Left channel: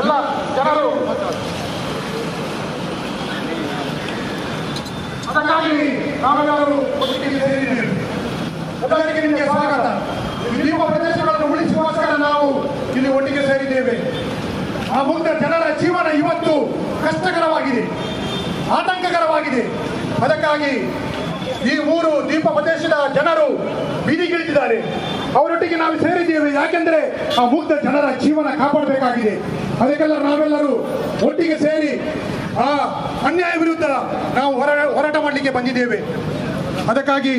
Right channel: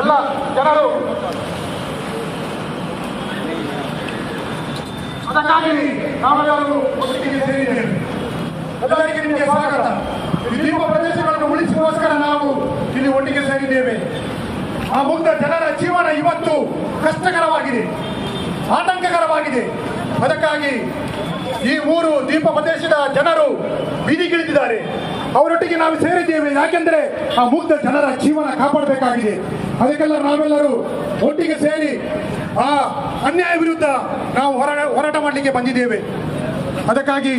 ಎಲ್ಲ ಜನರು ಅದಕ್ಕಾಗಿ ನಾವೆಲ್ಲರೂ ಒಟ್ಟಿಗೆ ಸೇರಿದ್ದೇವೆ. ಎಲ್ಲರಿಗೆ ನಿಮಗೆ ಸ್ವಾಗತ. ನಿಮ್ಮ ಪ್ರದೇಶಗಳನ್ನು ಉಳಿಸುವೋಸ್ಕರ ನಾವು ಇಲ್ಲಿ ಒಟ್ಟಿಗೆ ಸೇರಿದ್ದೇವೆ. ಆ ಮುಂದೆ ಜನರ ಜೀವನ ಇವತ್ತು ಕಷ್ಟಕರವಾಗಿದೆ, ಆತಂಕಕರವಾಗಿದೆ. ಅದಕ್ಕಾಗಿ ಈ ಊರು ದೀಪ ಪ್ರದೇಶದ ಜನರು ಬೀದಿಗಿಳಿದಿದ್ದಾರೆ. ಅವರೊಟ್ಟಿಗೆ ನಾವು ಸೇರಿದ್ದೇವೆ. ಯಾಕೆಂದ್ರೆ ಆ ಮುಗ್ಧ ಜನರ ಜೀವನ ಕಾಪಾಡಬೇಕಾಗಿದೆ. ಅದಕ್ಕೆಲ್ಲ ನಾವೆಲ್ಲರೂ ಒಟ್ಟಿಗೆ ಸೇರಿ ಆ ಅನ್ಯಾಯ ವಿರುದ್ಧ ನಾವು ಹೋರಾಟ ಮಾಡಲಿಕ್ಕೆ ಬಂದಿದ್ದೇವೆ. ಅದಕ್ಕಾಗಿ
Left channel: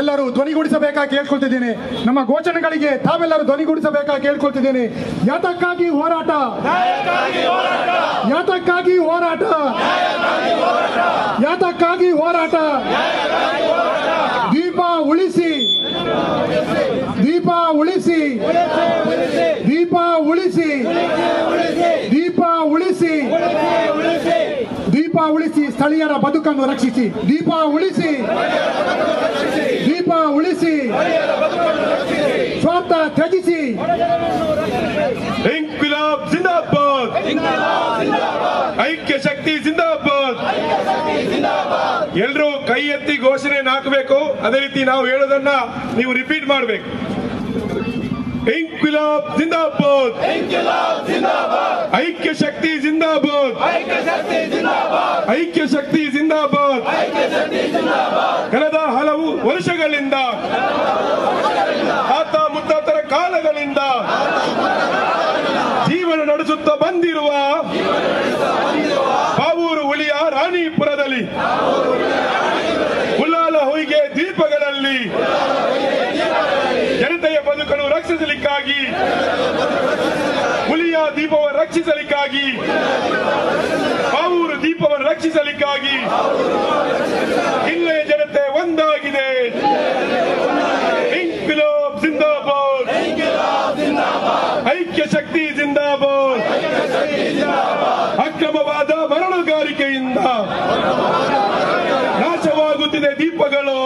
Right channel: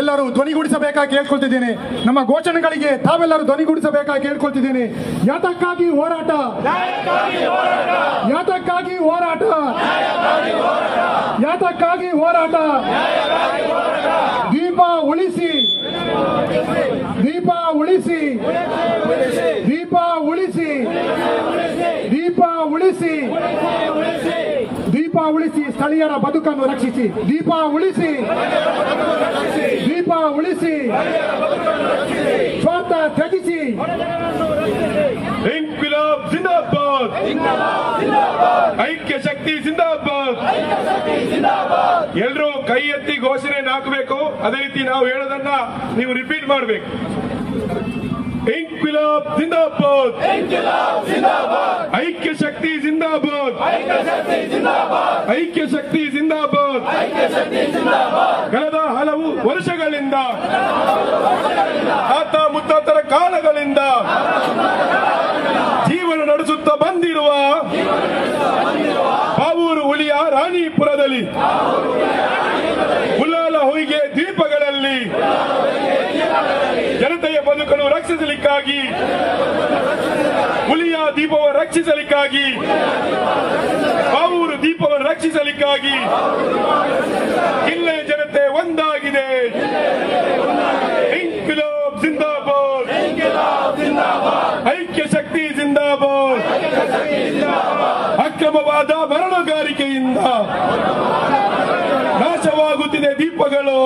ಎಲ್ಲರೂ ಧ್ವನಿಗೂಡಿಸಬೇಕಾಗಿ ಕೇಳ್ಕೊಳ್ತಿದ್ದೇನೆ. ನಮ್ಮ ಘೋಷಣೆಗಳಿಗೆ ತಾವೆಲ್ಲರೂ ಧ್ವನಿಗೂಡಿಸಬೇಕಾಗಿ ಕೇಳ್ಕೊಳ್ತಿದ್ದೇನೆ. ಯಾತಕ್ಕಾಗಿ ಹೋರಾಟ, ಯಾತಕ್ಕಾಗಿ ಹೋರಾಟ, ಯಾತಕ್ಕಾಗಿ ಹೋರಾಟ. ದೀಪ ಉಳಿಸಿ, ದೀಪ ಉಳಿಸಿ, ದೀಪ ಉಳಿಸಿ, ದೀಪ ಉಳಿಸಿ, ದೀಪ ಉಳಿಸಿ, ಸ್ಥಳೀಯರ ಬದುಕನ್ನು ರಕ್ಷಿಸಿ. ದೀಪ ಉಳಿಸಿ, ದೀಪ ಉಳಿಸಿ, ಸ್ವಾರ್ಥ ತ್ಯಜಿಸಿ. ಇಂಕ್ವಿಲಾಬ್ ಜಿಂದಾಬಾದ್, ಐಕ್ಯ ಶಕ್ತಿ ಜಿಂದಾಬಾದ್. ಎಲ್ಲರೂ ಕೈ ಎತ್ತಿ ಘೋಷಣೆಯನ್ನು ಹಾಕಬೇಕು. ಅದೇ ರೀತಿ ನಾವು ಹೇಳೋದನ್ನ ನೀವು ರಿಪೀಟ್ ಮಾಡಬೇಕು. ಇಂಕ್ವಿಲಾಬ್ ಜಿಂದಾಬಾದ್, ಐಕ್ಯ ಶಕ್ತಿ ಜಿಂದಾಬಾದ್, ಐಕ್ಯ ಶಕ್ತಿ ಜಿಂದಾಬಾದ್. ಕಳೆದ ಹಲವು ವರ್ಷಗಳಿಂದ, ತಾತ ಮುತ್ತಾತರ ಕಾಲಗಳಿಂದ ಜೀವನ ನಡೆಸುತ್ತಾ ಬಂದಿರುವ ಬಾವೂರು ಹುಲಿಯ ರಾಣಿಪುರದಲ್ಲಿ ಉಲ್ಲಾಲ ಹೊಯ್ಗೆ ದ್ವೀಪಗಳಲ್ಲಿ ಜನತೆಯ ಬದುಕನ್ನು ರಕ್ಷಿಸಲಿಕ್ಕಾಗಿ, ಹುಲಿಯ ದೀಪವನ್ನು ರಕ್ಷಿಸಲಿಕ್ಕಾಗಿ, ಬಾವೂರು ದೀಪವನ್ನು ರಕ್ಷಿಸಲಿಕ್ಕಾಗಿ ಇಲ್ಲಿಯ ಜನತೆ ಒಂದಾಗಿದೆ. ಇಂಕ್ವಿಲಾಬ್ ಜಿಂದಾಬಾದ್, ಐಕ್ಯ ಶಕ್ತಿ ಜಿಂದಾಬಾದ್. ಅಕ್ರಮವಾದ ಮರಳುಗಾರಿಕೆಯಿಂದ ನಾಶವಾಗುತ್ತಿದೆ ದೀಪಗಳು,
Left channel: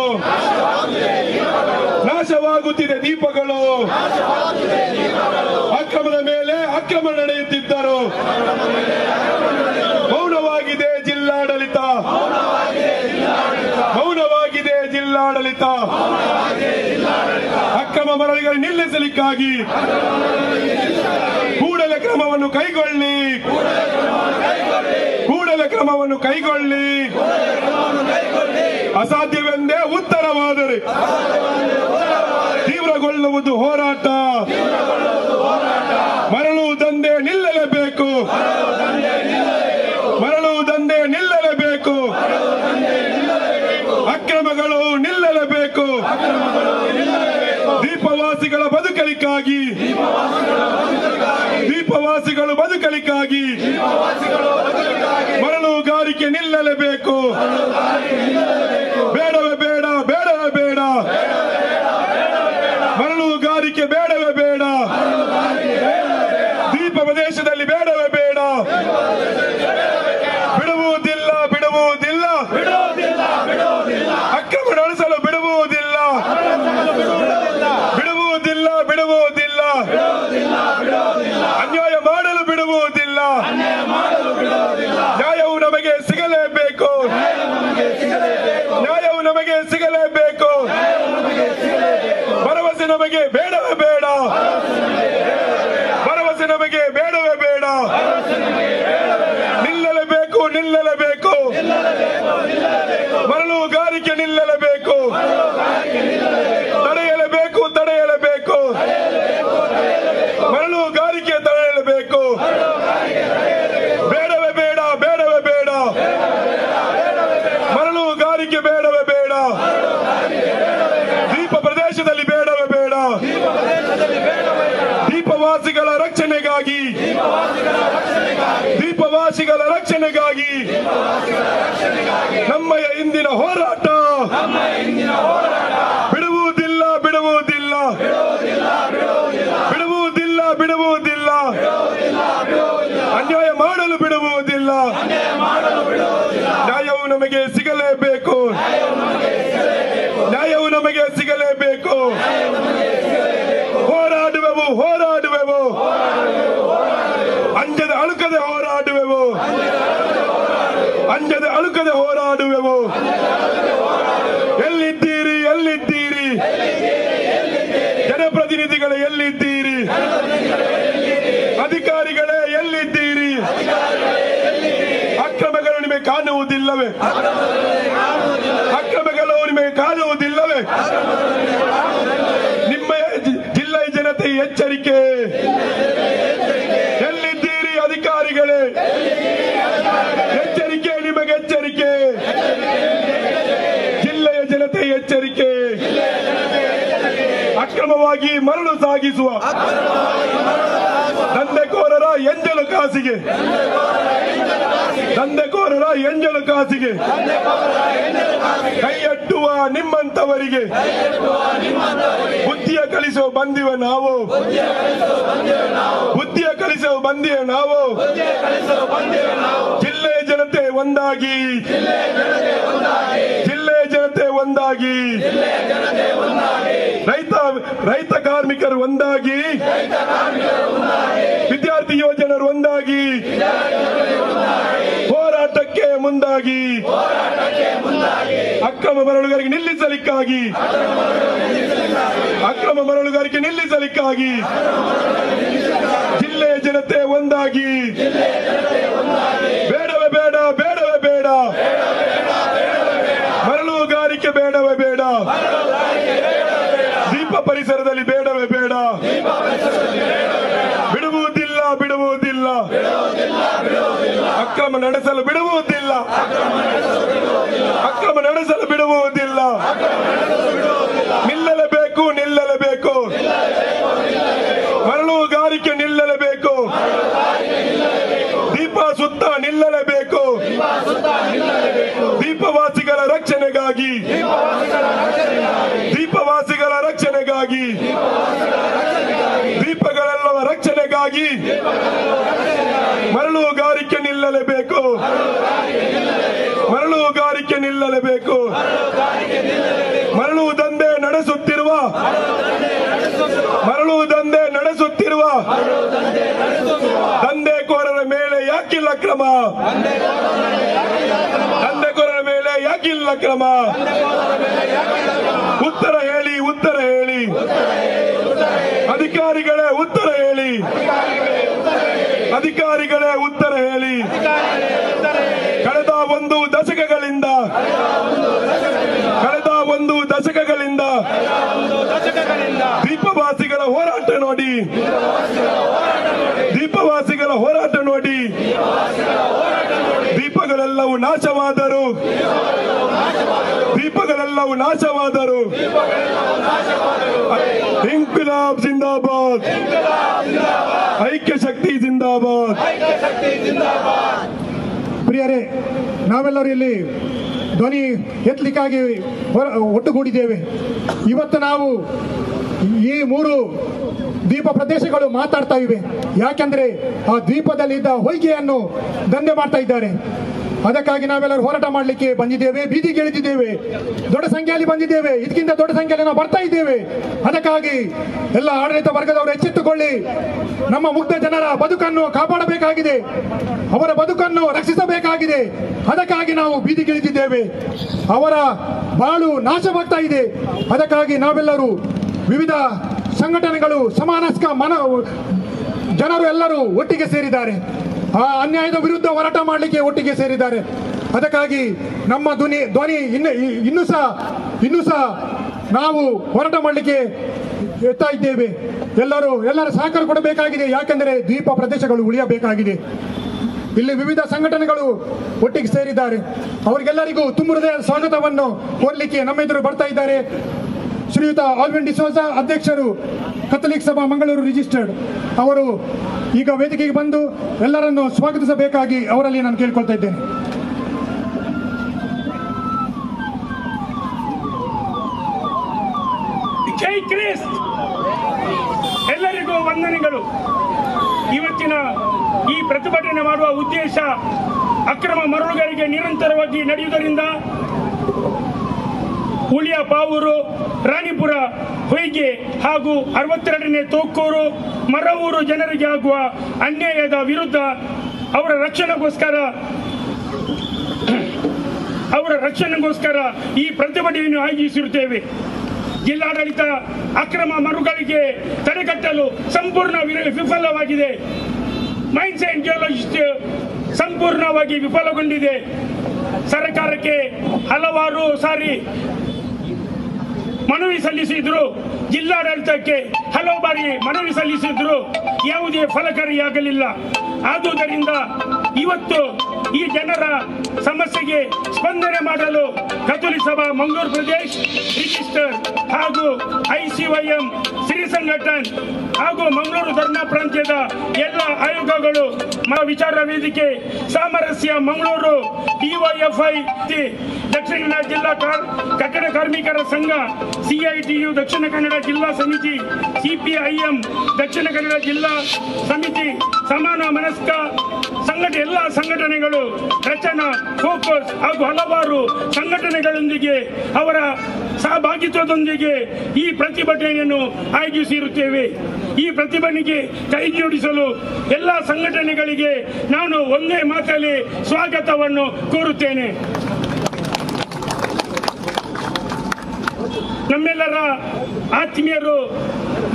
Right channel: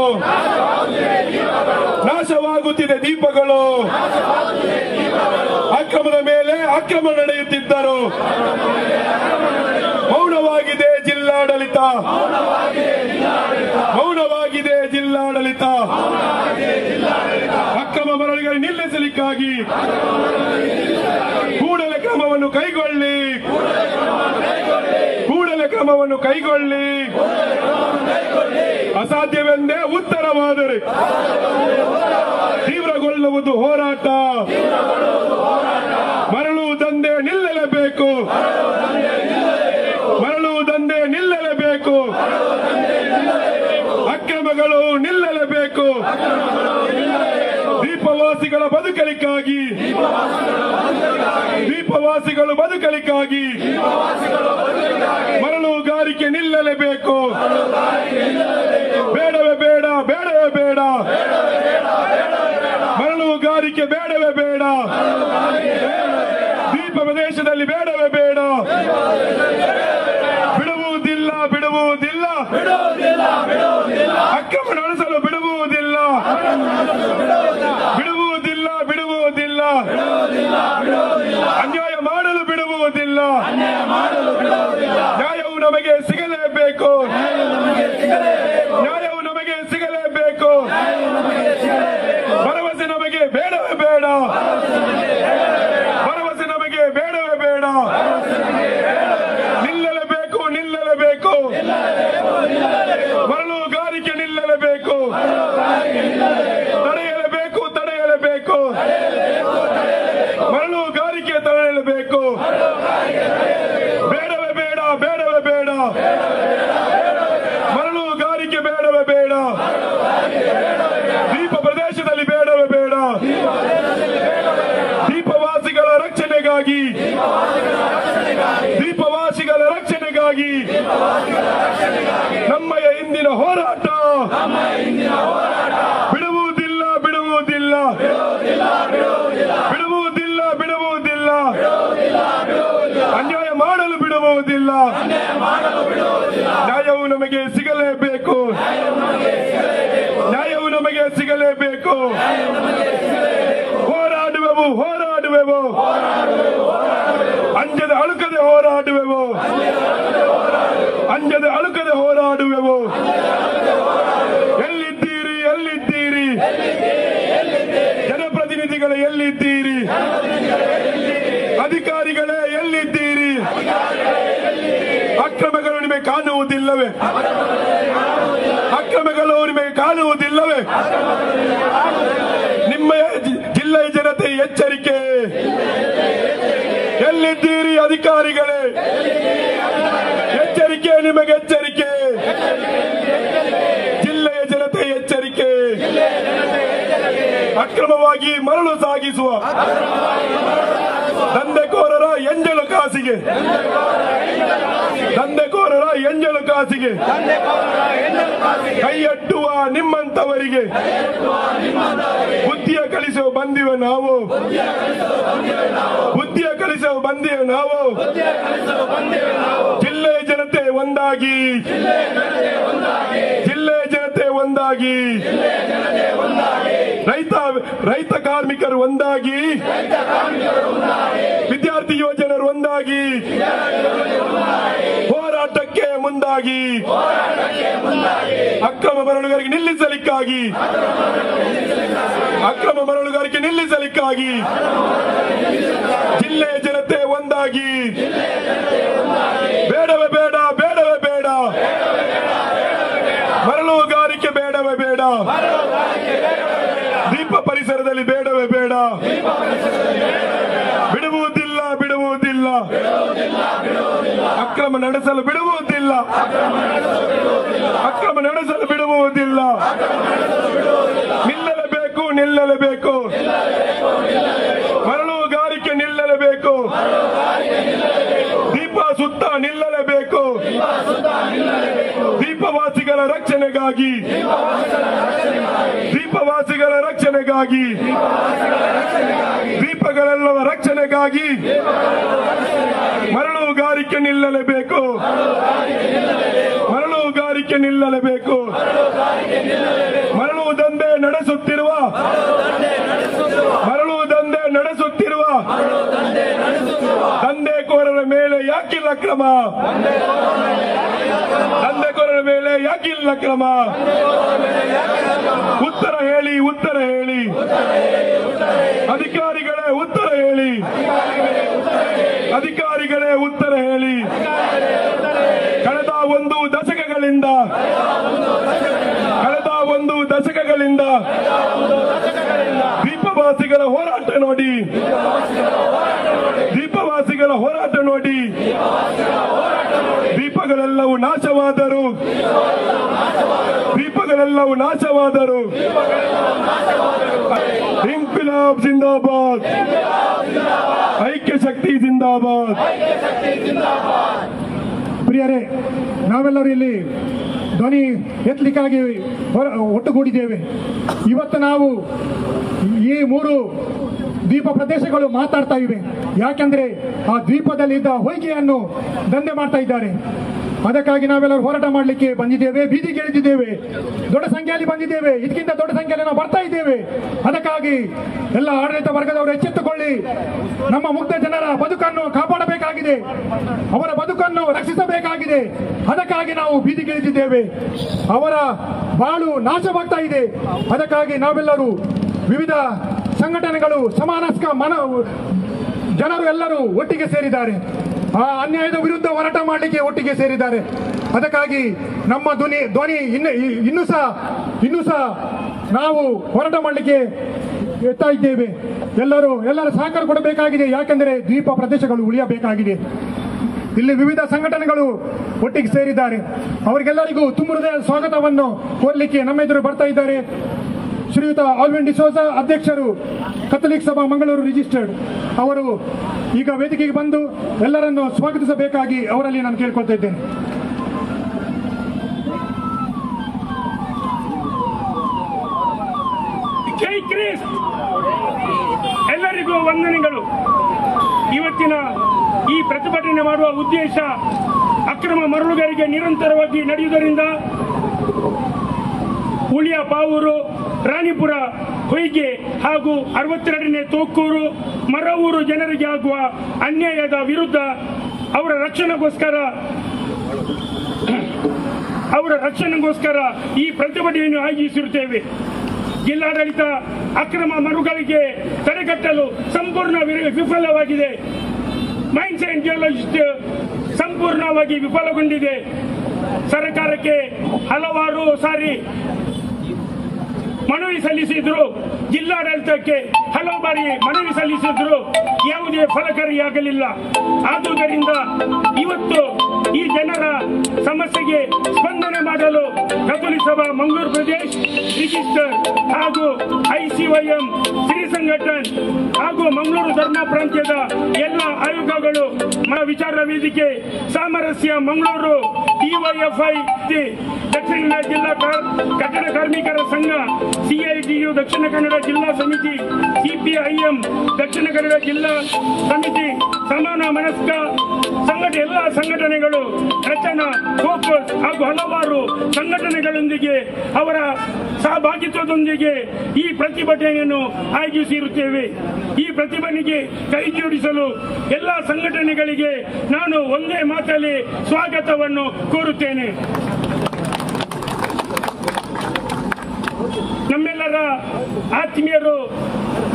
ನಾಶವಾಗುತ್ತಿದೆ ದೀಪಗಳು. ಅಕ್ರಮದ ಮೇಲೆ ಅಕ್ರಮ ನಡೆಯುತ್ತಿದ್ದರು. ಮೌನವಾಗಿದೆ ಜಿಲ್ಲಾಡಳಿತ, ಮೌನವಾಗಿದೆ ಜಿಲ್ಲಾಡಳಿತ. ಅಕ್ರಮ ಮರಳುಗಳನ್ನು ನಿಲ್ಲಿಸಲಿಕ್ಕಾಗಿ ಕೂಡಲೇ ಕ್ರಮವನ್ನು ಕೈಗೊಳ್ಳಿ, ಕೂಡಲೇ ಕ್ರಮವನ್ನು ಕೈಗೊಳ್ಳಿ. ಅಸಾಧ್ಯವೆಂದೇ ಉತ್ತರವಾದರೆ ತೀವ್ರಗೊಳ್ಳುವುದು ಹೋರಾಟ. ಮರಳು ದಂಧೆ ನಿಲ್ಲಲೇಬೇಕು, ಮರಳು ದಂಧೆ ನಿಲ್ಲಲೇಬೇಕು, ಅಕ್ರಮಗಳು ನಿಲ್ಲಲೇಬೇಕು. ದೀಪವಾಸಿಗಳ ಬದುಕಲಿಕ್ಕಾಗಿ, ದೀಪವಾಸಿಗಳು ಬದುಕಲಿಕ್ಕಾಗಿ ಮರಳುಗಾರಿಕೆ ನಿಲ್ಲಲೇಬೇಕು. ಬೇಡವೇ ಬೇಡ, ಬೇಡವೇ ಬೇಡ, ಮರಳುಗಾರಿಕೆ ಬೇಡವೇ ಬೇಡ. ದೀಪ ಪ್ರದೇಶದಲ್ಲಿ ಬೇಡವೇ ಬೇಡ. ಬಿಡುವುದಿಲ್ಲ, ಬಿಡುವುದಿಲ್ಲ, ಅಕ್ರಮ ನಡೆಸಲು ಬಿಡುವುದಿಲ್ಲ, ಬಿಡುವುದಿಲ್ಲ, ಬಿಡುವುದಿಲ್ಲ, ಅನ್ಯಾಯ ಮಾಡಲು ಬಿಡುವುದಿಲ್ಲ. ನ್ಯಾಯವು ನಮಗೆ ಸಿಗಲೇಬೇಕು, ನ್ಯಾಯವು ನಮಗೆ ಸಿಗಲೇಬೇಕು. ಭರವಸೆ ನಮಗೆ ಬೇಡವೇ ಬೇಡ, ಭರವಸೆ ನಮಗೆ ಬೇಡವೇ ಬೇಡ. ನಿಲ್ಲಲೇಬೇಕು, ನಿಲ್ಲಲೇಬೇಕು, ಮರಳುಗಾರಿಕೆ ನಿಲ್ಲಲೇಬೇಕು. ತಡೆಯಲೇಬೇಕು, ತಡೆಯಲೇಬೇಕು, ಮರಳುಗಾರಿಕೆ ತಡೆಯಲೇಬೇಕು. ಬೇಡವೇ ಬೇಡ, ಬೇಡವೇ ಬೇಡ, ಮರಳುಗಾರಿಕೆ ಬೇಡವೇ ಬೇಡ. ದೀಪ ಪ್ರದೇಶದಲ್ಲಿ ಬೇಡವೇ ಬೇಡ. ದೀಪವಾಸಿಗಳ ರಕ್ಷಣೆಗಾಗಿ, ದೀಪವಾಸಿಗಳ ರಕ್ಷಣೆಗಾಗಿ ನಮ್ಮಯ ಇಂದಿನ ಹೋರಾಟ ಬಿಡುವುದಿಲ್ಲ, ಬಿಡುವುದಿಲ್ಲ, ಬಿಡುವುದಿಲ್ಲ, ಬಿಡುವುದಿಲ್ಲ. ಅನ್ಯಾಯ ಮಾಡಲು ಬಿಡುವುದಿಲ್ಲ. ನ್ಯಾಯವು ನಮಗೆ ಸಿಗಲೇಬೇಕು, ನ್ಯಾಯವು ನಮಗೆ ಸಿಗಲೇಬೇಕು. ಹೋರಾಡುವೆವು, ಹೋರಾಡುವೆವು, ಹೋರಾಡುವೆವು, ಅಂಜದೆ ಅಳುಕದೆ ಹೋರಾಡುವೆವು. ಎಲ್ಲಿದ್ದೀರಿ ಎಲ್ಲಿದ್ದೀರಿ ಜನಪ್ರತಿನಿಧಿಗಳೇ, ಎಲ್ಲಿದ್ದೀರಿ ಅಧಿಕಾರಿಗಳೇ, ಎಲ್ಲಿದ್ದೀರಿ? ಅಕ್ರಮಗಳು ನಿಮಗೆ ಕಾಣುವುದಿಲ್ಲವೇ? ಅಕ್ರಮಗಳು ನಿಮಗೆ ಕಾಣುವುದಿಲ್ಲವೇ? ನಿಮ್ಮ ಜಿಲ್ಲೆಯ ಜನತೆ ಎಚ್ಚರಿಕೆ. ಎಲ್ಲಿದ್ದೀರಿ ಅಧಿಕಾರಿಗಳೇ? ಎಚ್ಚರಿಕೆ, ನಿಮಗೆ ಎಚ್ಚರಿಕೆ. ಜಿಲ್ಲೆಯ ಜನತೆ ಎಚ್ಚರಿಕೆ. ಅಕ್ರಮವಾಗಿ ಮರಳು ಸಾಗಿಸುವ ದಂಧೆಕೋರರ ಎಂಜಲು ಕಾಸಿಗೆ, ದಂಧೆಕೋರರ ಎಂಜಲು ಕಾಸಿಗೆ ಕೈಯೊಡ್ಡುವ ನಿಮ್ಮಂತವರಿಗೆ ಬುದ್ಧಿಯ ಕಲಿಸುವ ಬಂದಿವೆ ನಾವು, ಬುದ್ಧಿಯ ಕಲಿಸುವ ಬಂದಿವೆ ನಾವು. ಜಿಲ್ಲೆಯ ಜನತೆ ಒಂದಾಗಿ, ಜಿಲ್ಲೆಯ ಜನತೆ ಒಂದಾಗಿ, ರೈತ ಕಾರ್ಮಿಕರು ಒಂದಾಗಿ, ವಿದ್ಯಾರ್ಥಿ ಯೋಜನರು ಒಂದಾಗಿ ಹೋರಾಟಕ್ಕೆ ಮುಂದಾಗಿ, ಅಕ್ರಮ ಮರಳುಗಾರಿಕೆ ನಿಲ್ಲಿಸಲಿಕ್ಕಾಗಿ, ಅಕ್ರಮ ಮರಳುಗಾರಿಕೆ ನಿಲ್ಲಿಸಲಿಕ್ಕಾಗಿ ಜಿಲ್ಲೆಯ ಜನತೆ ಒಂದಾಗಿ. ಬೇಡವೇ ಬೇಡ, ಬೇಡವೇ ಬೇಡ, ಮರಳುಗಾರಿಕೆ ಬೇಡವೇ ಬೇಡ, ದೀಪ ಪರಿಸರದಲ್ಲಿ ಬೇಡವೇ ಬೇಡ, ಬಿಡುವುದಿಲ್ಲ, ಬಿಡುವುದಿಲ್ಲ, ಅಕ್ರಮ ನಡೆಸಲು ಬಿಡುವುದಿಲ್ಲ, ಅಕ್ರಮ ನಡೆಸಲು ಬಿಡುವುದಿಲ್ಲ. ನಿಲ್ಲಲೇಬೇಕು, ನಿಲ್ಲಲೇಬೇಕು, ಮರಳುಗಾರಿಕೆ ನಿಲ್ಲಲೇಬೇಕು, ದೀಪ ಸುತ್ತ ನಿಲ್ಲಲೇಬೇಕು. ದೀಪವಾಸಿಗಳ ರಕ್ಷಣೆಗಾಗಿ, ದೀಪವಾಸಿಗಳ ರಕ್ಷಣೆಗಾಗಿ, ದೀಪಗಳೆಲ್ಲವ ರಕ್ಷಣೆಗಾಗಿ ಮರಳುಗಾರಿಕೆ ನಿಲ್ಲಲೇಬೇಕು, ಮರಳುಗಾರಿಕೆ ನಿಲ್ಲಲೇಬೇಕು. ಮರಳು ದಂಧೆ ನಡೆಸುತ್ತಿರುವ, ಮರಳು ದಂಧೆ ನಡೆಸುತ್ತಿರುವ ದಂಧೆಕೋರರ ಮೇಲೆ ಯಾಕಿಲ್ಲ ಕ್ರಮ? ದಂಧೆಕೋರರ ಮೇಲೆ ಯಾಕಿಲ್ಲ ಕ್ರಮ? ಉತ್ತರ ಹೇಳಿ, ಉತ್ತರ ಹೇಳಿ ಅಧಿಕಾರಿಗಳೇ, ಉತ್ತರ ಹೇಳಿ ಅಧಿಕಾರಿಗಳೇ, ಉತ್ತರ ಹೇಳಿ. ಕಳೆದ ಒಂದು ದಶಕಗಳಿಂದ ದೀಪವಾಸಿಗಳ ಹೋರಾಟ ನೋಡಿ, ದೀಪವಾಸಿಗಳ ಹೋರಾಟ ನೋಡಿ. ದೀಪಗಳೆಲ್ಲವೂ ನಾಶವಾದರು, ದೀಪಗಳೆಲ್ಲವೂ ನಾಶವಾದರು. ಇಂಕ್ವಿಲಾಬ್ ಜಿಂದಾಬಾದ್, ಐಕ್ಯ ಶಕ್ತಿ ಜಿಂದಾಬಾದ್. ಪ್ರಿಯರೇ, ನಾವೆಲ್ಲರೂ ಇಲ್ಲಿ ಧ್ವನಿ ಎತ್ತಲಿಕ್ಕಾಗಿ ಒಟ್ಟುಗೂಡಿದ್ದೇವೆ. ಇವತ್ತು ನಾವು ಈ 3 ದ್ವೀಪ ಪ್ರದೇಶಗಳು ಮಾತಾಡ್ತಾ ಇವೆ. ಯಾಕೆಂದ್ರೆ ಆ ದ್ವೀಪದಲ್ಲಿದ್ದ ಹೊಯ್ಗೆಯನ್ನು ದಂಧೆ ಮಾಡ್ತಾ ಇದ್ದಾರೆ. ಅದಕ್ಕಾಗಿ ನಾವೆಲ್ಲರೂ ಹೋರಾಟ ಮಾಡಲಿಕ್ಕೆ ಬಂದಿದ್ದೇವೆ, ಬೀದಿಗೆ ಇಳಿದಿದ್ದೇವೆ, ದೊಡ್ಡ ಸಂಖ್ಯೆಯಲ್ಲಿ ಬಂದಿದ್ದೇವೆ. ಇದಕ್ಕಿಂತ ದೊಡ್ಡ ಸಂಖ್ಯೆಯಲ್ಲಿ ನಾವು ಬರ್ತಾ ಇದ್ದೇವೆ. ಅದಕ್ಕಾಗಿ ಎಲ್ಲ ಆಡಳಿತ ವರ್ಗದವರು ಎಚ್ಚೆತ್ತುಕೊಳ್ಳಿ. ನಮ್ಮ ಮುಗ್ಧ ಜನರ ಬದುಕನ್ನು ಕಾಪಾಡಬೇಕಾಗಿದೆ, ಅವರ ಬದುಕನ್ನು ರಕ್ಷಿಸಬೇಕಾಗಿದೆ. ಅದಕ್ಕಾಗಿ ನಾವು ಬೀದಿಗೆ ಇಳಿದಿದ್ದೇವೆ. ಅವರ ಬಾಳು ನಾಶವಾಗ್ತಾ ಇದೆ. ಅದಕ್ಕಾಗಿ ನಾವೆಲ್ಲರೂ ವಿವಿಧ ಸಂಘಟನೆಗಳು, ಸಮಾನಸ್ಕ ಜನರು ಎಲ್ಲರೂ ಒಟ್ಟಿಗೆ ಸೇರಿದ್ದಾರೆ. ಆ ಅನ್ಯಾಯದ ವಿರುದ್ಧ ಹೋರಾಟ ಮಾಡಲಿಕ್ಕೆ ಒಟ್ಟಿಗೆ ಸೇರಿದ್ದಾರೆ. ಅದಕ್ಕಾಗಿ ನಮ್ಮ ಧ್ವನಿ ಇನ್ನೂ ಸಹ ನಾವು ಹೋರಾಟ ಮಾಡಲಿಕ್ಕೆ ಎತ್ತಾ ಇದ್ದೇವೆ. ಎಲ್ಲರ ಸಹಕಾರ ಕೊಡಬೇಕಾಗಿದೆ. ಯಾಕೆಂದರೆ ದ್ವೀಪ ಪ್ರದೇಶಗಳು ಉಳಿಯಬೇಕಾಗಿದೆ. ಇಲ್ಲಿ ವಿವಿಧ ಸಂಘಟನೆಗಳು ಒಟ್ಟಿಗೆ ಸೇರಿದ್ದಾರೆ. ಅವರಿಗೆಲ್ಲರಿಗೂ ತುಂಬ ಹೃದಯದ ಸ್ವಾಗತವನ್ನು ಕೋರಲಿಕ್ಕೆ ನಮ್ಮ ಎದುರು ಬರ್ತಾ ಇದ್ದಾರೆ. ಶ್ರೀಯುತ ಆಲ್ವಿನ್ ಡಿಸೋಜ, ಅಧ್ಯಕ್ಷರು, ಕಥಲಿಕ್ ಸಭಾ ಮಂಗಳೂರು ರಿಜಿಸ್ಟರ್ಡ್, ಅವರು ಈಗ ವೇದಿಕೆಗೆ ಬಂದು ಎಲ್ಲರನ್ನು ಸ್ವಾಗತಿಸಬೇಕಾಗಿ ಅವರಲ್ಲಿ ನಾನು ಕೇಳ್ಕೊಳ್ತಾ ಇದ್ದೇನೆ. ಜೈ ಕ್ರಿಸ್ತ್. ಎಲ್ಲರಿಗೂ ವಂದನೆಗಳು. ಇವತ್ತಿನ ಈ ಪ್ರತಿಭಟನೆ ಮಾಡುವ ಉದ್ದೇಶ ಅಕ್ರಮ ಮರಳುಗಾರಿಕೆ ನಿರಂತರವಾಗಿ ನಡೆಯುವುದರಿಂದ ಉಳಿಯ ಪಾವೂರು, ರಾಣಿಪುರ, ಹೊಯ್ಗೆ ಹಾಗೂ 62ನೇ ತೋಕ್ಕೂರು, ಮರವೂರು ಜನರಿಗೆ ಆಗುವ ಅನ್ಯಾಯದ ವಿರುದ್ಧ ಅವರ ರಕ್ಷಣೆಗೋಸ್ಕರ ಈ ಪ್ರತಿಭಟನೆಯನ್ನು ಆಯೋಜಿಸಿರುತ್ತೇವೆ. ಜಿಲ್ಲಾಡಳಿತ ಅಕ್ರಮ ಮರುಗಳಿಗೆ ತಡೆಗಟ್ಟಲು ಸಂಪೂರ್ಣ ವಿಫಲವಾಗಿದೆ. ಮೈನ್ಸ್ ಅಂಡ್ ಜಿಯೋಲಜಿಸ್ಟ್ ಸಂಪೂರ್ಣವಾಗಿ ವಿಫಲಗೊಂಡಿದೆ. ಸರ್ಕಾರಕ್ಕೆ ಹಲವಾರು ಸಾರಿ ಮನವಿ ಸಲ್ಲಿಸಿದ್ರು, ಜಿಲ್ಲಾಡಳಿತಕ್ಕೆ ಹಲವು ಬಾರಿ ಮನವಿ ಸಲ್ಲಿಸಿದ್ರು, ಯಾವುದೇ ಫಲಕಾರಿಯಾಗಲಿಲ್ಲ. ಆದುದರಿಂದ ಇವತ್ತು ಈ ಜನರ ಸಮಸ್ಯೆಗೆ ಸ್ಪಂದನೆ ಮಾಡಲು ಕಥೋಲಿಕ ಸಭಾ ಮಂಗಳೂರು ಪ್ರದೇಶ ರಿಜಿಸ್ಟರ್ ಹಾಗೂ ICYM ಸಿರಿ ಸಂಘಟನ್ ಹಾಗೂ ಮಂಗಳೂರು ಧರ್ಮ ಪ್ರಾಂತ್ಯದ ಎಲ್ಲ ಆಯೋಗಗಳು ವಿಚಾರ ವೇದಿಕೆ ಸಾಮರಸ್ಯ ಮಂಗಳೂರು DYFI ದಕ್ಷಿಣ ಕನ್ನಡ ಜಿಲ್ಲಾ ಕಟ್ಟಡ ಕಾರ್ಮಿಕರ ಸಂಘ CITU ದಕ್ಷಿಣ ಕನ್ನಡ ಜಿಲ್ಲಾ ಸಮಿತಿ CPIM ದಕ್ಷಿಣ ಕನ್ನಡ ಜಿಲ್ಲಾ ಸಮಿತಿ ಸಮಾನ ಮನಸ್ಕ ಎಲ್ಲ ಸಂಘಟನೆಗಳು ರಚನಾ ಫೋಕಸ್ ಹಾಗೂ ಹಲವಾರು ಸಂಘಟನೆಗಳೊಂದಿಗೆ ಅವರ ಸಹಭಾಗಿತ್ವದೊಂದಿಗೆ ಈ ಪ್ರತಿಭಟನೆಯನ್ನು ಆಯೋಜಿಸಿರುತ್ತೇವೆ. ಈ ಪ್ರತಿಭಟನೆಗೆ ಕೈ ಜೋಡಿಸಲು ಎಲ್ಲ ಸಂಘಟನೆಗಳಿಗೆ ನಾನು ಒಂದೇ ಮಾತಲ್ಲಿ ಸ್ವಾಗತವನ್ನು ಕೋರುತ್ತೇನೆ. ನಮ್ಮೆಲ್ಲರ ಆತ್ಮೀಯರು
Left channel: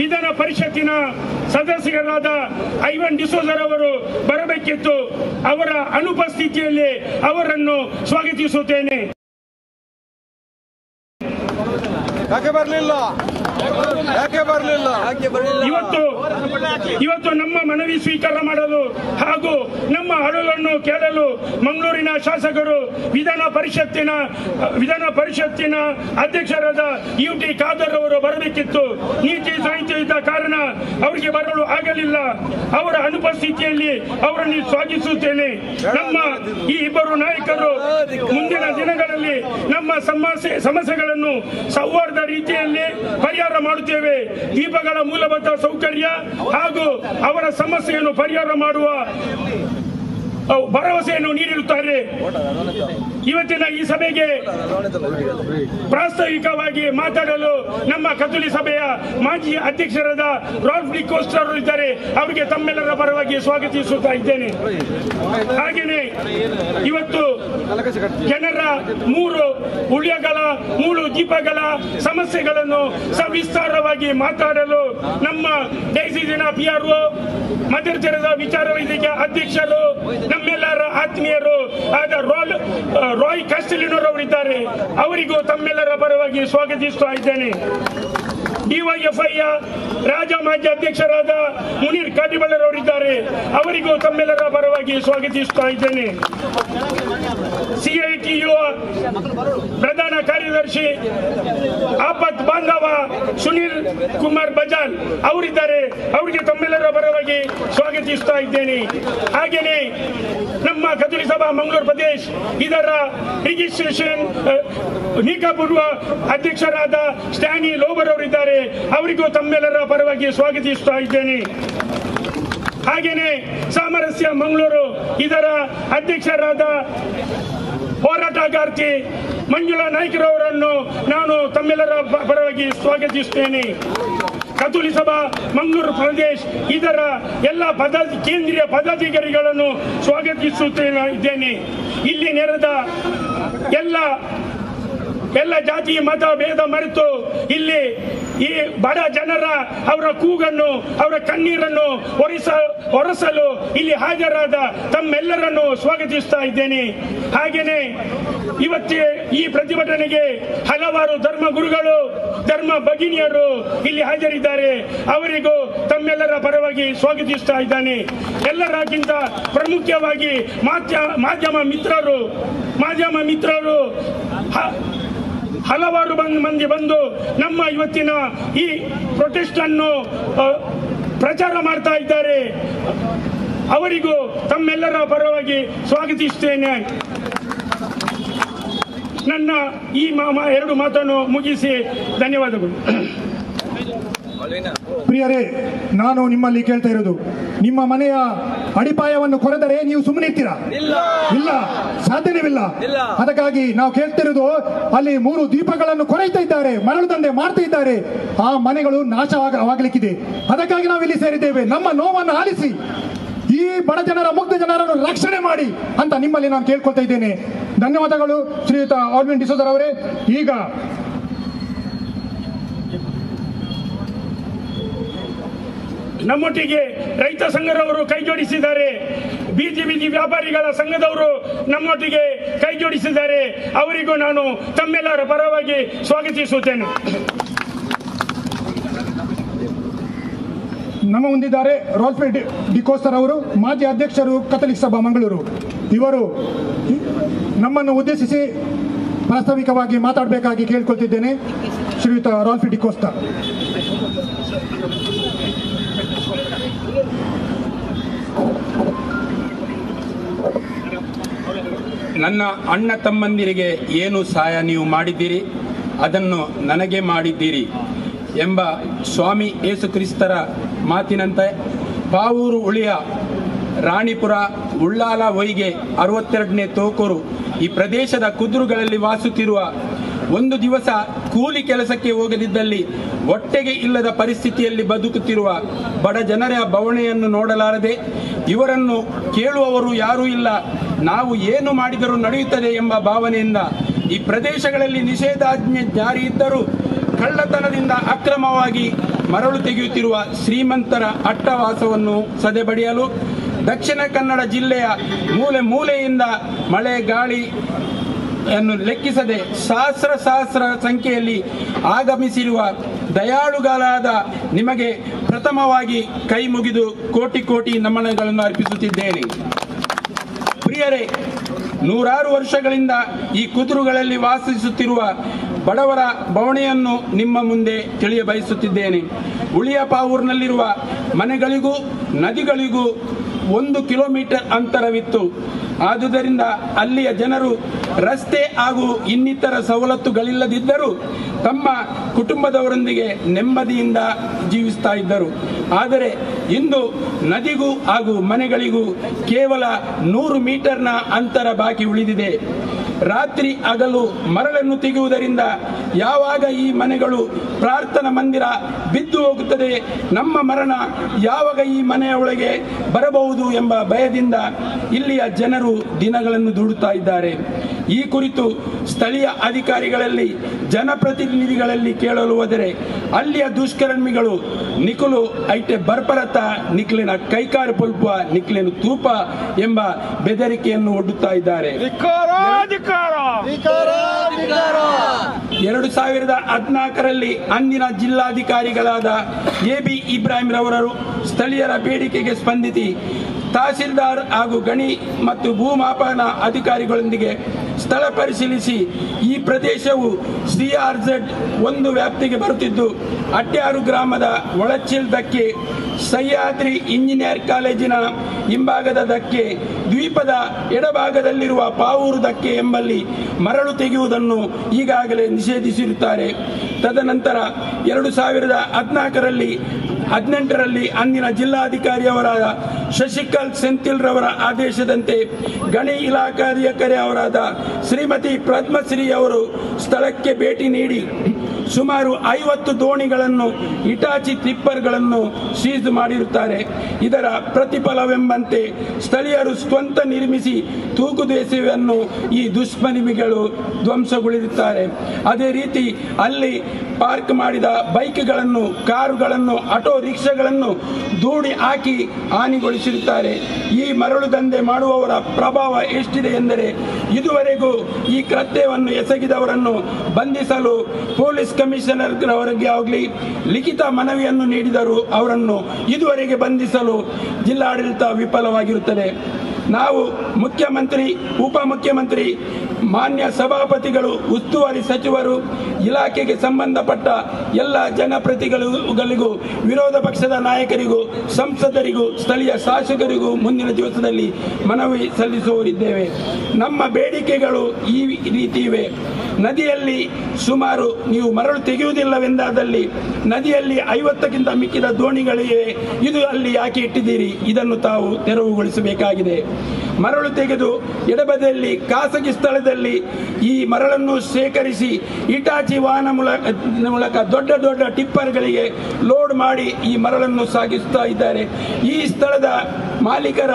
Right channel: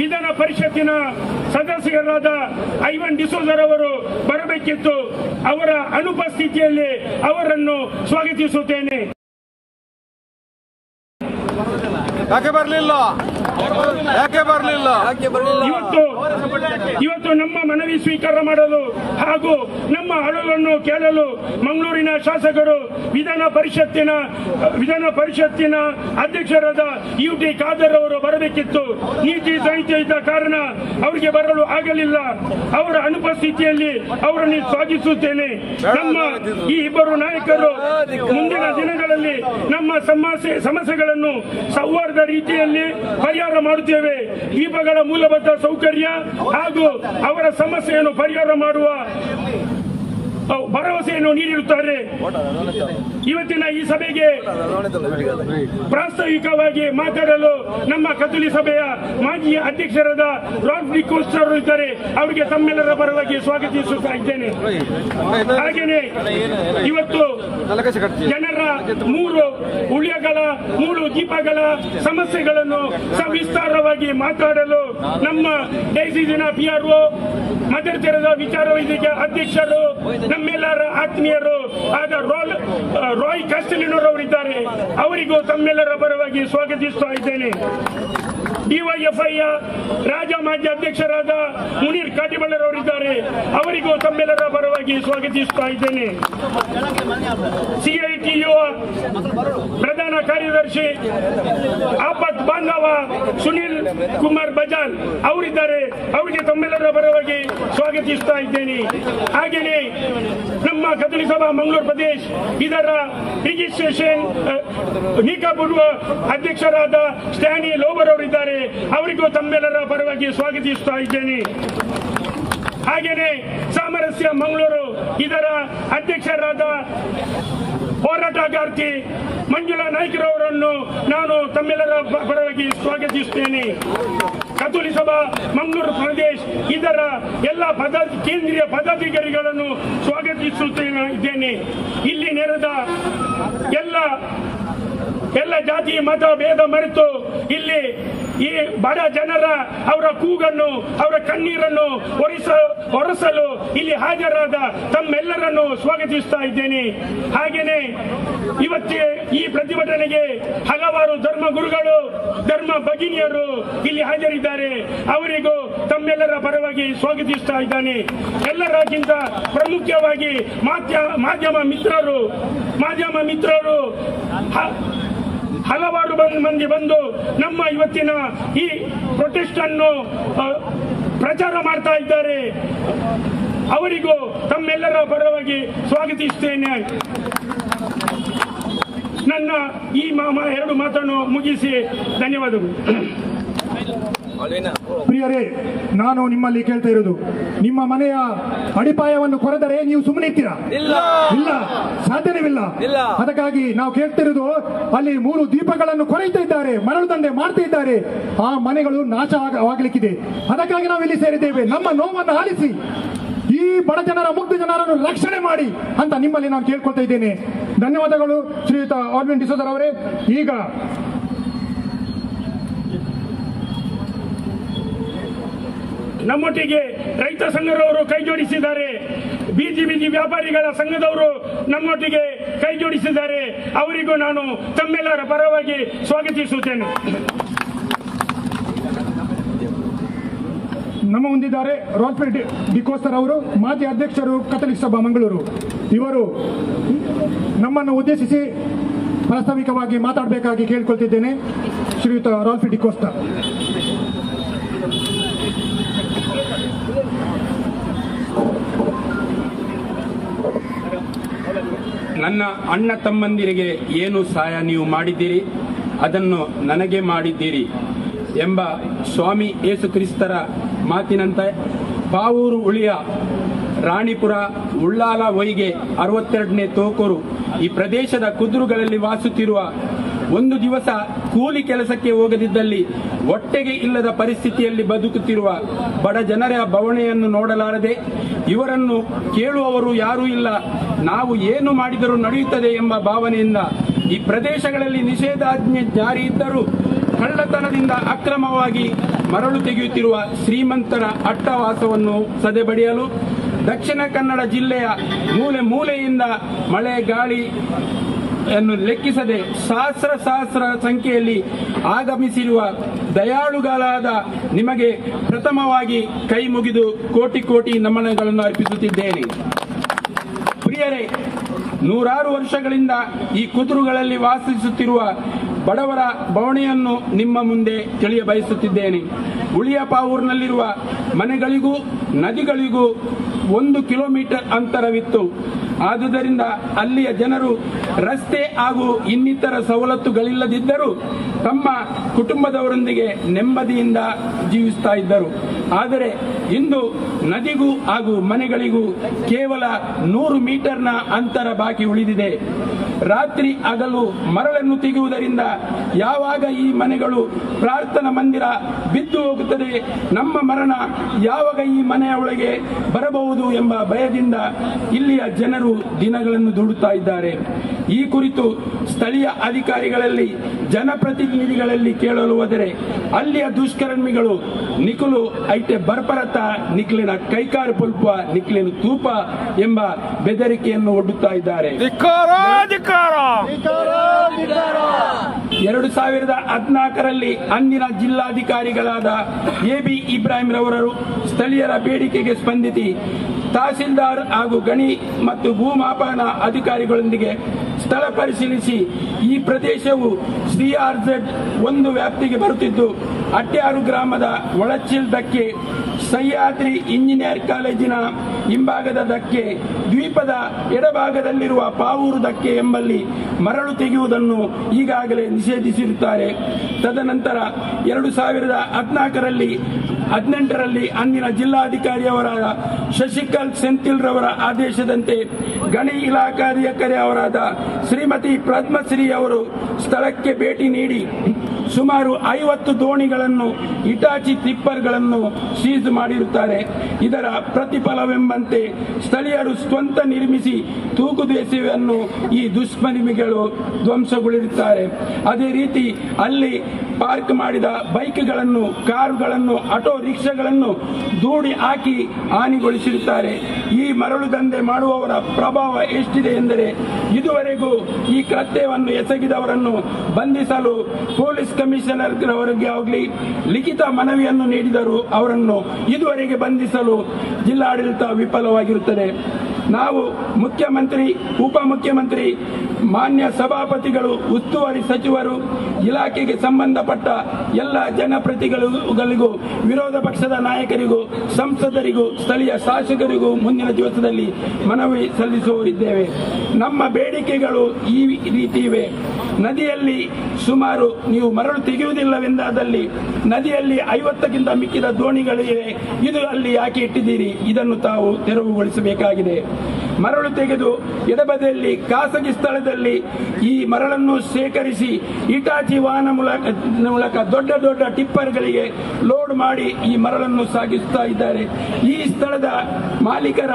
ವಿಧಾನ ಪರಿಷತ್ತಿನ ಸದಸ್ಯರಾದ ಐವನ್ ಡಿಸೋಜರ್ ಅವರು ಬರಬೇಕಿತ್ತು. ಅವರ ಅನುಪಸ್ಥಿತಿಯಲ್ಲಿ ಅವರನ್ನು ಸ್ವಾಗತಿಸುತ್ತೇನೆ. ಇವತ್ತು ನಮ್ಮ ಮನವಿ ಸ್ವೀಕಾರ ಮಾಡಲು ಹಾಗೂ ನಮ್ಮ ಅಳಲನ್ನು ಕೇಳಲು ಮಂಗಳೂರಿನ ಶಾಸಕರು ವಿಧಾನ ಪರಿಷತ್ತಿನ ಅಧ್ಯಕ್ಷರಾದ UT ಖಾದರ್ ಅವರು ಬರಬೇಕಿತ್ತು. ನೀತಿ ಸಂಹಿತೆ ಇದ್ದ ಕಾರಣ ಅವರಿಗೆ ಬರಲು ಆಗಲಿಲ್ಲ. ಅವರ ಅನುಪಸ್ಥಿತಿಯಲ್ಲಿ ಅವರನ್ನು ಸ್ವಾಗತಿಸುತ್ತೇನೆ. ನಮ್ಮ ಈ ಇಬ್ಬರು ನಾಯಕರು ಮುಂದಿನ ದಿನಗಳಲ್ಲಿ ನಮ್ಮ ಸಮಸ್ಯೆಗಳನ್ನು ಸೌಹಾರ್ದ ರೀತಿಯಲ್ಲಿ ಪರಿಹಾರ ಮಾಡುತ್ತೇವೆ. ದೀಪಗಳ ಮೂಲಭೂತ ಸೌಕರ್ಯ ಹಾಗೂ ಅವರ ಸಮಸ್ಯೆಯನ್ನು ಪರಿಹಾರ ಮಾಡುವ ಭರವಸೆಯನ್ನು ನೀಡಿರುತ್ತಾರೆ. ಇವತ್ತಿನ ಈ ಸಭೆಗೆ ಪ್ರಾಸ್ತಾವಿಕವಾಗಿ ಮಾತಾಡಲು ನಮ್ಮ ಕಥೋಲಿಕ ಸಭೆಯ ಮಾಜಿ ಅಧ್ಯಕ್ಷರಾದ ರಾಲ್ಫ್ ಡಿ ಕೋಸ್ಟರ್ ಇದ್ದಾರೆ. ಅವರಿಗೆ ತಮ್ಮೆಲ್ಲರ ಪರವಾಗಿ ಸ್ವಾಗತಿಸುತ್ತಾ ಇದ್ದೇನೆ. ಹಾಗೆಯೇ ಇವತ್ತು ಜನರ ಮೂರು ದೀಪಗಳ ಸಮಸ್ಯೆಗಳನ್ನು ಸವಿಸ್ತಾರವಾಗಿ ಮಾತಾಡಲು ನಮ್ಮ ಡೈಸಿನ PRO ಮದರ್ ತೆರೆದ ವಿಚಾರ ವೇದಿಕೆ ಅಧ್ಯಕ್ಷರು ನಮ್ಮೆಲ್ಲರ ಆತ್ಮೀಯರು ಆದ ರಾಯ್ ಕ್ಯಾಸ್ಟೆಲಿನೋರವರಿದ್ದಾರೆ. ಅವರಿಗೂ ತಮ್ಮೆಲ್ಲರ ಪರವಾಗಿ ಸ್ವಾಗತಿಸ್ತಾ ಇದ್ದೇನೆ. DYFI ರಾಜ ಮಾಜಿ ಅಧ್ಯಕ್ಷರಾದ ಮುನೀರ್ ಕಾಟಿಬಳ್ಳರವರಿದ್ದಾರೆ. ಅವರಿಗೂ ತಮ್ಮೆಲ್ಲರ ಪರವಾಗಿ ಸ್ವಾಗತಿಸ್ತಾ ಇದ್ದೇನೆ. CITU ಪ್ರಧಾನ ಕಾರ್ಯದರ್ಶಿ ಆಪತ್ ಬಾಂಧವ ಸುನಿಲ್ ಕುಮಾರ್ ಬಜಾಲ್ ಅವರಿದ್ದಾರೆ. ಅವರಿಗೆ ತಮ್ಮೆಲ್ಲರ ಪರವಾಗಿ ಸ್ವಾಗತಿಸ್ತಾ ಇದ್ದೇನೆ. ಹಾಗೆಯೇ ನಮ್ಮ ಕಥೋಲಿಕ ಸಭಾ ಮಂಗಳೂರು ಪ್ರದೇಶ ಇದರ ರಿಜಿಸ್ಟ್ರೇಷನ್ ನಿಕಾಪೂರ್ವ ಅಧ್ಯಕ್ಷರಾದ ಸ್ಟ್ಯಾನಿ ಲೋಬರ್ ಅವರಿದ್ದಾರೆ. ಅವರಿಗೂ ತಮ್ಮೆಲ್ಲರ ಪರವಾಗಿ ಸ್ವಾಗತಿಸ್ತಾ ಇದ್ದೇನೆ. ಹಾಗೆಯೇ ಸಾಮರಸ್ಯ ಮಂಗಳೂರು ಇದರ ಅಧ್ಯಕ್ಷರಾದ ಹೋರಾಟಗಾರ್ತಿ ಮಂಜುಳಾ ನಾಯ್ಕರವರನ್ನು ನಾನು ತಮ್ಮೆಲ್ಲರ ಪರವಾಗಿ ಸ್ವಾಗತಿಸುತ್ತೇನೆ. ಕಥೋಲಿಕ ಸಭಾ ಮಂಗಳೂರು ಪ್ರದೇಶ ಇದರ ಎಲ್ಲ ಕೇಂದ್ರೀಯ ಪದಾಧಿಕಾರಿಗಳನ್ನು ಸ್ವಾಗತಿಸುತ್ತೇನೆ. ಇಲ್ಲಿ ನೆರೆದ ಎಲ್ಲ ಜಾತಿ ಮತ ಭೇದ ಮರೆತು ಇಲ್ಲಿ ಈ ಬಡ ಜನರ ಅವರ ಕೂಗನ್ನು ಅವರ ಕಣ್ಣೀರನ್ನು ಒರೆಸಲು ಇಲ್ಲಿ ಹಾಜರಾದ ತಮ್ಮೆಲ್ಲರನ್ನು ಸ್ವಾಗತಿಸ್ತಾ ಇದ್ದೇನೆ. ಹಾಗೆಯೇ ಇವತ್ತೇ ಈ ಪ್ರತಿಭಟನೆಗೆ ಹಲವಾರು ಧರ್ಮ ಗುರುಗಳು ಧರ್ಮ ಭಗಿನಿಯರು ಇಲ್ಲಿ ಹಾಜರಿದ್ದಾರೆ. ಅವರಿಗೂ ತಮ್ಮೆಲ್ಲರ ಪರವಾಗಿ ಸ್ವಾಗತಿಸ್ತಾ ಇದ್ದಾನೆ. ಎಲ್ಲರಿಗಿಂತ ಪ್ರಮುಖವಾಗಿ ಮಾಧ್ಯಮ ಮಿತ್ರರು ಹಲವಾರು ಮಂದಿ ಬಂದು ನಮ್ಮ ಇವತ್ತಿನ ಈ ಪ್ರೊಟೆಸ್ಟ್ ಅನ್ನು ಪ್ರಚಾರ ಮಾಡ್ತಾ ಇದ್ದಾರೆ. ಅವರಿಗೂ ತಮ್ಮೆಲ್ಲರ ಪರವಾಗಿ ಸ್ವಾಗತಿಸುತ್ತೇನೆ. ನನ್ನ ಈ ಎರಡು ಮಾತನ್ನು ಮುಗಿಸಿ ಧನ್ಯವಾದಗಳು. ಪ್ರಿಯರೇ, ನಾನು ನಿಮ್ಮಲ್ಲಿ ಕೇಳ್ತಾ ಇರೋದು, ನಿಮ್ಮ ಮನೆಯ ಅಡಿಪಾಯವನ್ನು ಕೊರೆದರೆ ನೀವು ಸುಮ್ಮನಿರ್ತೀರಾ? ಇಲ್ಲ, ಸಾಧ್ಯವಿಲ್ಲ. ಅದಕ್ಕಾಗಿ ನಾವು ಕೇಳ್ತಿರೋದು, ಅಲ್ಲಿ 3 ದೀಪಗಳನ್ನು ಕೊರೈತಾ ಇದ್ದಾರೆ, ಮರಳು ದಂಧೆ ಮಾಡ್ತಾ ಇದ್ದಾರೆ, ಆ ಮನೆಗಳು ನಾಶವಾಗಲಿಕ್ಕಿದೆ. ಅದಕ್ಕಾಗಿ ನಾವು ಇಲ್ಲಿ ಸೇರಿದ್ದೇವೆ. ನಮ್ಮ ನೋವನ್ನು ಆಲಿಸಿ. ಈ ಈ ಬಡ ಜನರ ಮುಗ್ಧ ಜನರನ್ನು ರಕ್ಷಣೆ ಮಾಡಿ ಅಂತ ನಿಮ್ಮಲ್ಲಿ ನಾನು ಕೇಳ್ಕೊಳ್ತಾ ಇದ್ದೇನೆ. ಧನ್ಯವಾದಗಳು ಶ್ರೀಯುತ ಆಲ್ವಿನ್ ಡಿಸೋಜರ್ ಅವರೇ. ಈಗ ನಮ್ಮೊಟ್ಟಿಗೆ ರೈತ ಸಂಘದವರು ಕೈ ಜೋಡಿಸಿದ್ದಾರೆ, ಬೀದಿ ವ್ಯಾಪಾರಿಗಳ ಸಂಘದವರು ನಮ್ಮೊಟ್ಟಿಗೆ ಕೈ ಜೋಡಿಸಿದ್ದಾರೆ. ಅವರಿಗೂ ನಾನು ತಮ್ಮೆಲ್ಲರ ಪರವಾಗಿ ಸ್ವಾಗತಿಸುತ್ತೇನೆ. ನಮ್ಮ ಮುಂದಿದ್ದಾರೆ ರಾಲ್ಫ್ ಡಿಕೋಸ್ಟರ್ ಅವರು, ಮಾಜಿ ಅಧ್ಯಕ್ಷರು ಕಥಲಿಕ್ ಸಭಾ ಮಂಗಳೂರು. ಇವರು ನಮ್ಮನ್ನು ಉದ್ದೇಶಿಸಿ ಪ್ರಾಸ್ತಾವಿಕವಾಗಿ ಮಾತಾಡಬೇಕಾಗಿ ಕೇಳ್ಕೊಳ್ತಿದ್ದೇನೆ. ಶ್ರೀಯುತ ರಾಲ್ಫ್ ಡಿಕೋಸ್ಟರ್. ನನ್ನ ಅಣ್ಣ ತಮ್ಮಂದಿರಿಗೆ ಏನು ಸಹಾಯ ನೀವು ಮಾಡಿದ್ದೀರಿ ಅದನ್ನು ನನಗೆ ಮಾಡಿದ್ದೀರಿ ಎಂಬ ಸ್ವಾಮಿ ಯೇಸು ಕ್ರಿಸ್ತರ ಮಾತಿನಂತೆ ಪಾವೂರು ಉಳಿಯ ರಾಣಿಪುರ ಉಳ್ಳಾಲ ವೈಗೆ 62ನೇ ತೋಕೂರು ಈ ಪ್ರದೇಶದ ಕುದುರುಗಳಲ್ಲಿ ವಾಸುತ್ತಿರುವ ಒಂದು ದಿವಸ ಕೂಲಿ ಕೆಲಸಕ್ಕೆ ಹೋಗದಿದ್ದಲ್ಲಿ ಹೊಟ್ಟೆಗೆ ಇಲ್ಲದ ಪರಿಸ್ಥಿತಿಯಲ್ಲಿ ಬದುಕುತ್ತಿರುವ ಬಡ ಜನರ ಬವಣೆಯನ್ನು ನೋಡಲಾರದೆ ಇವರನ್ನು ಕೇಳುವವರು ಯಾರೂ ಇಲ್ಲ, ನಾವು ಏನು ಮಾಡಿದರೂ ನಡೆಯುತ್ತದೆ ಎಂಬ ಭಾವನೆಯಿಂದ ಈ ಪ್ರದೇಶಗಳಲ್ಲಿ ನಿಷೇಧಾಜ್ಞೆ ಜಾರಿ ಇದ್ದರೂ ಕಳ್ಳತನದಿಂದ ಅಕ್ರಮವಾಗಿ ಮರಳು ತೆಗೆಯುತ್ತಿರುವ ಶ್ರೀಮಂತರ ಅಟ್ಟವಾಸವನ್ನು ಸದೆಬಡಿಯಲು ದಕ್ಷಿಣ ಕನ್ನಡ ಜಿಲ್ಲೆಯ ಮೂಲೆ ಮೂಲೆಯಿಂದ ಮಳೆ ಗಾಳಿಯನ್ನು ಲೆಕ್ಕಿಸದೆ ಸಹಸ್ರ ಸಂಖ್ಯೆಯಲ್ಲಿ ಆಗಮಿಸಿರುವ ದಯಾಳುಗಳಾದ ನಿಮಗೆ ಪ್ರಥಮವಾಗಿ ಕೈ ಮುಗಿದು ಕೋಟಿ ಕೋಟಿ ನಮನಗಳನ್ನು ಅರ್ಪಿಸುತ್ತಿದ್ದೇನೆ. ಪ್ರಿಯರೇ, ನೂರಾರು ವರ್ಷಗಳಿಂದ ಈ ಕುದುರುಗಳಲ್ಲಿ ವಾಸಿಸುತ್ತಿರುವ ಬಡವರ ಬವಣೆಯನ್ನು ನಿಮ್ಮ ಮುಂದೆ ತಿಳಿಯಬಯಸುತ್ತಿದ್ದೇನೆ. ಉಳಿಯ ಪಾವೂರಿನಲ್ಲಿರುವ ಮನೆಗಳಿಗೂ ನದಿಗಳಿಗೂ 1 ಕಿಲೋಮೀಟರ್ ಅಂತರವಿತ್ತು. ಆದುದರಿಂದ ಅಲ್ಲಿಯ ಜನರು ರಸ್ತೆ ಹಾಗೂ ಇನ್ನಿತರ ಸವಲತ್ತುಗಳಿಲ್ಲದಿದ್ದರೂ ತಮ್ಮ ಕುಟುಂಬದವರೊಂದಿಗೆ ನೆಮ್ಮದಿಯಿಂದ ಜೀವಿಸ್ತಾ ಇದ್ದರು. ಆದರೆ ಇಂದು ನದಿಗೂ ಹಾಗೂ ಮನೆಗಳಿಗೂ ಕೇವಲ 100 ಮೀಟರ್ನ ಅಂತರ ಬಾಕಿ ಉಳಿದಿದೆ. ರಾತ್ರಿ ಹಗಲು ಮರಳನ್ನು ತೆಗೆಯುವುದರಿಂದ ಯಾವಾಗ ಈ ಮನೆಗಳು ಪ್ರಾರ್ಥನಾ ಮಂದಿರ ಬಿದ್ದು ಹೋಗುತ್ತದೆ, ನಮ್ಮ ಮರಣ ಯಾವಾಗ ಈ ಮನೆಯ ಒಳಗೆ ಬರಬಹುದು ಎಂಬ ಭಯದಿಂದ ಇಲ್ಲಿಯ ಜನರು ದಿನಗಳನ್ನು ದೂಡುತ್ತಾ ಇದ್ದಾರೆ. ಈ ಕುರಿತು ಸ್ಥಳೀಯ ಅಧಿಕಾರಿಗಳಲ್ಲಿ ಜನಪ್ರತಿನಿಧಿಗಳಲ್ಲಿ ಕೇಳಲು ಹೋದರೆ ಅಲ್ಲಿಯ ದುಷ್ಕರ್ಮಿಗಳು ನಿಖಲು ಐಟೆ ಬರ್ಪರತ ನಿಖಲಿನ ಕೈಕಾರು ಪೊಲ್ಪ ನಿಖಲಿನ ತೂಪ ಎಂಬ ಬೆದರಿಕೆಯನ್ನು ಒಡ್ಡುತ್ತಾ ಇದ್ದಾರೆ. 2014ರಲ್ಲಿ ಅಂದಿನ ಜಿಲ್ಲಾಧಿಕಾರಿಗಳಾದ AB ಇಬ್ರಾಹಿಂ ರವರು ಸ್ಥಳೀಯರ ಬೇಡಿಕೆಗೆ ಸ್ಪಂದಿಸಿ ತಹಸೀಲ್ದಾರ್ ಹಾಗೂ ಗಣಿ ಮತ್ತು ಭೂಮಾಪನ ಅಧಿಕಾರಿಗಳೊಂದಿಗೆ ಸ್ಥಳ ಪರಿಶೀಲಿಸಿ ಈ ಪ್ರದೇಶವು CRZ 1 ವ್ಯಾಪ್ತಿಗೆ ಬರುತ್ತಿದ್ದು ಅಟ್ಯಾರು ಗ್ರಾಮದ ಒಳಚಿಲ್ ದಕ್ಕೆ, ಸಹ್ಯಾದ್ರಿ ಇಂಜಿನಿಯರ್ ಕಾಲೇಜಿನ ಹಿಂಭಾಗದ ದಕ್ಕೆ, ದ್ವೀಪದ ಎಡಭಾಗದಲ್ಲಿರುವ ಪಾವೂರು ದಕ್ಕೆ ಎಂಬಲ್ಲಿ ಮರಳು ತೆಗೆಯುವುದನ್ನು ಈಗಾಗಲೇ ನಿಷೇಧಿಸಿರುತ್ತಾರೆ. ತದನಂತರ 2014ರಲ್ಲಿ 18ರಲ್ಲಿ ಅಂದಿನ ಜಿಲ್ಲಾಧಿಕಾರಿಯವರಾದ ಶಶಿಕಾಂತ್ ಸೆಂಥಿಲ್ ರವರ ಆದೇಶದಂತೆ ಗಣಿ ಇಲಾಖಾಧಿಕಾರಿ ಅವರಾದ ಶ್ರೀಮತಿ ಪದ್ಮಶ್ರೀ ಅವರು ಸ್ಥಳಕ್ಕೆ ಭೇಟಿ ನೀಡಿ ಸುಮಾರು 50 ದೋಣಿಗಳನ್ನು, ಇಟಾಚಿ ಟಿಪ್ಪರ್ಗಳನ್ನು ಸೀಜ್ ಮಾಡಿರುತ್ತಾರೆ. ಇದರ ಪ್ರತಿಫಲವೆಂಬಂತೆ ಸ್ಥಳೀಯರು ಸ್ವಂತ ನಿರ್ಮಿಸಿ ತೂಗುದೆಸೆಯನ್ನು ಈ ದುಷ್ಕರ್ಮಿಗಳು ಧ್ವಂಸಗೊಳಿಸುತ್ತಾರೆ. ಅದೇ ರೀತಿ ಅಲ್ಲಿ ಪಾರ್ಕ್ ಮಾಡಿದ ಬೈಕ್ಗಳನ್ನು, ಕಾರುಗಳನ್ನು, ಆಟೋ ರಿಕ್ಷಾಗಳನ್ನು ದೂಡಿ ಹಾಕಿ ಹಾನಿಗೊಳಿಸಿರುತ್ತಾರೆ. ಈ ಮರಳು ದಂಧೆ ಮಾಡುವವರ ಪ್ರಭಾವ ಎಷ್ಟಿದೆ ಎಂದರೆ ಇದುವರೆಗೂ ಈ ಕೃತ್ಯವನ್ನು ಎಸಗಿದವರನ್ನು ಬಂಧಿಸಲು ಪೊಲೀಸ್ ಕಮಿಷನರ್ ಅವರಿಗೆ ಆಗಲಿ ಲಿಖಿತ ಮನವಿಯನ್ನು ನೀಡಿದರೂ ಅವರನ್ನು ಇದುವರೆಗೆ ಬಂಧಿಸಲು ಜಿಲ್ಲಾಡಳಿತ ವಿಫಲವಾಗಿರುತ್ತದೆ. ನಾವು ಮುಖ್ಯಮಂತ್ರಿ, ಉಪಮುಖ್ಯಮಂತ್ರಿ, ಮಾನ್ಯ ಸಭಾಪತಿಗಳು, ಉಸ್ತುವಾರಿ ಸಚಿವರು, ಇಲಾಖೆಗೆ ಸಂಬಂಧಪಟ್ಟ ಎಲ್ಲ ಜನಪ್ರತಿನಿಧಿಗಳಿಗೂ, ವಿರೋಧ ಪಕ್ಷದ ನಾಯಕರಿಗೂ, ಸಂಸದರಿಗೂ, ಸ್ಥಳೀಯ ಶಾಸಕರಿಗೂ ಮುಂದಿನ ದಿವಸದಲ್ಲಿ ಮನವಿ ಸಲ್ಲಿಸುವರಿದ್ದೇವೆ. ನಮ್ಮ ಬೇಡಿಕೆಗಳು ಈ ರೀತಿ ಇವೆ. ನದಿಯಲ್ಲಿ ಸುಮಾರು ನೀವು ಮರಳು ತೆಗೆಯುವುದಿಲ್ಲವೆಂದಾದಲ್ಲಿ ನದಿಯಲ್ಲಿ 50ಕ್ಕಿಂತ ಮಿಕ್ಕಿದ ದೋಣಿಗಳಿವೆ. ಇದು ಅಲ್ಲಿ ಯಾಕೆ ಇಟ್ಟಿದ್ದೀರಿ? ಇದನ್ನು ತಾವು ತೆರವುಗೊಳಿಸಬೇಕಾಗಿದೆ. ಮರಳು ತೆಗೆದು ಎಡಬದಿಯಲ್ಲಿ ಖಾಸಗಿ ಸ್ಥಳದಲ್ಲಿ ಈ ಮರಳನ್ನು ಶೇಖರಿಸಿ ಇಟಾಚಿ ವಾಹನ ಮೂಲಕ ದೊಡ್ಡ ದೊಡ್ಡ ಟಿಪ್ಪರ್ಗಳಿಗೆ ಲೋಡ್ ಮಾಡಿ ಈ ಮರಳನ್ನು ಸಾಗಿಸುತ್ತಾ ಇದ್ದಾರೆ. ಈ ಸ್ಥಳದ ಮಾಲೀಕರ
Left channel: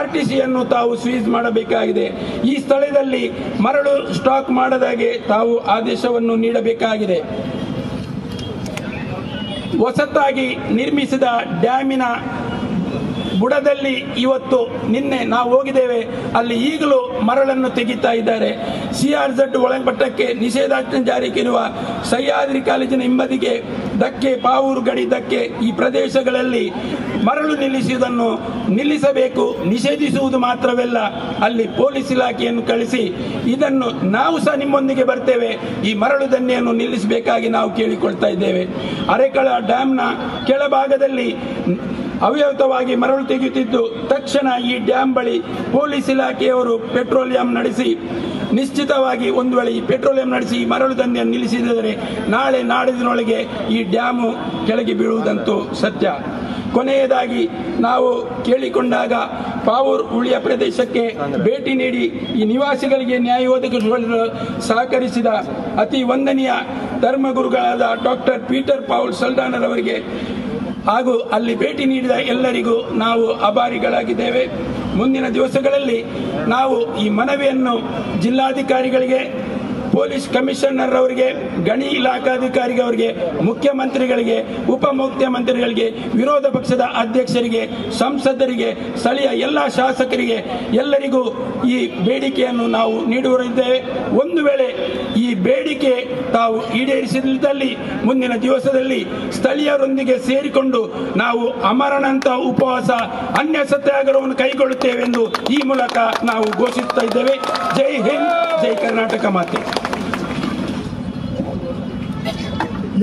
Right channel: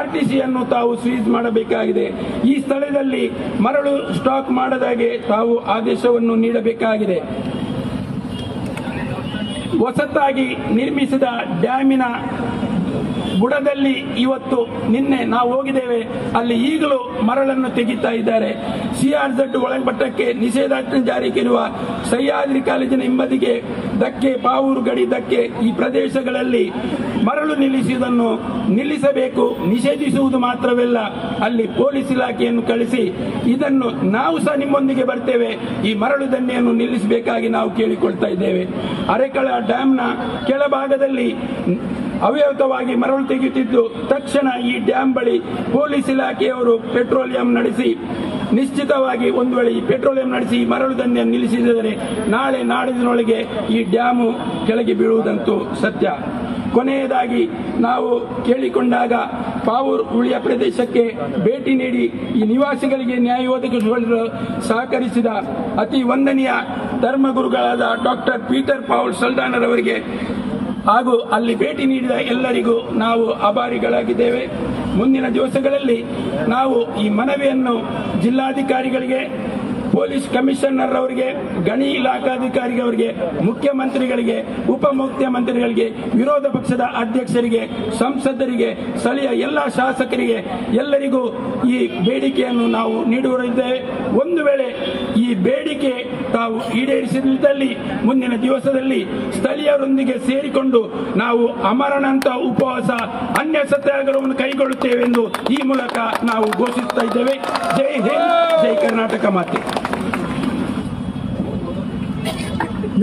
RTCಯನ್ನು ತಾವು ಸೀಸ್ ಮಾಡಬೇಕಾಗಿದೆ. ಈ ಸ್ಥಳದಲ್ಲಿ ಮರಳು ಸ್ಟಾಕ್ ಮಾಡದಾಗೆ ತಾವು ಆದೇಶವನ್ನು ನೀಡಬೇಕಾಗಿದೆ. ಹೊಸತಾಗಿ ನಿರ್ಮಿಸಿದ ಡ್ಯಾಮಿನ ಬುಡದಲ್ಲಿ ಇವತ್ತು ನಿನ್ನೆ ನಾವು ಹೋಗಿದ್ದೇವೆ, ಅಲ್ಲಿ ಈಗಲೂ ಮರಳನ್ನು ತೆಗಿತಾ ಇದ್ದಾರೆ. CRZ ಒಳಪಟ್ಟಕ್ಕೆ ನಿಷೇಧಾಜ್ಞೆ ಜಾರಿಗಿರುವ ಸಹ್ಯಾದ್ರಿ ಕಾಲೇಜಿನ ಹಿಂಬದಿಗೆ ಧಕ್ಕೆ, ಪಾವೂರು ಗಡಿ ಧಕ್ಕೆ ಈ ಪ್ರದೇಶಗಳಲ್ಲಿ ಮರಳು ನಿಲ್ಲಿಸುವುದನ್ನು ನಿಲ್ಲಿಸಬೇಕು. ನಿಷೇಧಿಸುವುದು ಮಾತ್ರವಲ್ಲ, ಅಲ್ಲಿ ಪೊಲೀಸ್ ಇಲಾಖೆಯನ್ನು ಕಳಿಸಿ ಇದನ್ನು ನಾವು ಸಹ ನಿಮ್ಮೊಂದಿಗೆ ಬರ್ತೇವೆ, ಈ ಮರಳು ದಂಧೆಯನ್ನು ನಿಲ್ಲಿಸಬೇಕಾಗಿ ನಾವು ಕೇಳಿಕೊಳ್ತಾ ಇದ್ದೇವೆ. ಅರೆಕಳ ಡ್ಯಾಂನ ಕೆಳಭಾಗದಲ್ಲಿ ಅವ್ಯವಹಿತವಾಗಿ ಮರಳು ತೆಗೆಯುತ್ತಿದ್ದು, ತಕ್ಷಣ ಈ ಡ್ಯಾಂ ಬಳಿ ಪೊಲೀಸ್ ಇಲಾಖೆಯವರು ಪೆಟ್ರೋಲಿಯಂ ನಡೆಸಿ ನಿಶ್ಚಿತವಾಗಿ ಒಂದು ವೇಳೆ ಈ ಪೆಟ್ರೋಲಿಯಂ ನಡೆಸಿ ಈ ಮರಳು ದಂಧೆಯನ್ನು ನಿಲ್ಲಿಸಿದರೆ ನಾಳೆ ನಾಡಿನೊಳಗೆ ಈ ಡ್ಯಾಮು ಕೆಳಗೆ ಬೀಳುವುದಂತೂ ಸತ್ಯ. ಕೊನೆಯದಾಗಿ ನಾವು ಕೇಳಿಕೊಂಡಾಗ ಪಾವೂರು ಉಳಿಯ ಪ್ರದೇಶಕ್ಕೆ ಭೇಟಿ ನೀಡಿ ಈ ನಿವಾಸಿಗಳಿಗೆ ನ್ಯಾಯ ಒದಗಿಸಲು ಸಹಕರಿಸಿದ ಅತಿ ವಂದನೀಯ ಧರ್ಮಗುರುಗಳಾದ ಡಾಕ್ಟರ್ ಪೀಟರ್ ಪಾಲ್ ಸಲ್ದಾನರ್ ಅವರಿಗೆ ಹಾಗೂ ಅಲ್ಲಿ ಭೇಟಿ ನೀಡಿದ ಎಲ್ಲರಿಗೂ ನಾವು ಆಭಾರಿಗಳಾಗಿದ್ದೇವೆ. ಮುಂದಿನ ದಿವಸಗಳಲ್ಲಿ ನಾವು ಈ ಮನವಿಯನ್ನು ಜಿಲ್ಲಾಧಿಕಾರಿಗಳಿಗೆ, ಪೊಲೀಸ್ ಕಮಿಷನರ್ ಅವರಿಗೆ, ಗಣಿ ಇಲಾಖಾಧಿಕಾರಿಗಳಿಗೆ, ಮುಖ್ಯಮಂತ್ರಿಗಳಿಗೆ, ಉಪಮುಖ್ಯಮಂತ್ರಿಗಳಿಗೆ, ವಿರೋಧ ಪಕ್ಷದ ಅಧ್ಯಕ್ಷರಿಗೆ, ಸಂಸದರಿಗೆ, ಸ್ಥಳೀಯ ಎಲ್ಲ ಶಾಸಕರಿಗೆ ಎಲ್ಲರಿಗೂ ಈ ಬೇಡಿಕೆಯನ್ನು ನಾವು ನೀಡುತ್ತಿದ್ದೇವೆ. ಒಂದು ವೇಳೆ ಈ ಬೇಡಿಕೆ ತಾವು ಈಡೇರಿಸಿದಲ್ಲಿ ಮುಂದಿನ ದಿವಸದಲ್ಲಿ ಸ್ಥಳೀಯರೊಂದಿಗೆ ಸೇರಿಕೊಂಡು ನಾವು ಅಮರಣಾಂತ ಉಪವಾಸ, ಅನ್ಯ ಸತ್ಯಾಗ್ರಹವನ್ನು ಕೈಗೊಳ್ಳುತ್ತೇವೆ ಎಂದು ಈ ಮೂಲಕ ನಾವು ಘೋಷಿಸುತ್ತಾ ಇದ್ದೇವೆ. ಜೈ ಹಿಂದ್, ಜೈ ಕರ್ನಾಟಕ ಮಾತೆ.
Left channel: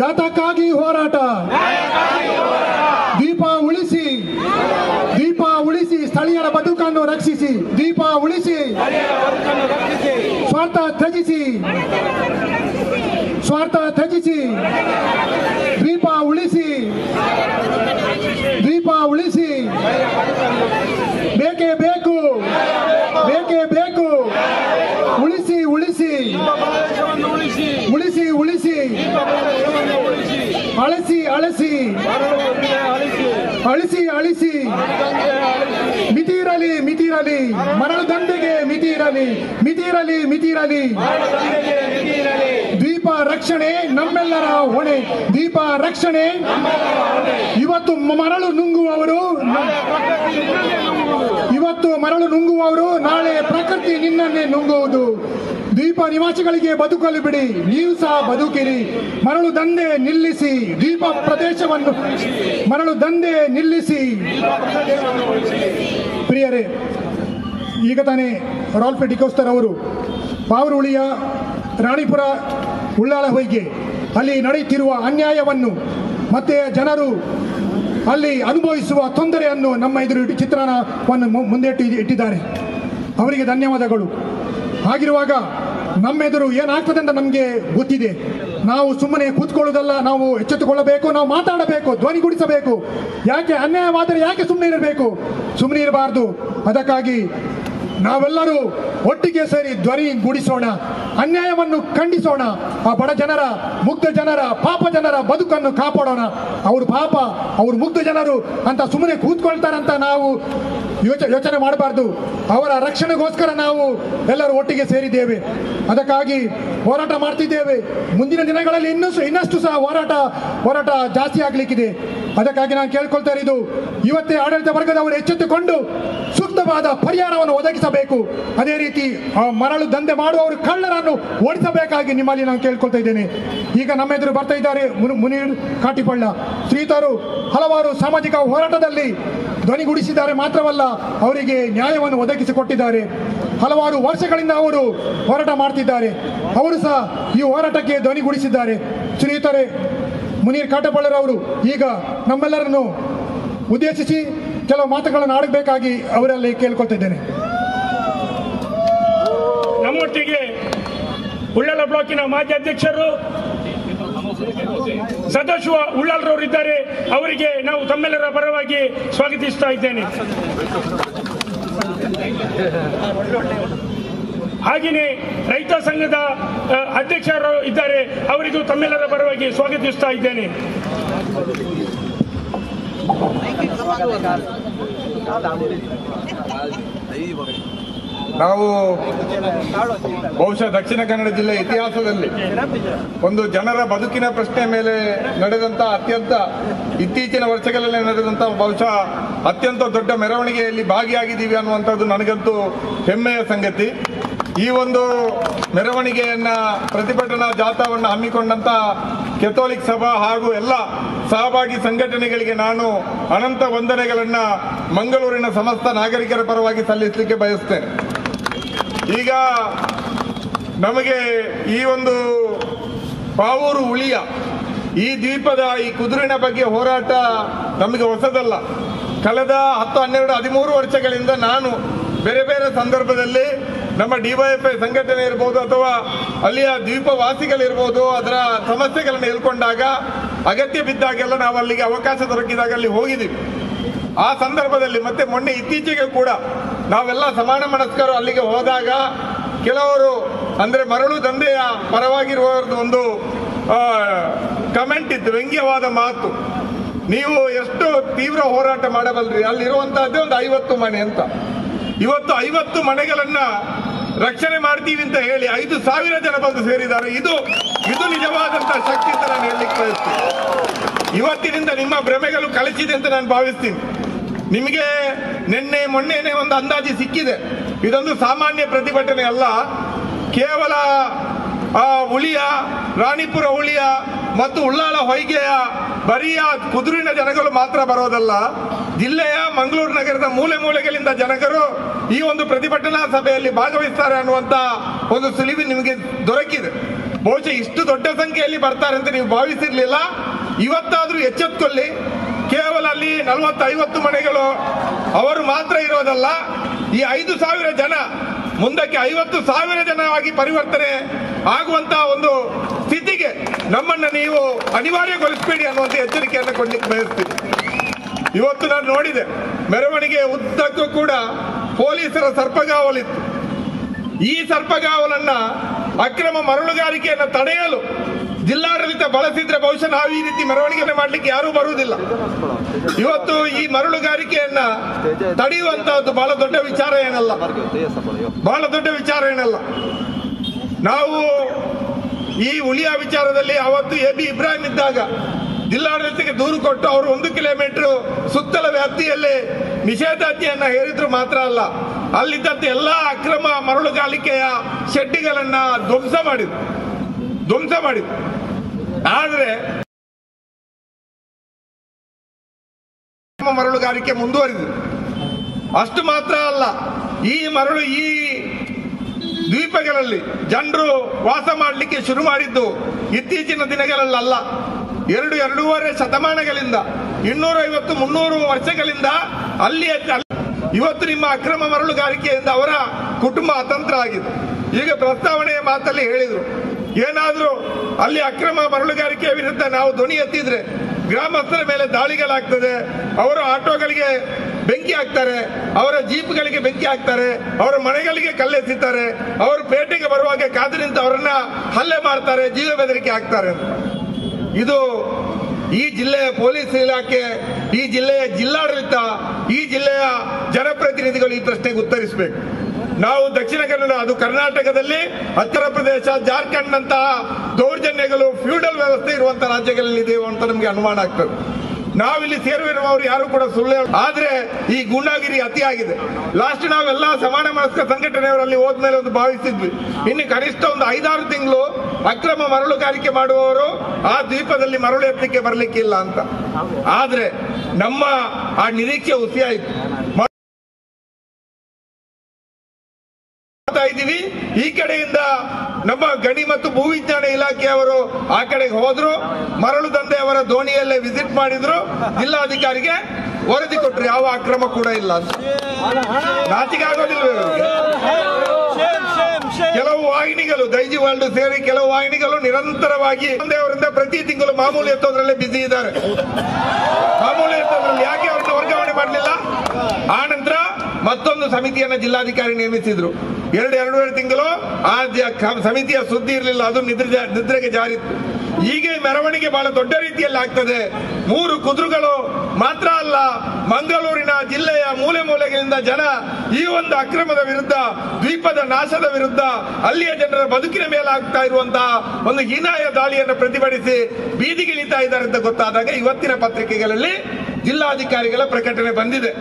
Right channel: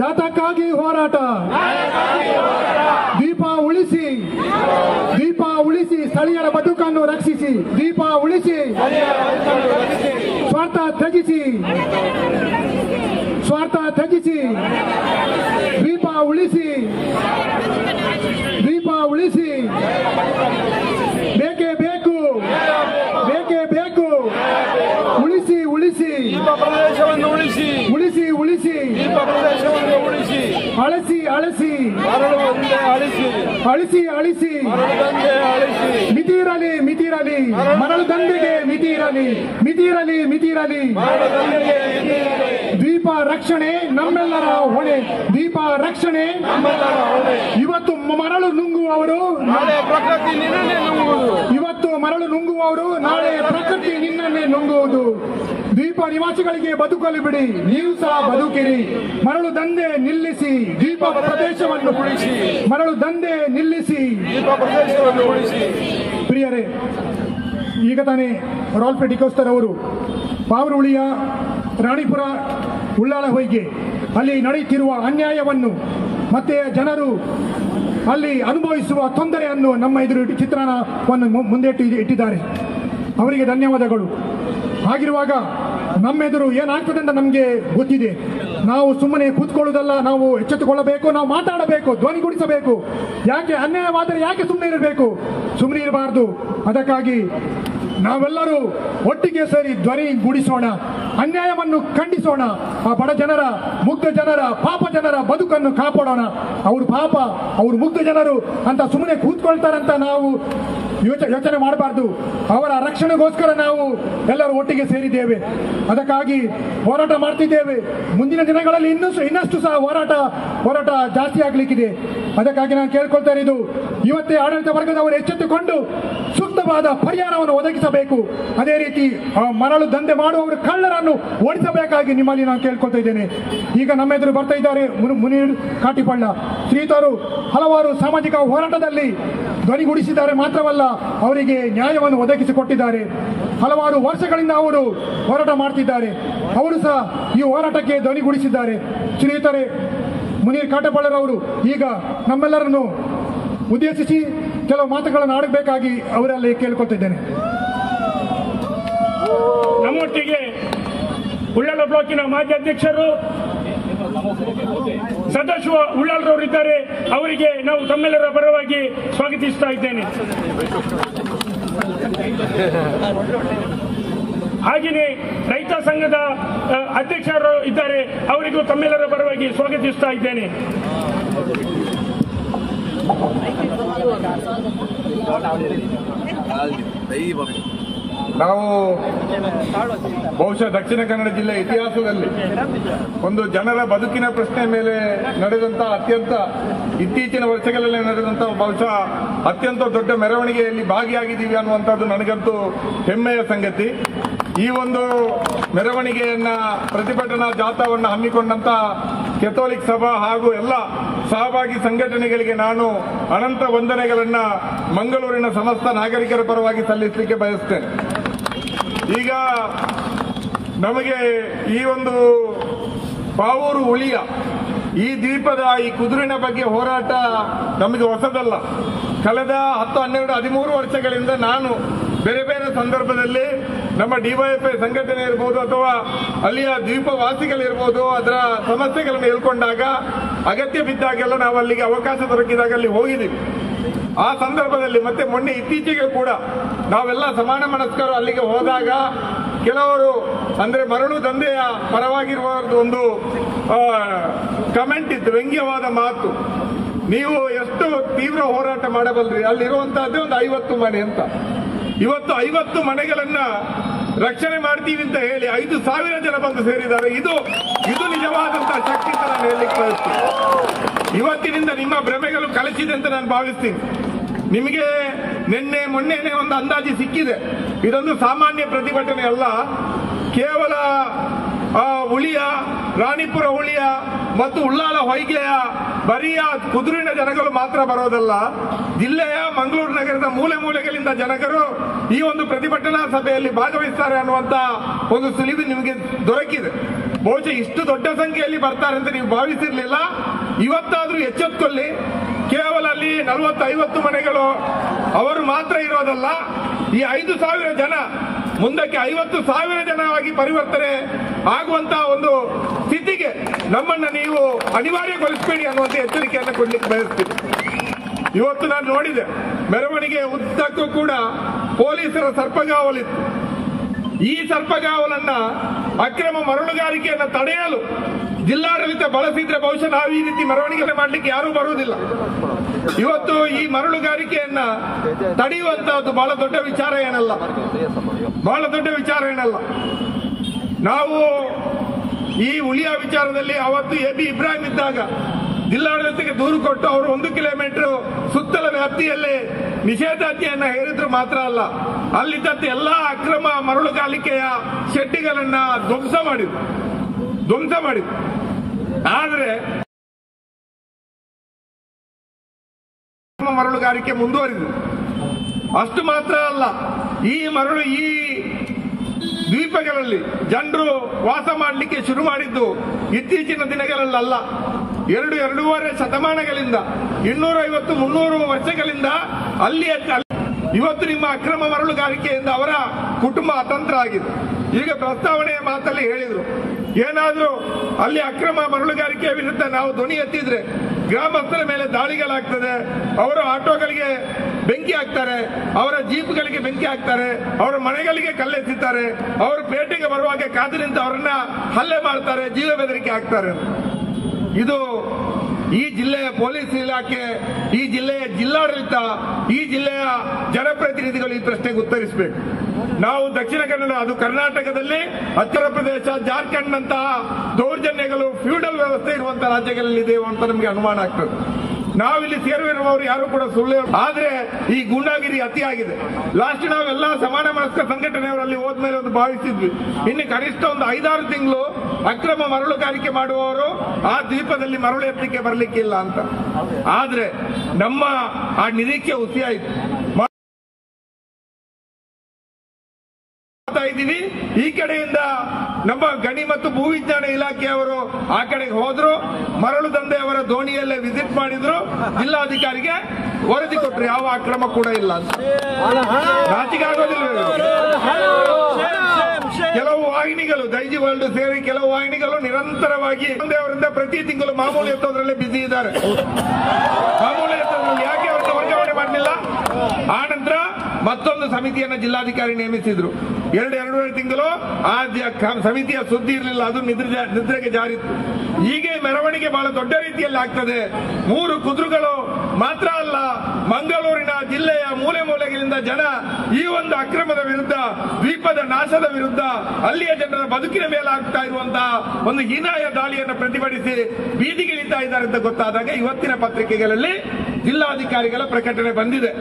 ಯಾತಕ್ಕಾಗಿ ಹೋರಾಟ? ದೀಪ ಉಳಿಸಿ, ದೀಪ ಉಳಿಸಿ, ಸ್ಥಳೀಯರ ಬದುಕನ್ನು ರಕ್ಷಿಸಿ, ದೀಪ ಉಳಿಸಿ, ಸ್ವಾರ್ಥ ತ್ಯಜಿಸಿ, ಸ್ವಾರ್ಥ ತ್ಯಜಿಸಿ, ದೀಪ ಉಳಿಸಿ, ದೀಪ ಉಳಿಸಿ, ಬೇಕೇ ಬೇಕು, ಬೇಕೇ ಬೇಕು, ಉಳಿಸಿ ಉಳಿಸಿ, ಉಳಿಸಿ ಉಳಿಸಿ, ಅಳಿಸಿ ಅಳಿಸಿ, ಅಳಿಸಿ ಅಳಿಸಿ, ಮಿತಿರಲಿ ಮಿತಿರಲಿ, ಮರಳು ದಂಧೆಗೆ ಮಿತಿರಲಿ, ಮಿತಿರಲಿ ಮಿತಿರಲಿ. ದೀಪ ರಕ್ಷಣೆ ನಮ್ಮೆಲ್ಲರ ಹೊಣೆ, ದೀಪ ರಕ್ಷಣೆ. ಇವತ್ತು ಮರಳು ನುಂಗುವವರು, ಇವತ್ತು ಮರಳು ನುಂಗುವವರು ನಾಳೆ ಪ್ರಕೃತಿ ನಿನ್ನನ್ನೇ ನುಂಗುವುದು. ದೀಪ ನಿವಾಸಿಗಳಿಗೆ ಬದುಕಲು ಬಿಡಿ, ನೀವು ಸಹ ಬದುಕಿರಿ. ಮರಳು ದಂಧೆ ನಿಲ್ಲಿಸಿ, ದೀಪ ಪ್ರದೇಶವನ್ನು ಮರಳು ದಂಧೆ ನಿಲ್ಲಿಸಿ. ಪ್ರಿಯರೇ, ಈಗ ತಾನೇ ರಾಲ್ಫ್ ಡಿಕೋಸ್ಟರ್ ಅವರು ಪಾವೂರು ಉಳಿಯ ರಾಣಿಪುರ ಉಳ್ಳಾಲ ಹೊಯ್ಗೆ ಅಲ್ಲಿ ನಡೆಯುತ್ತಿರುವ ಅನ್ಯಾಯವನ್ನು ಮತ್ತೆ ಜನರು ಅಲ್ಲಿ ಅನುಭವಿಸುವ ತೊಂದರೆಯನ್ನು ನಮ್ಮ ಎದುರು ಚಿತ್ರಣವನ್ನು ಮುಂದೆ ಇಟ್ಟಿದ್ದಾರೆ. ಅವರಿಗೆ ಧನ್ಯವಾದಗಳು. ಹಾಗಿರುವಾಗ ನಮ್ಮೆದುರು ಏನಾಗ್ತದೆ ಅಂತ ನಮಗೆ ಗೊತ್ತಿದೆ. ನಾವು ಸುಮ್ಮನೆ ಕೂತ್ಕೊಳ್ಳೋದಲ್ಲ, ನಾವು ಎಚ್ಚೆತ್ತುಕೊಳ್ಳಬೇಕು, ನಾವು ಮಾತಾಡಬೇಕು, ಧ್ವನಿಗೂಡಿಸಬೇಕು. ಯಾಕೆ ಅನ್ಯಾಯವಾದರೆ ಯಾಕೆ ಸುಮ್ಮನೆ ಇರಬೇಕು? ಸುಮ್ಮನೆ ಇರಬಾರ್ದು. ಅದಕ್ಕಾಗಿ ನಾವೆಲ್ಲರೂ ಒಟ್ಟಿಗೆ ಸೇರಿ ಧ್ವನಿ ಗೂಡಿಸೋಣ, ಅನ್ಯಾಯವನ್ನು ಖಂಡಿಸೋಣ. ಆ ಬಡ ಜನರ, ಮುಗ್ಧ ಜನರ, ಪಾಪ ಜನರ ಬದುಕನ್ನು ಕಾಪಾಡೋಣ. ಅವರು ಪಾಪ, ಅವರು ಮುಗ್ಧ ಜನರು ಅಂತ ಸುಮ್ಮನೆ ಕೂತ್ಕೊಳ್ತಾರಂತ ನಾವು ಯೋಚನೆ ಮಾಡಬಾರ್ದು. ಅವರ ರಕ್ಷಣೆಗೋಸ್ಕರ ನಾವು ಎಲ್ಲರೂ ಒಟ್ಟಿಗೆ ಸೇರಿದ್ದೇವೆ. ಅದಕ್ಕಾಗಿ ಹೋರಾಟ ಮಾಡ್ತಿದ್ದೇವೆ. ಮುಂದಿನ ದಿನಗಳಲ್ಲಿ ಇನ್ನಷ್ಟು ಸಹ ಹೋರಾಟ ಜಾಸ್ತಿ ಆಗ್ಲಿಕ್ಕಿದೆ. ಅದಕ್ಕಾಗಿ ನಾನು ಕೇಳ್ಕೊಳ್ತಾ ಇರೋದು, ಇವತ್ತೇ ಆಡಳಿತ ವರ್ಗದವರು ಎಚ್ಚೆತ್ತುಕೊಂಡು ಸೂಕ್ತವಾದ ಪರಿಹಾರವನ್ನು ಒದಗಿಸಬೇಕು. ಅದೇ ರೀತಿ ಮರಳು ದಂಧೆ ಮಾಡುವವರು ಕಳ್ಳರನ್ನು ಓಡಿಸಬೇಕಾಗಿ ನಿಮ್ಮಲ್ಲಿ ನಾನು ಕೇಳ್ಕೊಳ್ತಾ ಇದ್ದೇನೆ. ಈಗ ನಮ್ಮ ಎದುರು ಬರ್ತಾ ಇದ್ದಾರೆ ಮುನೀರ್ ಕಾಟಿಪಳ್ಳ ಶ್ರೀತರು. ಹಲವಾರು ಸಾಮಾಜಿಕ ಹೋರಾಟದಲ್ಲಿ ಧ್ವನಿಗೂಡಿಸಿದ್ದಾರೆ. ಮಾತ್ರವಲ್ಲ, ಅವರಿಗೆ ನ್ಯಾಯವನ್ನು ಒದಗಿಸಿಕೊಟ್ಟಿದ್ದಾರೆ. ಹಲವಾರು ವರ್ಷಗಳಿಂದ ಅವರು ಹೋರಾಟ ಮಾಡ್ತಿದ್ದಾರೆ. ಅವರು ಸಹ ಈ ಹೋರಾಟಕ್ಕೆ ಧ್ವನಿಗೂಡಿಸಿದ್ದಾರೆ. ಶ್ರೀಯುತರೇ ಮುನೀರ್ ಕಾಟಪಳ್ಳರವರು ಈಗ ನಮ್ಮೆಲ್ಲರನ್ನು ಉದ್ದೇಶಿಸಿ ಕೆಲವು ಮಾತುಗಳನ್ನು ಆಡಬೇಕಾಗಿ ಅವರಲ್ಲಿ ಕೇಳ್ಕೊಳ್ತಿದ್ದೇನೆ. ನಮ್ಮೊಟ್ಟಿಗೆ ಉಳ್ಳಾಲ ಬ್ಲಾಕಿನ ಮಾಜಿ ಅಧ್ಯಕ್ಷರು ಸದಾಶಿವ ಉಳ್ಳಾಲ್ರವರು ಇದ್ದಾರೆ. ಅವರಿಗೆ ನಾವು ತಮ್ಮೆಲ್ಲರ ಪರವಾಗಿ ಸ್ವಾಗತಿಸ್ತಾ ಇದ್ದೇನೆ. ಹಾಗೆಯೇ ರೈತ ಸಂಘದ ಅಧ್ಯಕ್ಷರು ಇದ್ದಾರೆ. ಅವರಿಗೂ ತಮ್ಮೆಲ್ಲರ ಪರವಾಗಿ ಸ್ವಾಗತಿಸ್ತಾ ಇದ್ದೇನೆ. ನಾವು ಬಹುಶಃ ದಕ್ಷಿಣ ಕನ್ನಡ ಜಿಲ್ಲೆ ಇತಿಹಾಸದಲ್ಲಿ ಒಂದು ಜನರ ಬದುಕಿನ ಪ್ರಶ್ನೆ ಮೇಲೆ ನಡೆದಂತ ಅತ್ಯಂತ ಇತ್ತೀಚಿನ ವರ್ಷಗಳಲ್ಲಿ ನಡೆದಂತ ಬಹುಶಃ ಅತ್ಯಂತ ದೊಡ್ಡ ಮೆರವಣಿಗೆಯಲ್ಲಿ ಭಾಗಿಯಾಗಿದ್ದೀವಿ ಅನ್ನುವಂಥದ್ದು ನನಗಂತೂ ಹೆಮ್ಮೆಯ ಸಂಗತಿ. ಈ ಒಂದು ಮೆರವಣಿಗೆಯನ್ನ ಪ್ರತಿಭಟನಾ ಜಾಥಾವನ್ನು ಹಮ್ಮಿಕೊಂಡಂತ ಕೆಥೋಲಿಕ್ ಸಭಾ ಹಾಗೂ ಎಲ್ಲ ಸಹಭಾಗಿ ಸಂಘಟನೆಗಳಿಗೆ ನಾನು ಅನಂತ ವಂದನೆಗಳನ್ನ ಮಂಗಳೂರಿನ ಸಮಸ್ತ ನಾಗರಿಕರ ಪರವಾಗಿ ಸಲ್ಲಿಸಲಿಕ್ಕೆ ಬಯಸ್ತೇನೆ. ಈಗ ನಮಗೆ ಈ ಒಂದು ಪಾವೂರು ಉಳಿಯ ಈ ದ್ವೀಪದ ಈ ಕುದುರಿನ ಬಗ್ಗೆ ಹೋರಾಟ ನಮಗೆ ಹೊಸದಲ್ಲ. ಕಳೆದ 10, 12, 13 ವರ್ಷಗಳಿಂದ ನಾನು ಬೇರೆ ಬೇರೆ ಸಂದರ್ಭದಲ್ಲಿ ನಮ್ಮ ಡಿವೈಎಫ್ಐ ಸಂಘಟನೆ ಇರ್ಬೋದು ಅಥವಾ ಅಲ್ಲಿಯ ದ್ವೀಪವಾಸಿಗಳಿರ್ಬೋದು ಅದರ ಸಮಸ್ಯೆಗಳನ್ನು ಹೇಳ್ಕೊಂಡಾಗ ಅಗತ್ಯ ಬಿದ್ದಾಗೆಲ್ಲ ನಾವು ಅಲ್ಲಿಗೆ ಅವಕಾಶ ದೊರಕಿದಾಗ ಅಲ್ಲಿ ಹೋಗಿದ್ದೀವಿ. ಆ ಸಂದರ್ಭದಲ್ಲಿ ಮತ್ತೆ ಮೊನ್ನೆ ಇತ್ತೀಚೆಗೆ ಕೂಡ ನಾವೆಲ್ಲ ಸಮಾನ ಮನಸ್ಕರು ಅಲ್ಲಿಗೆ ಹೋದಾಗ ಕೆಲವರು ಅಂದ್ರೆ ಮರಳು ದಂಧೆಯ ಪರವಾಗಿರುವವರದ್ದು ಒಂದು ಕಮೆಂಟ್ ಇತ್ತು, ವ್ಯಂಗ್ಯವಾದ ಮಾತು. ನೀವು ಎಷ್ಟು ತೀವ್ರ ಹೋರಾಟ ಮಾಡಬಲ್ರಿ, ಅಲ್ಲಿರುವಂತಹದ್ದೇ ಒಂದು 50 ಮನೆ ಅಂತ. ಇವತ್ತು 50 ಮನೆಗಳನ್ನ ರಕ್ಷಣೆ ಮಾಡ್ತೀವಿ ಅಂತ ಹೇಳಿ 5,000 ಜನ ಬಂದು ಸೇರಿದ್ದಾರೆ. ಇದು ನಿಜವಾದಂತಹ ಶಕ್ತಿ ಅಂತ ನಾನು ಹೇಳಲಿಕ್ಕೆ ಬಯಸ್ತೀನಿ. ಇವತ್ತಿನಿಂದ ನಿಮ್ಮ ಭ್ರಮೆಗಳು ಕಳಿಸಿದೆ ಅಂತ ನಾನು ಭಾವಿಸ್ತೀನಿ. ನಿಮಗೆ ಮೊನ್ನೆನೆ ಒಂದು ಅಂದಾಜು ಸಿಕ್ಕಿದೆ. ಇದೊಂದು ಸಾಮಾನ್ಯ ಪ್ರತಿಭಟನೆ ಅಲ್ಲ. ಕೇವಲ ಉಳಿಯ, ರಾಣಿಪುರ ಉಳಿಯ ಮತ್ತು ಉಳ್ಳಾಲ ಹೊಯ್ಗೆಯ ಬರಿಯ ಕುದುರಿನ ಜನಗಳು ಮಾತ್ರ ಬರೋದಲ್ಲ, ಜಿಲ್ಲೆಯ ಮಂಗಳೂರು ನಗರದ ಮೂಲೆ ಮೂಲೆಗಳಿಂದ ಜನರು ಈ ಒಂದು ಪ್ರತಿಭಟನಾ ಸಭೆಯಲ್ಲಿ ಭಾಗವಹಿಸ್ತಾರೆ ಅನ್ನುವಂತ ಒಂದು ಸುಳಿವು ನಿಮಗೆ ದೊರಕಿದೆ. ಬಹುಶಃ ಇಷ್ಟು ದೊಡ್ಡ ಸಂಖ್ಯೆಯಲ್ಲಿ ಬರ್ತಾರೆ ಅಂತ ನೀವು ಭಾವಿಸಿರ್ಲಿಲ್ಲ. ಇವತ್ತಾದ್ರೂ ಎಚ್ಚೆತ್ತುಕೊಳ್ಳಿ. ಕೇವಲ ಅಲ್ಲಿ 40-50 ಮನೆಗಳು ಅವರು ಮಾತ್ರ ಇರೋದಲ್ಲ, ಈ 5,000 ಜನ ಮುಂದಕ್ಕೆ 50,000 ಜನ ಆಗಿ ಪರಿವರ್ತನೆ ಆಗುವಂತಹ ಒಂದು ಸ್ಥಿತಿಗೆ ನಮ್ಮನ್ನ ನೀವು ಅನಿವಾರ್ಯಗೊಳಿಸಬೇಡಿ ಅನ್ನುವಂಥ ಎಚ್ಚರಿಕೆಯನ್ನು ಕೊಡ್ಲಿಕ್ಕೆ ಬಯಸ್ತೀನಿ. ಇವತ್ತು ನಾನು ನೋಡಿದೆ ಮೆರವಣಿಗೆ ಉದ್ದಕ್ಕೂ ಕೂಡ ಪೊಲೀಸರ ಸರ್ಪಗಾವಲಿತ್ತು. ಈ ಸರ್ಪಗಾವಲನ್ನ ಅಕ್ರಮ ಮರಳುಗಾರಿಕೆಯನ್ನು ತಡೆಯಲು ಜಿಲ್ಲಾಡಳಿತ ಬಳಸಿದ್ರೆ ಬಹುಶಃ ನಾವು ಈ ರೀತಿ ಮೆರವಣಿಗೆ ಮಾಡ್ಲಿಕ್ಕೆ ಯಾರೂ ಬರುವುದಿಲ್ಲ. ಇವತ್ತು ಈ ಮರಳುಗಾರಿಕೆಯನ್ನ ತಡೆಯುವಂತಹದ್ದು ಬಹಳ ದೊಡ್ಡ ವಿಚಾರ ಏನಲ್ಲ. ನಾವು ಈ ಉಳಿಯ ವಿಚಾರದಲ್ಲಿ ಅವತ್ತು AB ಇಬ್ರಾಹಿಂ ಇದ್ದಾಗ ಜಿಲ್ಲಾಡಳಿತಕ್ಕೆ ದೂರು ಕೊಟ್ಟು ಅವರು 1 ಕಿಲೋಮೀಟರ್ ಸುತ್ತಲ ವ್ಯಾಪ್ತಿಯಲ್ಲಿ ನಿಷೇಧಾಜ್ಞೆಯನ್ನ ಹೇರಿದ್ರು ಮಾತ್ರ ಅಲ್ಲ, ಅಲ್ಲಿದ್ದಂತೆ ಎಲ್ಲಾ ಅಕ್ರಮ ಮರಳುಗಾರಿಕೆಯ ಶೆಡ್ಡಿಗಳನ್ನ ಧ್ವಂಸ ಮಾಡಿದ್ರು. ಆದ್ರೆ ಮರಳುಗಾರಿಕೆ ಮುಂದುವರಿದು ಅಷ್ಟು ಮಾತ್ರ ಅಲ್ಲ, ಈ ದ್ವೀಪಗಳಲ್ಲಿ ಜನರು ವಾಸ ಮಾಡಲಿಕ್ಕೆ ಶುರು ಮಾಡಿದ್ದು ಇತ್ತೀಚಿನ ದಿನಗಳಲ್ಲ. 2-2.5 ಶತಮಾನಗಳಿಂದ 250-300 ವರ್ಷಗಳಿಂದ ಅಲ್ಲಿ ಇವತ್ತು ನಿಮ್ಮ ಅಕ್ರಮ ಮರಳುಗಾರಿಕೆಯಿಂದ ಅವರ ಕುಟುಂಬ ಅತಂತ್ರ ಆಗಿದೆ. ಈಗ ಪ್ರಸ್ತಾವನೆಯ ಮಾತಲ್ಲಿ ಹೇಳಿದ್ರು, ಏನಾದ್ರೂ ಅಲ್ಲಿ ಅಕ್ರಮ ಮರಳುಗಾರಿಕೆ ವಿರುದ್ಧ ನಾವು ಧ್ವನಿ ಎತ್ತಿದ್ರೆ ಗ್ರಾಮಸ್ಥರ ಮೇಲೆ ದಾಳಿಗಳಾಗ್ತದೆ, ಅವರ ಆಟೋಗಳಿಗೆ ಬೆಂಕಿ ಹಾಕ್ತಾರೆ, ಅವರ ಜೀಪ್ಗಳಿಗೆ ಬೆಂಕಿ ಹಾಕ್ತಾರೆ, ಅವರ ಮನೆಗಳಿಗೆ ಕಲ್ಲೆಸಿತಾರೆ, ಅವರು ಪೇಟೆಗೆ ಬರುವಾಗ ಕಾದು ನಿಂತು ಅವರನ್ನ ಹಲ್ಲೆ ಮಾಡ್ತಾರೆ, ಜೀವ ಬೆದರಿಕೆ ಹಾಕ್ತಾರೆ. ಇದು ಈ ಜಿಲ್ಲೆಯ ಪೊಲೀಸ್ ಇಲಾಖೆ, ಈ ಜಿಲ್ಲೆಯ ಜಿಲ್ಲಾಡಳಿತ, ಈ ಜಿಲ್ಲೆಯ ಜನಪ್ರತಿನಿಧಿಗಳು ಈ ಪ್ರಶ್ನೆಗೆ ಉತ್ತರಿಸಬೇಕು. ನಾವು ದಕ್ಷಿಣ ಕನ್ನಡ, ಅದು ಕರ್ನಾಟಕದಲ್ಲಿ ಉತ್ತರ ಪ್ರದೇಶ, ಜಾರ್ಖಂಡ್ ನಂತಹ ದೌರ್ಜನ್ಯಗಳು, ಫ್ಯೂಡಲ್ ವ್ಯವಸ್ಥೆ ಇರುವಂತಹ ರಾಜ್ಯಗಳಲ್ಲಿ ಇದೆ ಅಂತ ನಮಗೆ ಅನುಮಾನ ಆಗ್ತದೆ. ನಾವಿಲ್ಲಿ ಸೇರುವಿರುವವರು ಯಾರು ಕೂಡ ಸುಳ್ಳು, ಆದ್ರೆ ಈ ಗೂಂಡಾಗಿರಿ ಅತಿಯಾಗಿದೆ. ಲಾಸ್ಟ್ ನಾವೆಲ್ಲ ಸಮಾನ ಮನಸ್ಕ ಸಂಘಟನೆಯವರಲ್ಲಿ ಹೋದ್ಮೇಲೆ ಒಂದು ಭಾವಿಸಿದ್ವಿ, ಇನ್ನು ಕನಿಷ್ಠ ಒಂದು 5-6 ತಿಂಗಳು ಅಕ್ರಮ ಮರಳುಗಾರಿಕೆ ಮಾಡುವವರು ಆ ದ್ವೀಪದಲ್ಲಿ ಮರಳು ಎತ್ತಲಿಕ್ಕೆ ಬರ್ಲಿಕ್ಕಿಲ್ಲ ಅಂತ. ಆದ್ರೆ ನಮ್ಮ ಆ ನಿರೀಕ್ಷೆ ಹುಸಿಯಾಯಿತು. ಇದ್ದೀವಿ. ಈ ಕಡೆಯಿಂದ ನಮ್ಮ ಗಣಿ ಮತ್ತು ಭೂವಿಜ್ಞಾನ ಇಲಾಖೆಯವರು ಆ ಕಡೆಗೆ ಹೋದ್ರು, ಮರಳು ದಂಧೆಯವರ ದೋಣಿಯಲ್ಲೇ ವಿಸಿಟ್ ಮಾಡಿದ್ರು, ಜಿಲ್ಲಾಧಿಕಾರಿಗೆ ವರದಿ ಕೊಟ್ಟರು, ಯಾವ ಅಕ್ರಮ ಕೂಡ ಇಲ್ಲ ಅಂತ. ನಾಚಿಕೆ ಆಗೋದಿಲ್ಲ. ಕೆಲವು ವಾಹಿನಿಗಳು ದೈಜಿ ವರ್ಲ್ಡ್ ಸೇರಿ ವಿಚಾರವಾಗಿ ಅವರಿಂದ ಪ್ರತಿ ತಿಂಗಳು ಮಾಮೂಲಿ ಎತ್ತೋದ್ರಲ್ಲೇ ಬಿಸಿ ಇದ್ದಾರೆ. ಮಾಮೂಲಿ ಎತ್ತೋದ್ರಲ್ಲಿ ಯಾಕೆ ಅವರನ್ನು ವರ್ಗಾವಣೆ ಮಾಡಲಿಲ್ಲ? ಆ ನಂತರ ಮತ್ತೊಂದು ಸಮಿತಿಯನ್ನ ಜಿಲ್ಲಾಧಿಕಾರಿ ನೇಮಿಸಿದ್ರು. ಎರಡೂವರೆ ತಿಂಗಳು ಆ ಸಮಿತಿಯ ಸುದ್ದಿ ಇರಲಿಲ್ಲ, ಅದು ನಿದ್ರೆಗೆ ಜಾರಿತ್ತು. ಹೀಗೆ ಮೆರವಣಿಗೆ ಬಹಳ ದೊಡ್ಡ ರೀತಿಯಲ್ಲಿ ಆಗ್ತದೆ. 3 ಕುದುರೆಗಳು ಮಾತ್ರ ಅಲ್ಲ, ಮಂಗಳೂರಿನ ಜಿಲ್ಲೆಯ ಮೂಲೆ ಮೂಲೆಗಳಿಂದ ಜನ ಈ ಒಂದು ಅಕ್ರಮದ ವಿರುದ್ಧ, ದ್ವೀಪದ ನಾಶದ ವಿರುದ್ಧ, ಅಲ್ಲಿಯ ಜನರ ಬದುಕಿನ ಮೇಲೆ ಆಗ್ತಾ ಇರುವಂತಹ ಒಂದು ಹೀನಾಯ ದಾಳಿಯನ್ನು ಪ್ರತಿಭಟಿಸಿ ಬೀದಿಗಿಳಿತಾ ಇದ್ದಾರೆ ಅಂತ ಗೊತ್ತಾದಾಗ ಇವತ್ತಿನ ಪತ್ರಿಕೆಗಳಲ್ಲಿ ಜಿಲ್ಲಾಧಿಕಾರಿಗಳ ಪ್ರಕಟಣೆ ಬಂದಿದೆ.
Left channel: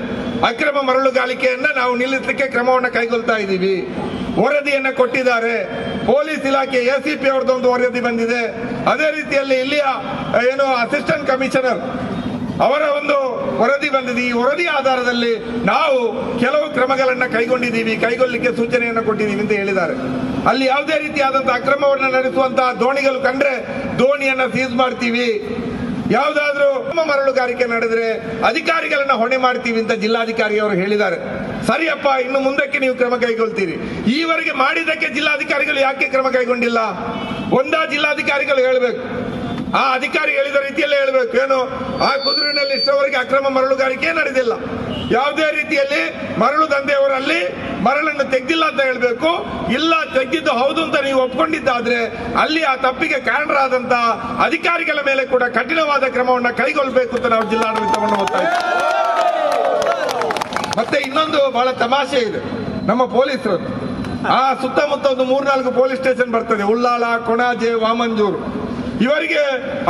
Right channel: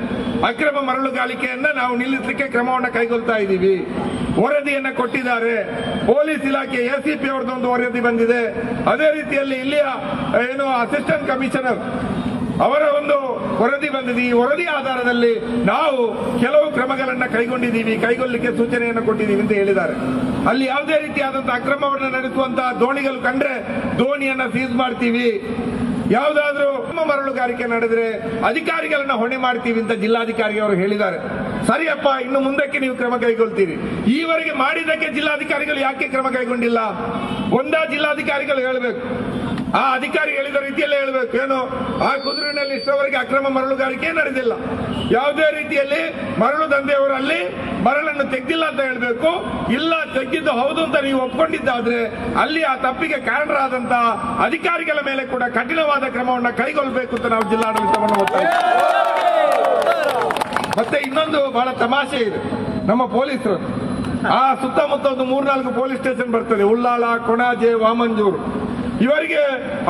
ಅಕ್ರಮ ಮರಳುಗಾರಿಕೆಯನ್ನ ನಾವು ನಿಲ್ಲಿಸಲಿಕ್ಕೆ ಕ್ರಮವನ್ನು ಕೈಗೊಳ್ತಾ ಇದ್ದೀವಿ. ವರದಿಯನ್ನ ಕೊಟ್ಟಿದ್ದಾರೆ. ಪೊಲೀಸ್ ಇಲಾಖೆ ACP ಅವರದೊಂದು ವರದಿ ಬಂದಿದೆ. ಅದೇ ರೀತಿಯಲ್ಲಿ ಇಲ್ಲಿಯ ಅಸಿಸ್ಟೆಂಟ್ ಕಮಿಷನರ್ ಅವರ ಒಂದು ವರದಿ ಬಂದಿದೆ. ಈ ವರದಿ ಆಧಾರದಲ್ಲಿ ನಾವು ಕೆಲವು ಕ್ರಮಗಳನ್ನ ಕೈಗೊಳ್ಳಲಿಕ್ಕೆ ಸೂಚನೆಯನ್ನು ಕೊಟ್ಟಿದ್ದೀವಿ ಅಂತ ಹೇಳಿದ್ದಾರೆ. ಅಲ್ಲಿ ಯಾವುದೇ ರೀತಿಯಾದಂತಹ ಅಕ್ರಮವನ್ನು ನಡೆಸುವಂತಹ ದೋಣಿಗಳು ಕಂಡ್ರೆ ದೋಣಿಯನ್ನ ಸೀಸ್ ಮಾಡ್ತೀವಿ. ಯಾವುದಾದ್ರೂ ಮರಳುಗಾರಿಕೆ ನಡೆದ್ರೆ ಅಧಿಕಾರಿಗಳನ್ನ ಹೊಣೆ ಮಾಡ್ತೀವಿ ಅಂತ ಜಿಲ್ಲಾಧಿಕಾರಿ ಅವರು ಹೇಳಿದ್ದಾರೆ. ಸರಿಯಪ್ಪ, ಇನ್ನು ಮುಂದಕ್ಕೆ ನೀವು ಕ್ರಮ ಕೈಗೊಳ್ತೀರಿ. ಈವರೆಗೆ ಮಾಡಿದ್ದಕ್ಕೆ ಜಿಲ್ಲಾಧಿಕಾರಿಗಳು ಯಾಕೆ ಕ್ರಮ ಕೈಗೊಂಡಿಲ್ಲ? ಒಂದಾ ಜಿಲ್ಲಾಧಿಕಾರಿಗಳು ಹೇಳಬೇಕು, ಆ ಅಧಿಕಾರಿ ಹೇಳಿದ ರೀತಿಯಲ್ಲೇ ಹೇಳಬೇಕು. ಏನು, ಆ ಕುದುರೆನಲ್ಲಿ ಇಷ್ಟವರೆಗೆ ಅಕ್ರಮ ಮರಳುಗಾರಿಕೆ ನಡೆದಿಲ್ಲ, ಯಾವುದೇ ರೀತಿಯಲ್ಲಿ ಮರಳು ದಂಧೆಯವರಲ್ಲಿ ಮರಳನ್ನು ತೆಗೆದಿಲ್ಲ ಅಂತ ಹೇಳಬೇಕು. ಇಲ್ಲ, ತೆಗೆದಿದ್ದು ಹೌದು ಅಂತ ನೀವು ಒಪ್ಕೊಂಡಿದ್ದಾದ್ರೆ ಅಲ್ಲಿ ಆ ತಪ್ಪಿಗೆ ಕಾರಣರಾದಂತಹ ಅಧಿಕಾರಿಗಳ ಮೇಲೆ ಕೂಡ ಕಠಿಣವಾದ ಕ್ರಮವನ್ನು ಕೈಗೊಳ್ಳಬೇಕು ಅಂತ ನಾವು ಜಿಲ್ಲಾಡಳಿತವನ್ನು ಒತ್ತಾಯಿಸ್ತೀವಿ. ಮತ್ತೆ ಇನ್ನೊಂದು ಬಹಳ ತಮಾಷೆ ಇದೆ, ನಮ್ಮ ಪೊಲೀಸರು ಆ ಸುತ್ತಮುತ್ತ ಒಂದು 3-4 ಪೊಲೀಸ್ ಸ್ಟೇಷನ್ ಬರ್ತದೆ, ಉಳ್ಳಾಳ, ಕೊಣಾಜೆ, ವಾಮಂಜೂರು. ಇವರಿಗೆ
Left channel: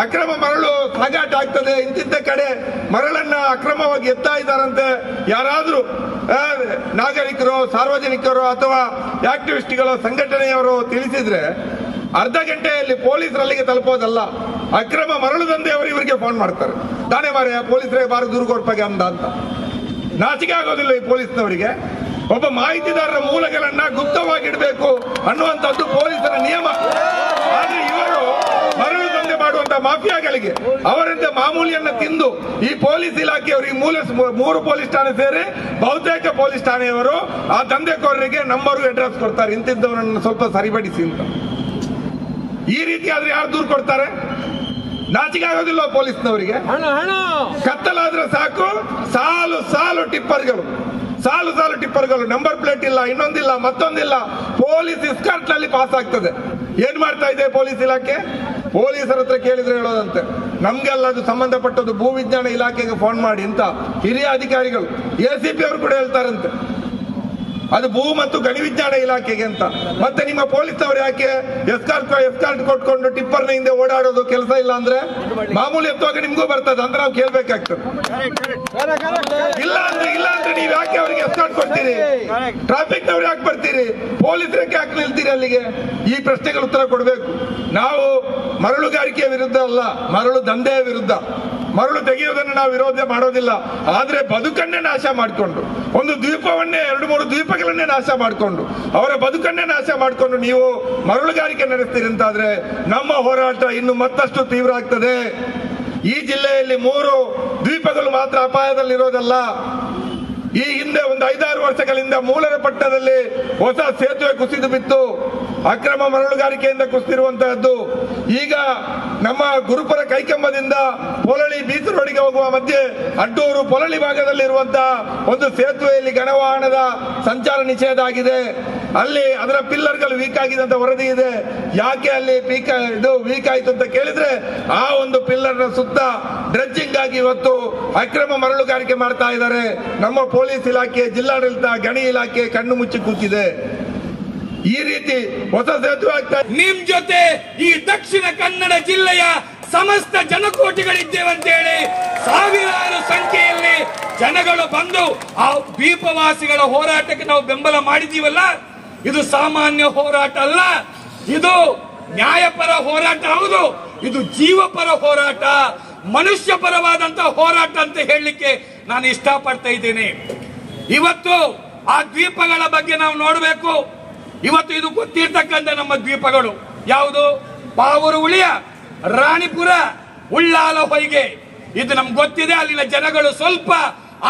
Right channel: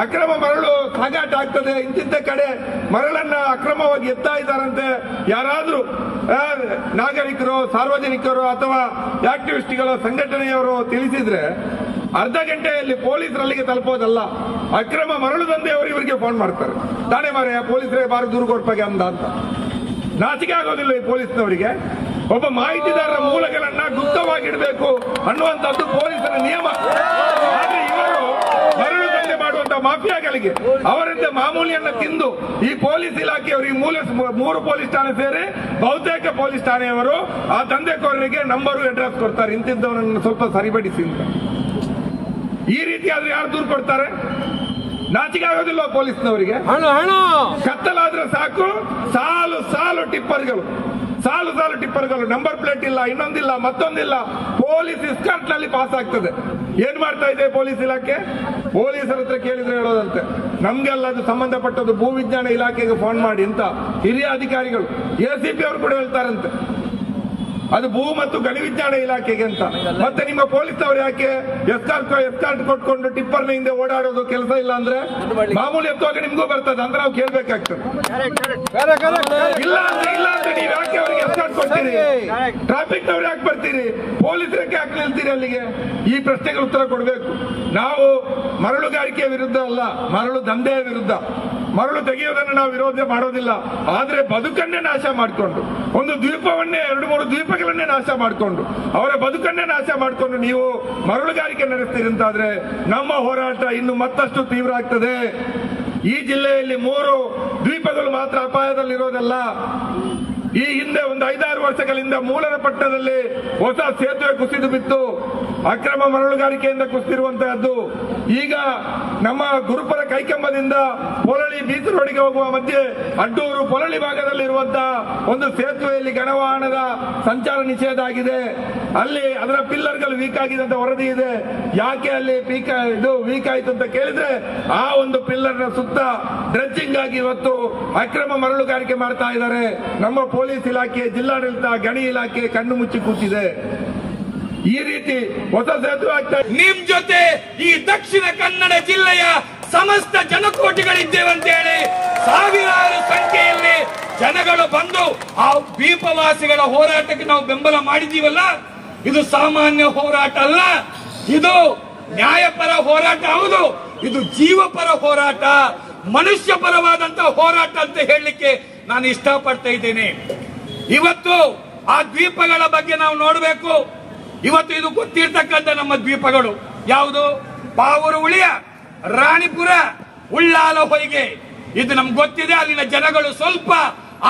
ಅಕ್ರಮ ಮರಳು ಸಾಗಾಟ ಆಗ್ತದೆ, ಇಂತಿದ್ದ ಕಡೆ ಮರಳನ್ನ ಅಕ್ರಮವಾಗಿ ಎತ್ತಾ ಇದ್ದಾರಂತೆ ಯಾರಾದ್ರೂ ನಾಗರಿಕರು, ಸಾರ್ವಜನಿಕರು ಅಥವಾ ಆಕ್ಟಿವಿಸ್ಟ್ಗಳು, ಸಂಘಟನೆಯವರು ತಿಳಿಸಿದ್ರೆ ಅರ್ಧ ಗಂಟೆಯಲ್ಲಿ ಪೊಲೀಸರಲ್ಲಿಗೆ ತಲುಪೋದಲ್ಲ, ಅಕ್ರಮ ಮರಳು ದಂಧೆಯವರು ಇವರಿಗೆ ಫೋನ್ ಮಾಡ್ತಾರೆ. ತಾನೇ ಮಾರ್ರೆ, ಪೊಲೀಸರಿಗೆ ಬಾರಿ ದೂರು ಕೊಡ್ಪಾಗೆ ಅಂತ. ನಾಚಿಕೆ ಆಗೋದಿಲ್ಲ ಈ ಪೊಲೀಸ್ನವರಿಗೆ. ಒಬ್ಬ ಮಾಹಿತಿದಾರರ ಮೂಲಗಳನ್ನ ಗುಪ್ತವಾಗಿಡಬೇಕು ಅನ್ನುವಂಥದ್ದು ಪೊಲೀಸರ ನಿಯಮ. ಆದ್ರೆ ಇವರು ಮರಳು ದಂಧೆ ಮಾಡುವಂತ ಮಾಫಿಯಾಗಳಿಗೆ ಅವರಿಂದ ಮಾಮೂಲಿಯನ್ನ ತಿಂದು ಈ ಪೊಲೀಸ್ ಇಲಾಖೆಯವರಿಗೆ 3 ಪೊಲೀಸ್ ಠಾಣೆ ಸೇರಿ ಬಹುತೇಕ ಪೊಲೀಸ್ ಠಾಣೆಯವರು ಆ ದಂಧೆಕೋರರಿಗೆ ನಂಬರ್ ಅಡ್ರೆಸ್ ಕೊಡ್ತಾರೆ, ಇಂತಿದ್ದವರನ್ನು ಸ್ವಲ್ಪ ಸರಿಪಡಿಸಿ ಅಂತ. ಈ ರೀತಿ ಆದ್ರೆ ಯಾರು ದೂರು ಕೊಡ್ತಾರೆ? ನಾಚಿಕೆ ಆಗೋದಿಲ್ಲ ಪೊಲೀಸ್ನವರಿಗೆ. ಕತ್ತಲಾದ್ರೆ ಸಾಕು, ಸಾಲು ಟಿಪ್ಪರ್ಗಳು, ನಂಬರ್ ಪ್ಲೇಟ್ ಇಲ್ಲ, ಇನ್ನೊಂದಿಲ್ಲ, ಮತ್ತೊಂದಿಲ್ಲ, ಪೊಲೀಸ್ ಎಸ್ಕಾರ್ಟ್ ನಲ್ಲಿ ಪಾಸ್ ಆಗ್ತದೆ. ಏನ್ ಮಾಡ್ತಾ ಇದೆ ಪೊಲೀಸ್ ಇಲಾಖೆ? ಪೊಲೀಸರ ಹತ್ರ ಕೇಳಿದ್ರೆ ಹೇಳೋದಂತೆ, ನಮ್ಗೆಲ್ಲ ಅದು ಸಂಬಂಧಪಟ್ಟದ್ದು ಭೂವಿಜ್ಞಾನ ಇಲಾಖೆಗೆ ಫೋನ್ ಮಾಡಿ ಅಂತ ಹಿರಿಯ ಅಧಿಕಾರಿಗಳು, ACP ಅವರು ಕೂಡ ಹೇಳ್ತಾರಂತೆ, ಅದು ಭೂ ಮತ್ತು ಗಣಿ ವಿಜ್ಞಾನ ಇಲಾಖೆಗೆ ಅಂತ. ಮತ್ತೆ ನಿಮ್ಮ ಪೊಲೀಸ್ ಅವರು ಯಾಕೆ ಎಸ್ಕಾರ್ಟ್ ಕೊಟ್ಕೊಂಡು ಟಿಪ್ಪರ್ನ ಹಿಂದೆ ಓಡಾಡೋದು ಕೆಲಸ ಇಲ್ಲ ಅಂದ್ರೆ ಮಾಮೂಲಿ ಎತ್ತುವಾಗ ನಿಮ್ಗೂ ಬರ್ತದೆ ಅಂತ ನಾವು ಕೇಳ್ಬೇಕಾಗ್ತದೆ. ಇಲ್ಲ ಅಂದ್ರೆ ನೀವು ಯಾಕೆ ಅವರಿಗೆ ಎಸ್ಕಾರ್ಟ್ ಕೊಡ್ತೀರಿ? ಟ್ರಾಫಿಕ್ ನವ್ರು ಯಾಕೆ ಬರ್ತೀರಿ? ಪೊಲೀಸರಿಗೆ ಯಾಕೆ ನಿಲ್ತೀರಿ ಅಲ್ಲಿಗೆ? ಈ ಪ್ರಶ್ನೆಗೆ ಉತ್ತರ ಕೊಡಬೇಕು. ನಾವು ಮರಳುಗಾರಿಕೆಯ ವಿರುದ್ಧ ಅಲ್ಲ, ಮರಳು ದಂಧೆಯ ವಿರುದ್ಧ. ಮರಳು ತೆಗೆಯುವುದನ್ನು ನಾವು ವಿರೋಧ ಮಾಡೋದಿಲ್ಲ. ಆದ್ರೆ ಬದುಕನ್ನೇ ನಾಶ ಮಾಡಿಕೊಂಡು, ಒಂದು ದ್ವೀಪವನ್ನೇ 2-3 ದ್ವೀಪಗಳನ್ನೇ ನಾಶ ಮಾಡಿಕೊಂಡು, ಅವರ ಬದುಕನ್ನೇ ನಾಶ ಮಾಡಿಕೊಂಡು ನೀವು ಮರಳುಗಾರಿಕೆ ನಡೆಸ್ತೀರಿ ಅಂತಾದ್ರೆ ನಮ್ಮ ಹೋರಾಟ ಇನ್ನು ಮತ್ತಷ್ಟು ತೀವ್ರ ಆಗ್ತದೆ. ಈ ಜಿಲ್ಲೆಯಲ್ಲಿ 3 ದ್ವೀಪಗಳು ಮಾತ್ರ ಅಪಾಯದಲ್ಲಿರೋದಲ್ಲ. ಈ ಹಿಂದೆ ಒಂದು 5-6 ವರ್ಷಗಳಿಂದ ಮೂಲರ ಪಟ್ಟಣದಲ್ಲಿ ಹೊಸ ಸೇತುವೆ ಕುಸಿದು ಬಿತ್ತು, ಅಕ್ರಮ ಮರಳುಗಾರಿಕೆಯಿಂದ ಕುಸಿದಿರುವಂತಹದ್ದು. ಈಗ ನಮ್ಮ ಗುರುಪುರ ಕೈಕಂಬದಿಂದ ಪೊಲಳಿ ಬೀಚ್ ರೋಡಿಗೆ ಹೋಗುವ ಮಧ್ಯೆ ಅಡ್ಡೂರು ಪೊಲಳಿ ಭಾಗದಲ್ಲಿ ಇರುವಂತಹ ಒಂದು ಸೇತುವೆಯಲ್ಲಿ ಗಣವಾಹನದ ಸಂಚಾರ ನಿಷೇಧ ಆಗಿದೆ. ಅಲ್ಲಿ ಅದರ ಪಿಲ್ಲರ್ಗಳು ವೀಕ್ ಆಗಿದೆ ಅಂತ ವರದಿ ಇದೆ. ಯಾಕೆ ಅಲ್ಲಿ ವೀಕ್ ಆಯ್ತು ಅಂತ ಕೇಳಿದ್ರೆ ಆ ಒಂದು ಪಿಲ್ಲರ್ ನ ಸುತ್ತ ಡ್ರೆಡ್ಜಿಂಗ್ ಆಗಿ ಇವತ್ತು ಅಕ್ರಮ ಮರಳುಗಾರಿಕೆ ಮಾಡ್ತಾ ಇದ್ದಾರೆ. ನಮ್ಮ ಪೊಲೀಸ್ ಇಲಾಖೆ, ಜಿಲ್ಲಾಡಳಿತ, ಗಣಿ ಇಲಾಖೆ ಕಣ್ಣು ಮುಚ್ಚಿ ಕೂತಿದೆ. ಈ ರೀತಿ ಹೊಸ ಸೇತುವೆ ಆಗ್ತಾ ನಿಮ್ ಜೊತೆ ಈ ದಕ್ಷಿಣ ಕನ್ನಡ ಜಿಲ್ಲೆಯ ಸಮಸ್ತ ಜನಕೋಟಿಗಳಿದ್ದೇವೆ ಅಂತ ಹೇಳಿ ಸಾವಿರಾರು ಸಂಖ್ಯೆಯಲ್ಲಿ ಜನಗಳು ಬಂದು ಆ ದ್ವೀಪವಾಸಿಗಳ ಹೋರಾಟಕ್ಕೆ ನಾವು ಬೆಂಬಲ ಮಾಡಿದೀವಲ್ಲ, ಇದು ಸಾಮಾನ್ಯ ಹೋರಾಟ ಅಲ್ಲ, ಇದು ನ್ಯಾಯಪರ ಹೋರಾಟ. ಹೌದು, ಇದು ಜೀವಪರ ಹೋರಾಟ, ಮನುಷ್ಯ ಪರವಾದಂತಹ ಹೋರಾಟ ಅಂತ ಹೇಳಲಿಕ್ಕೆ ನಾನು ಇಷ್ಟಪಡ್ತಾ ಇದ್ದೇನೆ. ಇವತ್ತು ಆ ದ್ವೀಪಗಳ ಬಗ್ಗೆ ನಾವು ನೋಡಬೇಕು. ಇವತ್ತು ಇದು ಗೊತ್ತಿರ್ತಕ್ಕಂಥ ನಮ್ಮ ದ್ವೀಪಗಳು ಯಾವುದು? ಪಾವೂರು ಉಳಿಯ, ರಾಣಿಪುರ, ಉಳ್ಳಾಲ ಹೊಯ್ಗೆ. ಇದು ನಮ್ಗೆ ಗೊತ್ತಿದೆ. ಅಲ್ಲಿನ ಜನಗಳು ಸ್ವಲ್ಪ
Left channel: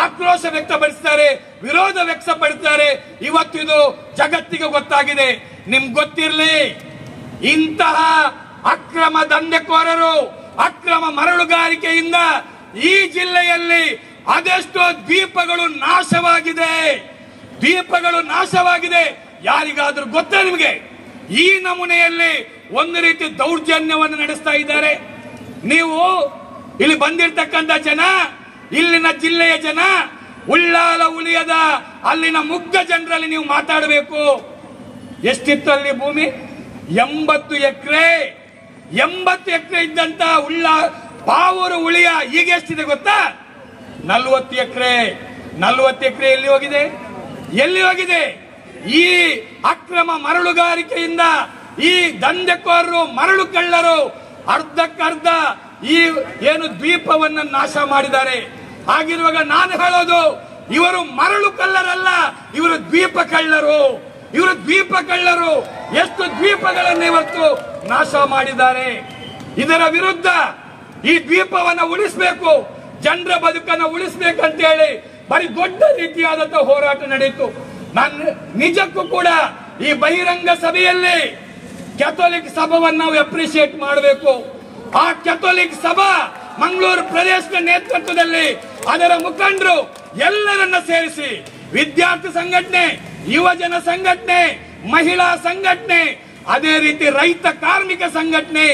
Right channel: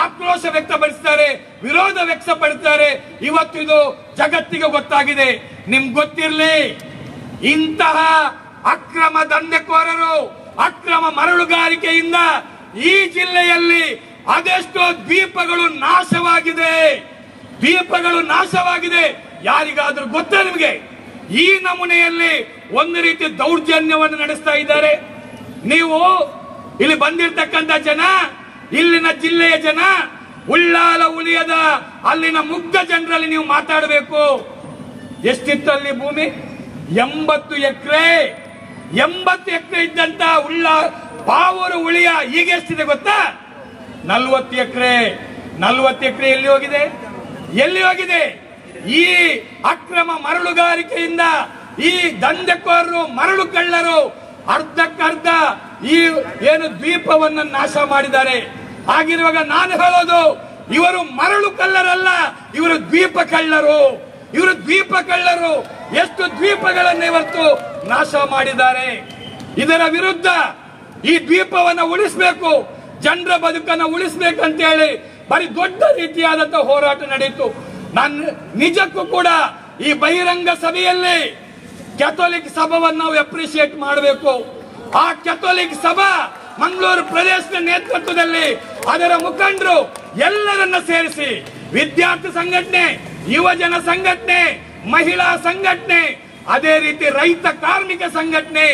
ಆಕ್ರೋಶ ವ್ಯಕ್ತಪಡಿಸ್ತಾರೆ, ವಿರೋಧ ವ್ಯಕ್ತಪಡಿಸ್ತಾರೆ. ಇವತ್ತು ಇದು ಜಗತ್ತಿಗೆ ಗೊತ್ತಾಗಿದೆ. ನಿಮ್ಗೆ ಗೊತ್ತಿರ್ಲಿ, ಇಂತಹ ಅಕ್ರಮ ದಂಧೆಕೋರರು, ಅಕ್ರಮ ಮರಳುಗಾರಿಕೆಯಿಂದ ಈ ಜಿಲ್ಲೆಯಲ್ಲಿ ಅದೆಷ್ಟೋ ದ್ವೀಪಗಳು ನಾಶವಾಗಿದೆ. ದ್ವೀಪಗಳು ನಾಶವಾಗಿದೆ. ಯಾರಿಗಾದ್ರೂ ಗೊತ್ತಾ ನಿಮಗೆ? ಈ ನಮೂನೆಯಲ್ಲಿ ಒಂದು ರೀತಿ ದೌರ್ಜನ್ಯವನ್ನು ನಡೆಸ್ತಾ ಇದ್ದಾರೆ. ನೀವು ಇಲ್ಲಿ ಬಂದಿರತಕ್ಕಂತ ಜನ, ಇಲ್ಲಿನ ಜಿಲ್ಲೆಯ ಜನ, ಉಳ್ಳಾಲ ಉಳಿಯದ ಅಲ್ಲಿನ ಮುಗ್ಧ ಜನರಲ್ಲಿ ನೀವು ಮಾತಾಡಬೇಕು. ಎಷ್ಟಿತ್ತು ಅಲ್ಲಿ ಭೂಮಿ? 80 ಎಕರೆ. 80 ಎಕರೆ ಇದ್ದಂತ ಪಾವೂರು ಉಳಿಯ ಈಗ ಎಷ್ಟಿದೆ ಗೊತ್ತಾ? 40 ಎಕರೆ. 40 ಎಕರೆ ಎಲ್ಲಿ ಹೋಗಿದೆ? ಎಲ್ಲಿ ಹೋಗಿದೆ? ಈ ಅಕ್ರಮ ಮರಳುಗಾರಿಕೆಯಿಂದ ಈ ದಂಧೆಕೋರರು, ಮರಳು ಕಳ್ಳರು ಅರ್ಧಕ್ಕರ್ಧ ಈ ಏನು ದ್ವೀಪವನ್ನು ನಾಶ ಮಾಡಿದ್ದಾರೆ. ಹಾಗಿರುವಾಗ ನಾನು ಹೇಳೋದು, ಇವರು ಮರಳು ಕಳ್ಳರಲ್ಲ, ಇವರು ದ್ವೀಪ ಕಳ್ಳರು. ಇವರು ದ್ವೀಪ ಕಳ್ಳರು. ಎಷ್ಟು ದ್ವೀಪಗಳನ್ನು ಇವತ್ತು ನಾಶ ಮಾಡಿದ್ದಾರೆ. ಇದರ ವಿರುದ್ಧ ಈ ದ್ವೀಪವನ್ನು ಉಳಿಸಬೇಕು, ಜನರ ಬದುಕನ್ನು ಉಳಿಸಬೇಕಂತ ಹೇಳಿ ಬರೀ ದೊಡ್ಡ ರೀತಿಯಾದಂತಹ ಹೋರಾಟ ನಡೆಯಿತು. ನಾನು ನಿಜಕ್ಕೂ ಕೂಡ ಈ ಬಹಿರಂಗ ಸಭೆಯಲ್ಲಿ ಕ್ಯಾಥೋಲಿಕ್ ಸಭಾವನ್ನು ನಾವು ಅಪ್ರಿಶಿಯೇಟ್ ಮಾಡಬೇಕು. ಆ ಕ್ಯಾಥೋಲಿಕ್ ಸಭಾ ಮಂಗಳೂರು ಪ್ರದೇಶದ ನೇತೃತ್ವದಲ್ಲಿ ಅದರ ಮುಖಂಡರು ಎಲ್ಲರನ್ನ ಸೇರಿಸಿ ವಿದ್ಯಾರ್ಥಿ ಸಂಘಟನೆ, ಯುವಜನ ಸಂಘಟನೆ, ಮಹಿಳಾ ಸಂಘಟನೆ, ಅದೇ ರೀತಿ ರೈತ ಕಾರ್ಮಿಕ ಸಂಘಟನೆ,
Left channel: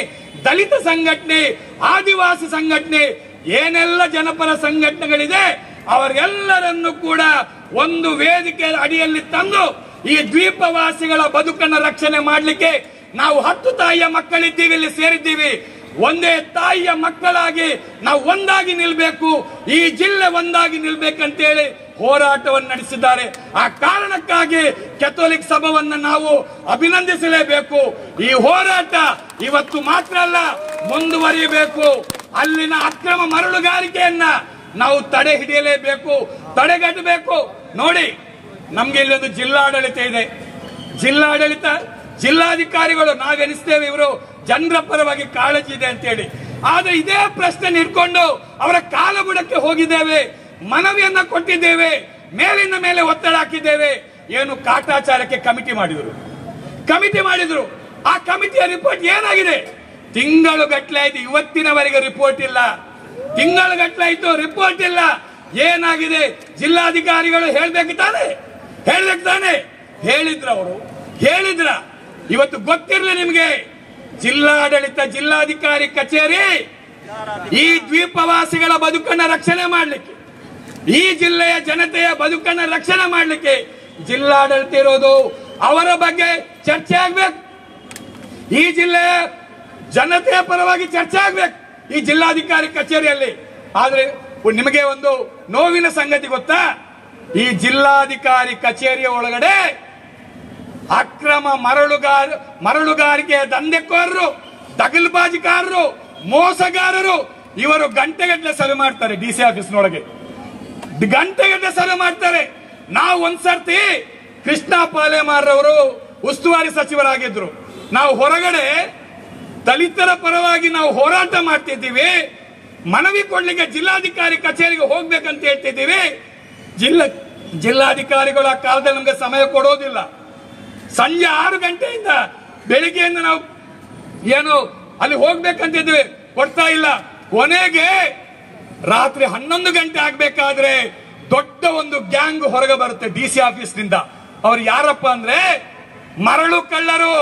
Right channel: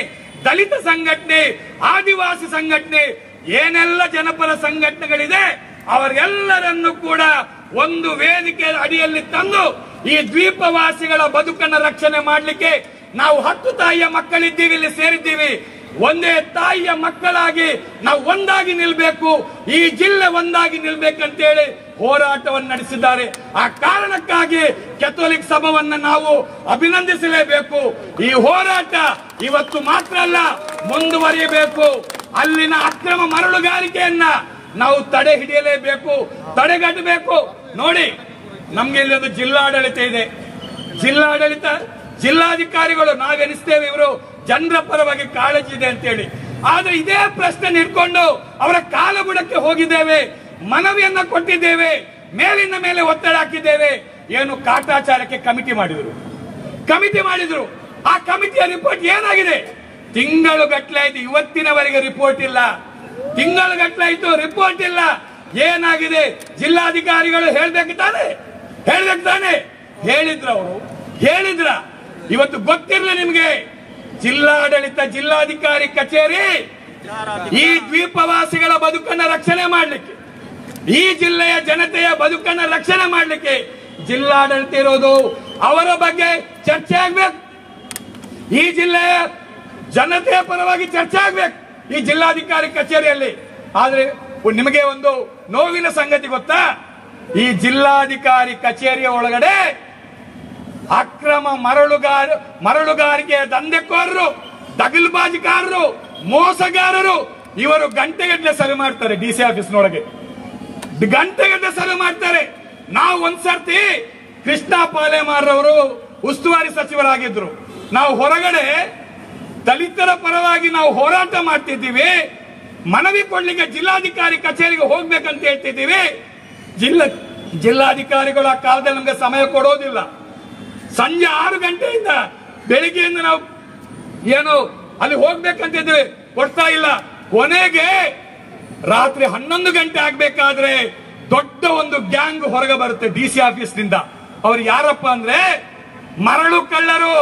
ದಲಿತ ಸಂಘಟನೆ, ಆದಿವಾಸಿ ಸಂಘಟನೆ, ಏನೆಲ್ಲ ಜನಪರ ಸಂಘಟನೆಗಳಿದೆ ಅವರೆಲ್ಲರನ್ನು ಕೂಡ ಒಂದು ವೇದಿಕೆ ಅಡಿಯಲ್ಲಿ ತಂದು ಈ ದ್ವೀಪವಾಸಿಗಳ ಬದುಕನ್ನು ರಕ್ಷಣೆ ಮಾಡಲಿಕ್ಕೆ ನಾವು 10 ತಾಯಿಯ ಮಕ್ಕಳಿದ್ದೀವಿ, ಇಲ್ಲಿ ಸೇರಿದ್ದೀವಿ. ಒಂದೇ ತಾಯಿಯ ಮಕ್ಕಳಾಗಿ ನಾವು ಒಂದಾಗಿ ನಿಲ್ಬೇಕು, ಈ ಜಿಲ್ಲೆ ಒಂದಾಗಿ ನಿಲ್ಬೇಕಂತೇಳಿ ಹೋರಾಟವನ್ನು ನಡೆಸಿದ್ದಾರೆ. ಆ ಕಾರಣಕ್ಕಾಗಿ ಕ್ಯಾಥೋಲಿಕ್ ಸಭಾವನ್ನ ನಾವು ಅಭಿನಂದಿಸಲೇಬೇಕು. ಈ ಹೋರಾಟ ಇವತ್ತು ಮಾತ್ರ ಅಲ್ಲ, ಮುಂದುವರಿಯಬೇಕು. ಅಲ್ಲಿನ ಅಕ್ರಮ ಮರಳುಗಾರಿಕೆಯನ್ನ ನಾವು ತಡೆ ಹಿಡಿಯಲೇಬೇಕು, ತಡೆಗಟ್ಟಬೇಕು. ನೋಡಿ, ನಮ್ಗೆ ಇಲ್ಲೊಂದು ಜಿಲ್ಲಾಡಳಿತ ಇದೆ. ಜಿಲ್ಲಾಡಳಿತ, ಜಿಲ್ಲಾಧಿಕಾರಿಗಳು ನಾವೆನಿಸ್ತೇವೆ ಇವರು ಜನರ ಪರವಾಗಿ ಕಾಳಜಿ ಇದೆ ಅಂತೇಳಿ. ಆದ್ರೆ ಇದೇ ಪ್ರಶ್ನೆ ಇಟ್ಕೊಂಡು ಅವರ ಕಾಲಬುಡಕ್ಕೆ ಹೋಗಿದ್ದೇವೆ, ಮನವಿಯನ್ನ ಕೊಟ್ಟಿದ್ದೇವೆ, ಮೇಲಿನ ಮೇಲೆ ಒತ್ತಡ ಹಾಕಿದ್ದೇವೆ. ಏನು ಕಾಟಾಚಾರಕ್ಕೆ ಕಮಿಟಿ ಮಾಡಿದ್ರು. ಆ ಕಮಿಟಿಯ ರಿಪೋರ್ಟ್ ಏನಾಗಿದೆ? ತಿಂಗಳು ಗಟ್ಟಲೆ ಆಯ್ತು, ಇವತ್ತಿನವರೆಗೆ ರಿಪೋರ್ಟ್ ಇಲ್ಲ. ತಿಂಗಳು ಗಟ್ಟಲೆ ಆಯ್ತು, ರಿಪೋರ್ಟ್ ಇಲ್ಲ. ಏನಾಗಿದೆ? ಜಿಲ್ಲಾಧಿಕಾರಿಗಳು ಹೇಳ್ಬೇಕು ತಾನೆ? ಹೇಳಿದ್ರ? ಇವತ್ತು ಗೊತ್ತಿರಲಿ ನಿಮ್ಗೆ, ಜಿಲ್ಲಾಡಳಿತ, ಜಿಲ್ಲಾಧಿಕಾರಿ ಕಚೇರಿ ಈ ದ್ವೀಪವಾಸಿಗಳ ಬದುಕನ್ನು ರಕ್ಷಣೆ ಮಾಡಲಿಕ್ಕೆ, ಈ ಜಿಲ್ಲೆಯ ಜನತೆಯ ಬದುಕನ್ನು ರಕ್ಷಣೆ ಮಾಡಲಿಕ್ಕೆ ಜಿಲ್ಲಾಡಳಿತ ಇರೋದು. ಅವರ ಬಗ್ಗೆ ಚರ್ಚೆ ಆಗ್ಬೇಕು, ಈ ಜಿಲ್ಲೆಯ ಜನತೆಯ ಪರವಾಗಿ ಚರ್ಚೆ ಆಗ್ಬೇಕು ಈ ಜಿಲ್ಲಾಧಿಕಾರಿ ಕಚೇರಿಯಲ್ಲಿ. ಆದ್ರೆ ನಿಮಗೆ ಒಂದು ನೋವಿನ ಸಂಗತಿ ಗೊತ್ತಾ? ಈ ಜಿಲ್ಲಾಧಿಕಾರಿ ಕಚೇರಿಯ ಒಳಗಡೆ ಅಕ್ರಮ ಮರಳುಗಾರಿಕೆಯ ದಂಧೆಕೋರರು, ದಗಲ್ಬಾಜಿಕಾರರು, ಮೋಸಗಾರರು ಇವರು ಗಂಟೆಗಟ್ಟಲೆ ಸಭೆ ಮಾಡ್ತಾರೆ. ಡಿಸಿ ಆಫೀಸ್ನೊಳಗೆ ಗಂಟೆಗಟ್ಟಲೆ ಸಭೆ ಮಾಡ್ತಾರೆ. ನಾವು ಒಂದ್ಸರ್ತಿ ಕೃಷ್ಣ ಪಾಲೇಮಾರ್ರವರು ಉಸ್ತುವಾರಿ ಸಚಿವರಾಗಿದ್ರು. ನಾವು ಹೊರಗಡೆ ದಲಿತರ ಪರವಾಗಿ ನಾವು ಹೋರಾಟ ಮಾಡ್ತಿದ್ದೀವಿ, ಮನವಿ ಕೊಡ್ಲಿಕ್ಕೆ ಜಿಲ್ಲಾಧಿಕಾರಿ ಕಚೇರಿಗೆ ಹೋಗ್ಬೇಕಂತ ಹೇಳ್ತಿದ್ದೀವಿ. ಜಿಲ್ಲಾಧಿಕಾರಿಗಳು ಆ ಕಾಲದಲ್ಲಿ ನಮ್ಗೆ ಸಮಯ ಕೊಡೋದಿಲ್ಲ. ಸಂಜೆ 6 ಗಂಟೆಯಿಂದ ಬೆಳಿಗ್ಗೆಯಿಂದ ನಾವು ಏನು ಅಲ್ಲಿ ಹೋಗ್ಬೇಕಂತಿದ್ವಿ, ಕೊಡ್ತಾ ಇಲ್ಲ. ಕೊನೆಗೆ ರಾತ್ರಿ 11 ಗಂಟೆ ಆಗ್ಬೇಕಾದ್ರೆ ದೊಡ್ಡ ಒಂದು ಗ್ಯಾಂಗ್ ಹೊರಗೆ ಬರುತ್ತೆ ಡಿಸಿ ಆಫೀಸ್ನಿಂದ. ಅವ್ರು ಯಾರಪ್ಪ ಅಂದ್ರೆ ಮರಳು ಕಳ್ಳರು,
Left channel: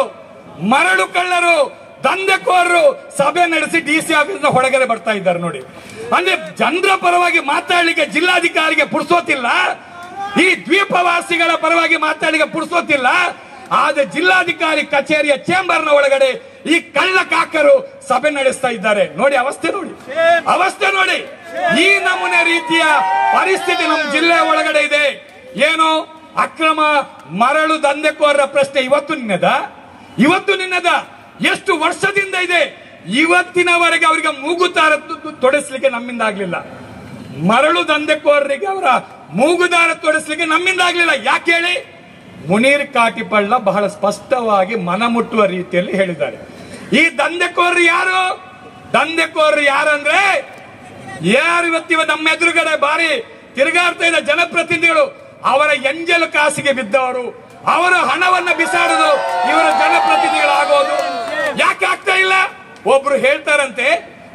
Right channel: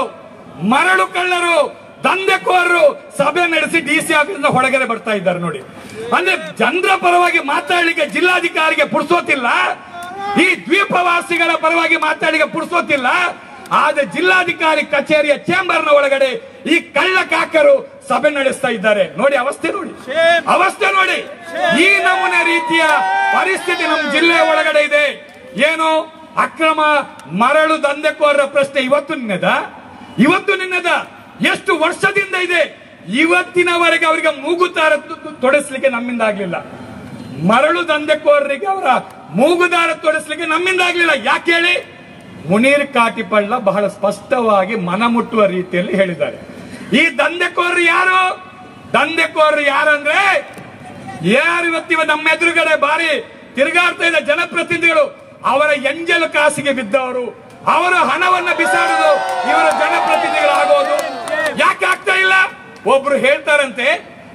ದಂಧೆಕೋರರು ಸಭೆ ನಡೆಸಿ ಡಿಸಿ ಆಫೀಸ್ನ ಹೊರಗಡೆ ಬರ್ತಾ ಇದ್ದಾರೆ. ನೋಡಿ, ಅಂದ್ರೆ ಜನರ ಪರವಾಗಿ ಮಾತಾಡಲಿಕ್ಕೆ ಜಿಲ್ಲಾಧಿಕಾರಿಗೆ ಪುರ್ಸೋತಿಲ್ಲ, ಈ ದ್ವೀಪವಾಸಿಗಳ ಪರವಾಗಿ ಮಾತಾಡಲಿಕ್ಕೆ ಪುರ್ಸೋತಿಲ್ಲ. ಆದ್ರೆ ಜಿಲ್ಲಾಧಿಕಾರಿ ಕಚೇರಿಯ ಚೇಂಬರ್ನ ಒಳಗಡೆ ಈ ಕಳ್ಳ ಕಾಕರು ಸಭೆ ನಡೆಸ್ತಾ ಇದ್ದಾರೆ. ನೋಡಿ ಅವಸ್ಥೆ ನೋಡಿ. ಈ ನಮೂನೆ ರೀತಿಯ ಪರಿಸ್ಥಿತಿ ನಮ್ಮ ಜಿಲ್ಲೆಯ ಒಳಗಡೆ ಇದೆ. ಏನು ಅಕ್ರಮ ಮರಳು ದಂಧೆಕೋರರ ಪ್ರಶ್ನೆ ಇವತ್ತು ನಿನ್ನದ ಎಷ್ಟು ವರ್ಷದಿಂದ ಇದೆ? ಇವತ್ತಿನವರೆಗೆ ಅವರಿಗೆ ಮೂಗುದಾರ ತೊಡಿಸ್ಲಿಕ್ಕೆ ನಮ್ಮಿಂದ ಆಗ್ಲಿಲ್ಲ. ಮರಳು ದಂಧೆಕೋರರಿಗೆ ಅವರ ಮೂಗುದಾರ ತೊಡಿಸ್ಲಿಕ್ಕೆ ನಮ್ಮಿಂದ ಆಗ್ಲಿಲ್ಲ. ಯಾಕೆ ಹೇಳಿ? ಮುನೀರ್ ಕಾಟಿಪಳ್ಳ ಬಹಳ ಸ್ಪಷ್ಟವಾಗಿ ಮನಮುಟ್ಟುವ ರೀತಿಯಲ್ಲಿ ಹೇಳಿದ್ದಾರೆ. ಈ ದಂಧೆಕೋರರು ಯಾರಂದ್ರೆ ಯಾರು ಇವತ್ತಿವ ನಮ್ಮ ಎದುರುಗಡೆ ಬಾರಿ ತಿರುಗಾಡ್ತಾ ಇದ್ದ ಜನಪ್ರತಿನಿಧಿಗಳು, ಅವರ ಎಂಜಲು ಕಾಸಿಗೆ ಬಿದ್ದವರು, ಅವರ ಹಣವನ್ನ ಬಿಸಾಡೋದು ಇವರ ಜನಪ್ರತಿನಿಧಿಗಳಾಗೋದು. ಯಾಕೆ ಆಗ್ತಾ ಇಲ್ಲ? ಒಬ್ರು ಹೇಳ್ತಾರಂತೆ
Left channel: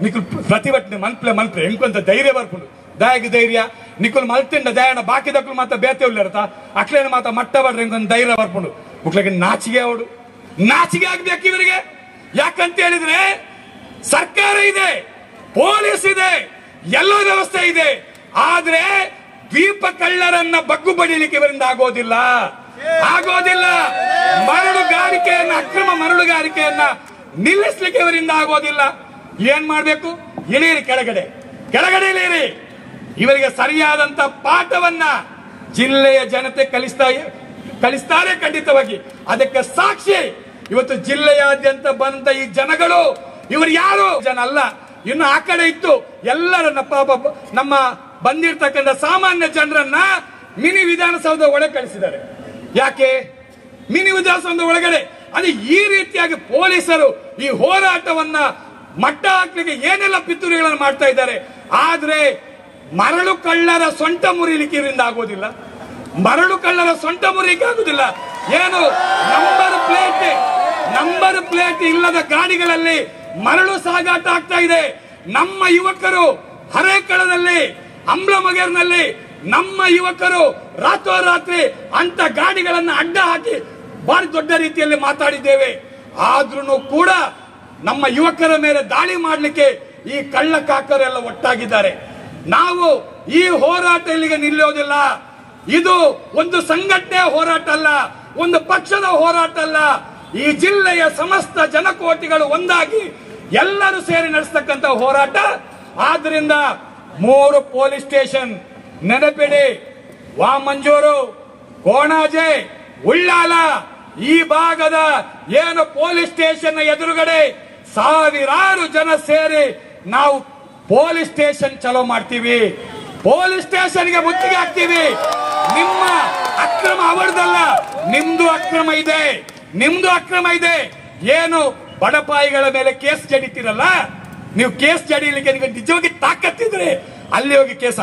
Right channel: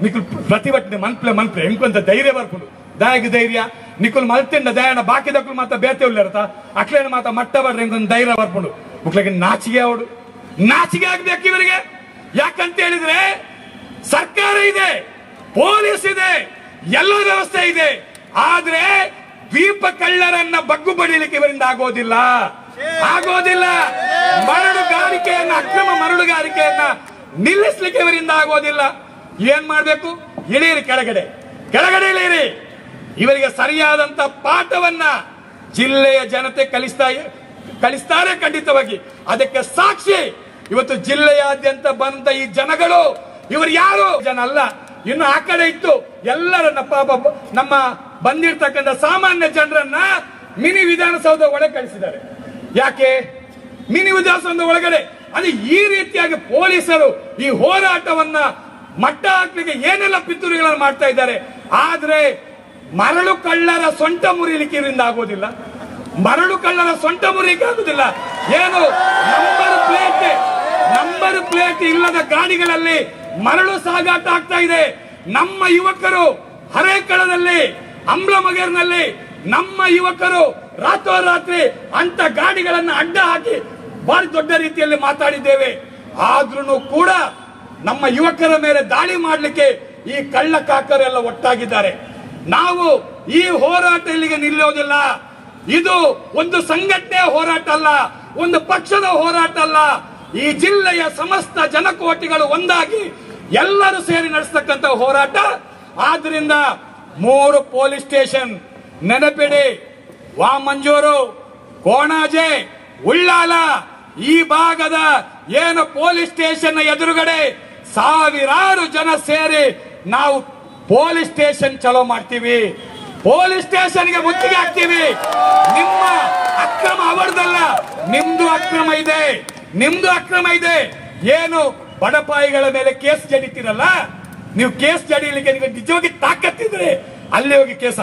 ನಿಖಿಲ್ ಪ್ರತಿಭಟನೆ ಮಲ್ಪೆ ಎಂಕೊಂತ ಧೈರ್ಯ ಬರ್ಕೊಂಡು ದಾಯಗ ಧೈರ್ಯ ನಿಖಿಲ್ ಮಲ್ತಿಂಡ ದಯಾಣ ಬಾಕಿ ದಕ್ಕಲು ಮಾತ ಬೇತೆ ಉಳ್ಳರ್ತ ಅಕ್ಲೇನ ಮಾತ ಮಟ್ಟ ಬರ್ರಿ ಎಂಕೊಂದು ಧೈರ್ಯ ಬರ್ಕೊಂಡು ಮುಕ್ಳಿಗೆ ನಾಚಿಗೆ ಅವಡು ನಾಚಿಗೆ ಆಗ್ಬೇಕು ಇವರಿಗೆ. ಯಾಕಂತ ಹೇಳಿದ್ರೆ ಸರ್ಕಾರ ಇದೆ, ಪೊಲೀಸ್ ಇದೆ, ಎಲ್ಲ ವ್ಯವಸ್ಥೆ ಇದೆ. ಆದ್ರೆ ದ್ವೀಪ ಕಳ್ಳರನ್ನ ಬಗ್ಗು ಬಡಿಲಿಕ್ಕೆ ಇವರಿಂದ ಆಗೋದಿಲ್ಲ. ಮರಳುಗಾರಿಕೆಯನ್ನ, ಅಕ್ರಮ ಮರಳುಗಾರಿಕೆಯನ್ನ ನಿಲ್ಲಿಸಲಿಕ್ಕೆ ಇವರಿಂದ ಆಗೋದಿಲ್ಲ. ಏನ್ ಮಾಡ್ಬೇಕು? ಇಳೀರಿ ಕೆಳಗಡೆ ಇಳೀರಿ. ಇವರಿಗೆ ಸರಿಯಾದಂತ ಪಾಠವನ್ನ ಜಿಲ್ಲೆಯ ಜನತೆ ಕಲಿಸ್ತಾರೆ ಖಂಡಿತವಾಗಿ. ಅದಕ್ಕೆ ಸಾಕ್ಷಿ ಇವತ್ತು ಜಿಲ್ಲೆಯಾದ್ಯಂತ ಬಂದ ಈ ಜನಗಳು. ಇವರು ಯಾರು ಜನ ಅಲ್ಲ, ಇನ್ನು ಆ ಕಡೆ ಇತ್ತು ಎಲ್ಲರನ್ನ ನಮ್ಮ ಬಂದಿರ್ತಕ್ಕಂಥ ಸಾಮಾನ್ಯ ಜನರನ್ನ ಮಿನಿ ವಿಧಾನಸೌಧ ಒಳಗೆ ಕಳಿಸಿದ್ದಾರೆ. ಯಾಕೆ ಮಿನಿ ವಿಧಾನಸೌಧ ಒಳಗಡೆ? ಅಂದ್ರೆ ಈ ರೀತಿಯಾಗಿ ಪೊಲೀಸರು ಈ ಹೋರಾಟವನ್ನ ಮಟ್ಟ ಹಾಕಲಿಕ್ಕೆ ಏನೆಲ್ಲ ಪಿತೂರಿಗಳನ್ನು ಮಾಡ್ತಾ ಇದ್ದಾರೆ. ಆದ್ರೆ ಮರಳು ಕಳ್ಳರ ಸೊಂಟ ಮುರಿಲಿಕ್ಕೆ ಇವರಿಂದ ಆಗೋದಿಲ್ಲ. ಮರಳು ಕಳ್ಳರ ಸೊಂಟ ಮುರಿಲಿಕ್ಕೆ ಆಗುದಿಲ್ಲ. ಏನು ನಂಬರ್ ಪ್ಲೇಟ್ ಇಲ್ಲದ ಗಾಡಿಗಳಲ್ಲಿ ಮರಳು ಸಾಗಾಟ ಆಗ್ತಾ ಇದೆ. ನಮ್ಮ ಯುವಕರು ಹರೇಕಳದಲ್ಲಿ, ಅಂಬ್ಲಮಗೇರ್ನಲ್ಲಿ ನಮ್ಮ ಯುವಕರು ರಾತ್ರೋರಾತ್ರಿ ಅಂತ ಗಾಡಿಗಳನ್ನ ಅಡ್ಡ ಹಾಕಿ ಬಹಳ ದೊಡ್ಡ ರೀತಿಯಲ್ಲಿ ಮಾತಾಡಿದ್ದೇವೆ. ಆದ್ರೂ ಕೂಡ ನಮ್ಮ ಯುವಕರ ಮೇಲೆ ದಾಳಿ ಮಾಡಲಿಕ್ಕೆ ಈ ಕಳ್ಳ ಕಾಕರೆಲ್ಲ ಒಟ್ಟಾಗಿದ್ದಾರೆ. ನಾವು ಈ ಹೋರಾಟ ಇಲ್ಲಿಗೆ ನಿಲ್ಲೋದಿಲ್ಲ. ಇದು ಒಂದು ಸಂಘಟನೆಯ ಹೋರಾಟ ಅಲ್ಲ, ಒಂದು ಪಕ್ಷದ ಹೋರಾಟ ಅಲ್ಲ. ಈ ಜಿಲ್ಲೆಯ ಸಮಸ್ತ ಜನಕೋಟಿಗಳು ಒಂದಾಗಿ ಎಲ್ಲರೂ ಸೇರಿ ನಡೆಸತಕ್ಕಂಥ ಹೋರಾಟ. ಆದ್ರಿಂದ 3 ಪೊಲೀಸ್ ಸ್ಟೇಷನ್ ನೆನಪಿಡಿ. ವಾಮಂಜೂರು, ಕೋಣಾಜೆ, ಉಳ್ಳಾಲ ಈ ಭಾಗದ ಏನು ಪೊಲೀಸ್ ಸ್ಟೇಷನ್ ಎದುರುಗಡೆ ಸಾವಿರಾರು ಜನ ಸೇರಿ ನಾವು ಪೊಲೀಸ್ ಸ್ಟೇಷನ್ ಚಲೋ ಮಾಡ್ತೀವಿ. ಪೊಲೀಸ್ ಸ್ಟೇಷನ್ಗೆ ಮುತ್ತಿಗೆ ಹಾಕ್ತೀವಿ. ನಿಮ್ಮ ಅಕ್ರಮ ಅವರದಲ್ಲ, ನಿಮ್ದು ಅಕ್ರಮ ಇದೆ. ಏನು ಬಡಪಾಯಿಗಳ ಮೇಲೆ ಕೇಸ್ ಜಡಿತೀರಲ್ಲ, ನೀವು ಕೇಸ್ ಜಡಿಯಲಿಕ್ಕೆ ನಿಜವಾಗಿ ತಾಕತ್ತಿದ್ರೆ ಅಲ್ಲಿ ಹೋಗಿ ಕೇಸ್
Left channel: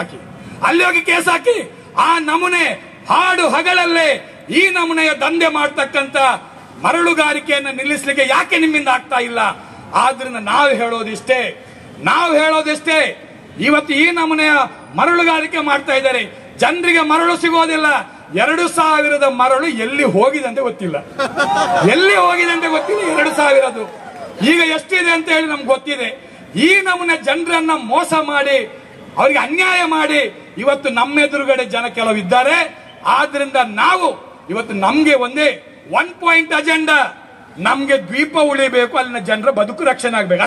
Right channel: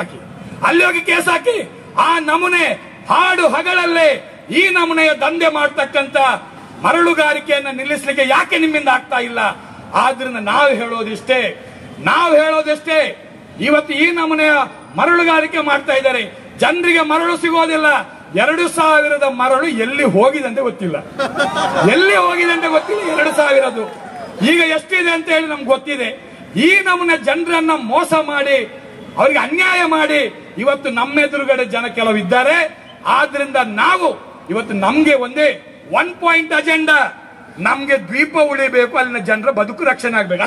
ಹಾಕಿ. ಆ ನಮೂನೆ ಹಾಡು ಹಗಲಲ್ಲೇ ಈ ನಮೂನೆಯ ದಂಧೆ ಮಾಡತಕ್ಕಂತ ಮರಳುಗಾರಿಕೆಯನ್ನು ನಿಲ್ಲಿಸಲಿಕ್ಕೆ ಯಾಕೆ ನಿಮ್ಮಿಂದ ಆಗ್ತಾ ಇಲ್ಲ? ಆದ್ರಿಂದ ನಾವು ಹೇಳೋದಿಷ್ಟೇ, ಇವತ್ತು ಈ ನಮೂನೆಯ ಮರಳುಗಾರಿಕೆ ಮಾಡ್ತಾ ಇದ್ದಾರೆ. ಜನರಿಗೆ ಮರಳು ಸಿಗೋದಿಲ್ಲ. 2000 ಮರಳು ಎಲ್ಲಿ ಹೋಗಿದೆ ಅಂತ ಗೊತ್ತಿಲ್ಲ. 2000 ಈಗ ಎಷ್ಟಿದೆ ಅಂತ ಹೇಳಿ ನಮ್ಗೆ ಗೊತ್ತಿದೆ. ಈ ನಮೂನೆ ಜನರನ್ನ ಮೋಸ ಮಾಡಿ, ಅವರಿಗೆ ಅನ್ಯಾಯ ಮಾಡಿ ಇವತ್ತು ನಮ್ಮ ಎದುರುಗಡೆ ಜನ ಕೆಲವು ಇದ್ದಾರೆ. ಆದ್ರಿಂದ ನಾವು ಇವತ್ತು ನಮ್ಗೆ ಒಂದೇ 1 ಪಾಯಿಂಟ್ ಅಜೆಂಡಾ. ನಮ್ಗೆ ದ್ವೀಪ ಉಳಿಬೇಕು, ಅಲ್ಲಿನ ಜನರ ಬದುಕು ರಕ್ಷಣೆ ಆಗ್ಬೇಕು.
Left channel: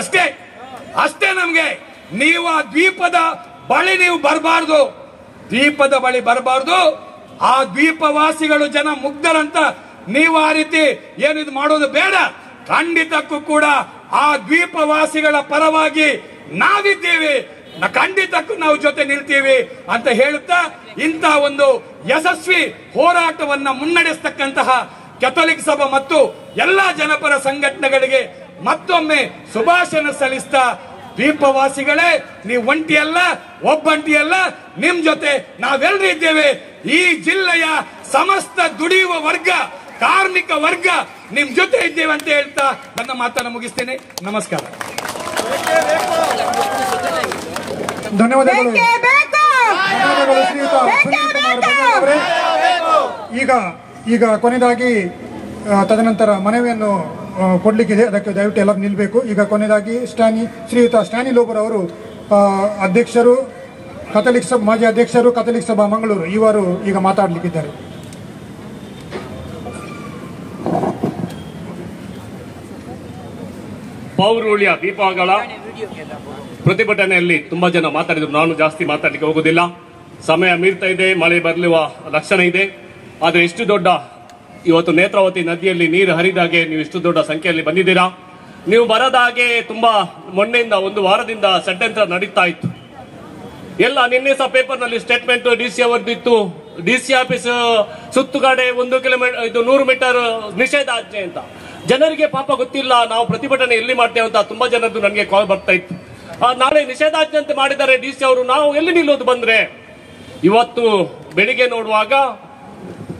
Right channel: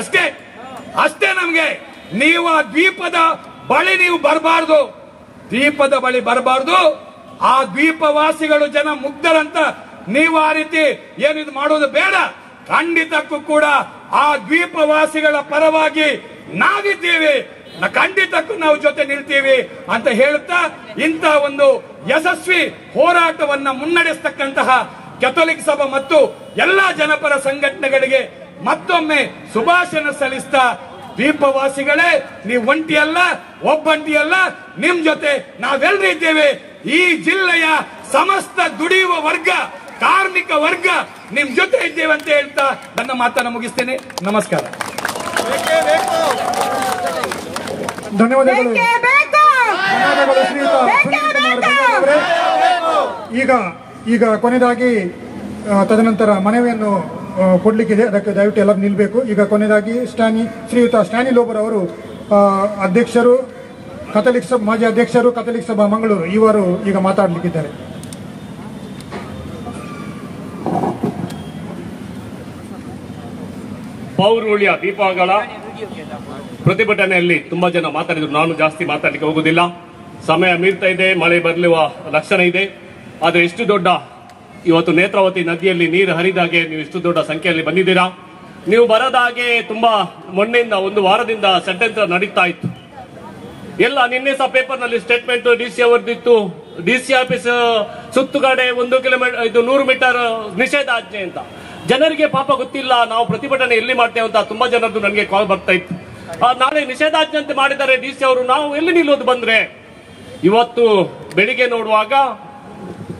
ಅಷ್ಟೇ ನಮ್ಗೆ. ನೀವು ಆ ದ್ವೀಪದ ಬಳಿ ಬರಬಾರ್ದು. ಆ ದ್ವೀಪವಾಸಿಗಳು ಜನ ಮುಗ್ಧರಂತ ನೀವು ಆ ರೀತಿ ಏನು ಇದು ಮಾಡೋದು ಬೇಡ. ಖಂಡಿತಕ್ಕೂ ಕೂಡ ಆ ದ್ವೀಪವಾಸಿಗಳ ಪರವಾಗಿ ನಾವಿದ್ದೇವೆ. ಖಂಡಿತಕ್ಕೂ ನಾವು ಜೊತೆ ನಿಲ್ತೀವಿ ಅಂತ ಹೇಳುತ್ತಾ ಇಂಥ ಒಂದು ಯಶಸ್ವಿ ಹೋರಾಟವನ್ನ ಮುನ್ನಡೆಸತಕ್ಕಂತಹ ಕೆಥೋಲಿಕ್ ಸಭಾ ಮತ್ತು ಎಲ್ಲಾ ಜನಪರ ಸಂಘಟನೆಗಳಿಗೆ ಮತ್ತೊಮ್ಮೆ ಶುಭಾಶಯ ಸಲ್ಲಿಸ್ತಾ, ದ್ವೀಪವಾಸಿಗಳೇ, ನೀವು ಒಬ್ಬಂಟಿಯಲ್ಲ, ನಿಮ್ ಜೊತೆ ನಾವೆಲ್ಲರೂ ಇದ್ದೇವೆ. ಈ ಜಿಲ್ಲೆಯ ಸಮಸ್ತ ದುಡಿಯುವ ವರ್ಗ, ಕಾರ್ಮಿಕ ವರ್ಗ ನಿಮ್ ಜೊತೆ ಇದ್ದೇವೆ ಅಂತ ಹೇಳ್ತಾ ನನ್ನ ಮಾತನ್ನು ಮುಗಿಸ್ತೇನೆ. ನಮಸ್ಕಾರ. ಧನ್ಯವಾದಗಳು. ಈಗ ಕೊನೆಯದಾಗಿ ತದನಂತರ ಮನವಿಯನ್ನು ಕೊಡ್ಲಿಕ್ಕಿದೆ, ಅದಕ್ಕೆ ದಯವಿಟ್ಟು ಎಲ್ಲರೂ ನಿಲ್ಲಬೇಕು. ಈಗ ಕೊನೆಯದಾಗಿ ಶ್ರೀಯುತ ಸ್ಟ್ಯಾನಿ ಲೋಬರ್ ಅವರು ಅಧ್ಯಕ್ಷರು, ಮಾಜಿ ಅಧ್ಯಕ್ಷರು, ಕಥೋಲಿಕ್ ಸಭಾ ಮಂಗಳೂರು, ಇವರು ಈಗ ಮಾತಾಡಲಿಕ್ಕಿದ್ದಾರೆ. ಪೌರುಳ್ಯ ದೀಪಗಳ ಪ್ರತಿಭಟನೆಯಲ್ಲಿ ತುಂಬಾ ಜನ ಮಾತಾಡಿದ್ರು. ನಾನು ಜಾಸ್ತಿ ಮಾತಾಡಲಿಕ್ಕೆ ಹೋಗುದಿಲ್ಲ, ಸಮಯ ಮೀರ್ತಾ ಇದೆ, ಮಳೆ ಬರಲಿರುವ ಲಕ್ಷಣ ಇದೆ. ಆದರೆ ಇಷ್ಟು ದೊಡ್ಡ ಇವತ್ತು ನೇತ್ರಾವತಿ ನದಿಯಲ್ಲಿ ನೀರು ಹರಿದಾಗೆ ನೀವು ಇಷ್ಟು ದೊಡ್ಡ ಸಂಖ್ಯೆಯಲ್ಲಿ ಬಂದಿದ್ದೀರಾ. ನೀವು ಬರದ ಹಾಗೆ ತುಂಬಾ ಮೊನ್ನೆಯಿಂದ 1 ವಾರದಿಂದ ಷಡ್ಯಂತ್ರ ನಡೀತಾ ಇತ್ತು. ಎಲ್ಲ ನಿನ್ನೆ ಸಹ ಪೇಪರ್ ನಲ್ಲಿ ಸ್ಟೇಟ್ಮೆಂಟ್ ಡಿಸಿ ಅವರದಿತ್ತು. ಡಿಸಿ ಆಫೀಸ್ ಸುತ್ತುಗಡೆ 1 ಕಿಲೋಮೀಟರ್ 100 ಮೀಟರ್ ನಿಷೇಧಾಜ್ಞೆ ಅಂತ. ಜನರಿಗೆ ಪಾಪ ಗೊತ್ತಿಲ್ಲ ನಾವು ಪ್ರತಿಭಟನೆ ಎಲ್ಲಿ ಮಾಡ್ತೇವೆ ಅಂತ. ತುಂಬಾ ಜನರದ್ದು ನನಗೆ ಕಾಲ್ ಬರ್ತಾ ಇತ್ತು. ನಾಳೆ ನಿಷೇಧಾಜ್ಞೆ ಅಂತ ಮಾಡಿದ್ದಾರೆ ಡಿಸಿ ಅವರು, ನಾವು ಎಲ್ಲಿ ನಿಲ್ಲೋದು ಬಂದ್ರೆ. ಇವತ್ತು ಬೆಳಿಗ್ಗೆ ನೋಡುವಾಗ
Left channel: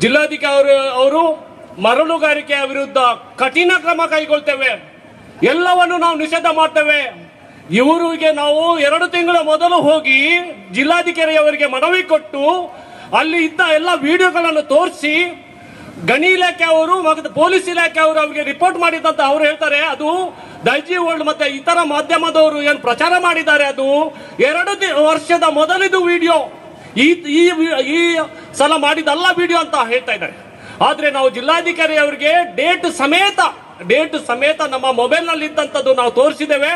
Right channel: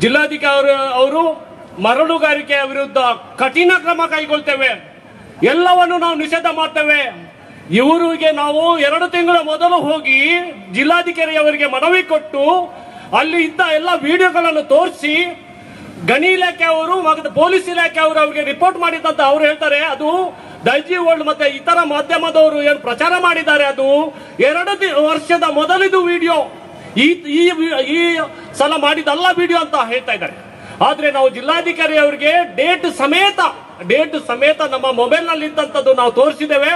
ಜಿಲ್ಲಾಧಿಕಾರಿ ಅವರು ಮರಳುಗಾರಿಕೆಯ ವಿರುದ್ಧ ಕಠಿಣ ಕ್ರಮ ಕೈಗೊಳ್ತೇವೆ, ಎಲ್ಲವನ್ನು ನಾವು ನಿಷೇಧ ಮಾಡ್ತೇವೆ. ಇವರಿಗೆ ನಾವು 2 ತಿಂಗಳ ಮೊದಲು ಹೋಗಿ ಜಿಲ್ಲಾಧಿಕಾರಿ ಅವರಿಗೆ ಮನವಿ ಕೊಟ್ಟು ಅಲ್ಲಿ ಇದ್ದ ಎಲ್ಲ ವಿಡಿಯೋಗಳನ್ನು ತೋರಿಸಿ ಗಣಿ ಇಲಾಖೆ ಅವರು ಮತ್ತು ಪೊಲೀಸ್ ಇಲಾಖೆ ಅವರು ಅವರಿಗೆ ರಿಪೋರ್ಟ್ ಮಾಡಿದಂತ ಅವ್ರು ಹೇಳ್ತಾರೆ ಅದು ದೈಜಿ ವರ್ಲ್ಡ್ ಮತ್ತೆ ಇತರ ಮಾಧ್ಯಮದವರು ಏನು ಪ್ರಚಾರ ಮಾಡಿದ್ದಾರೆ ಅದು 2 ವರ್ಷದ ಮೊದಲಿದು ವಿಡಿಯೋ, ಈ ಸಲ ಮಾಡಿದಲ್ಲ ವಿಡಿಯೋ ಅಂತ ಹೇಳ್ತಾ ಇದ್ದಾರೆ. ಆದ್ರೆ ನಾವು ಜಿಲ್ಲಾಧಿಕಾರಿ ಅವರಿಗೆ ಡೇಟ್ ಸಮೇತ ನಮ್ಮ ಮೊಬೈಲ್ ನಲ್ಲಿ ಇದ್ದಂತದ್ದು ನಾವು ತೋರಿಸಿದ್ದೇವೆ.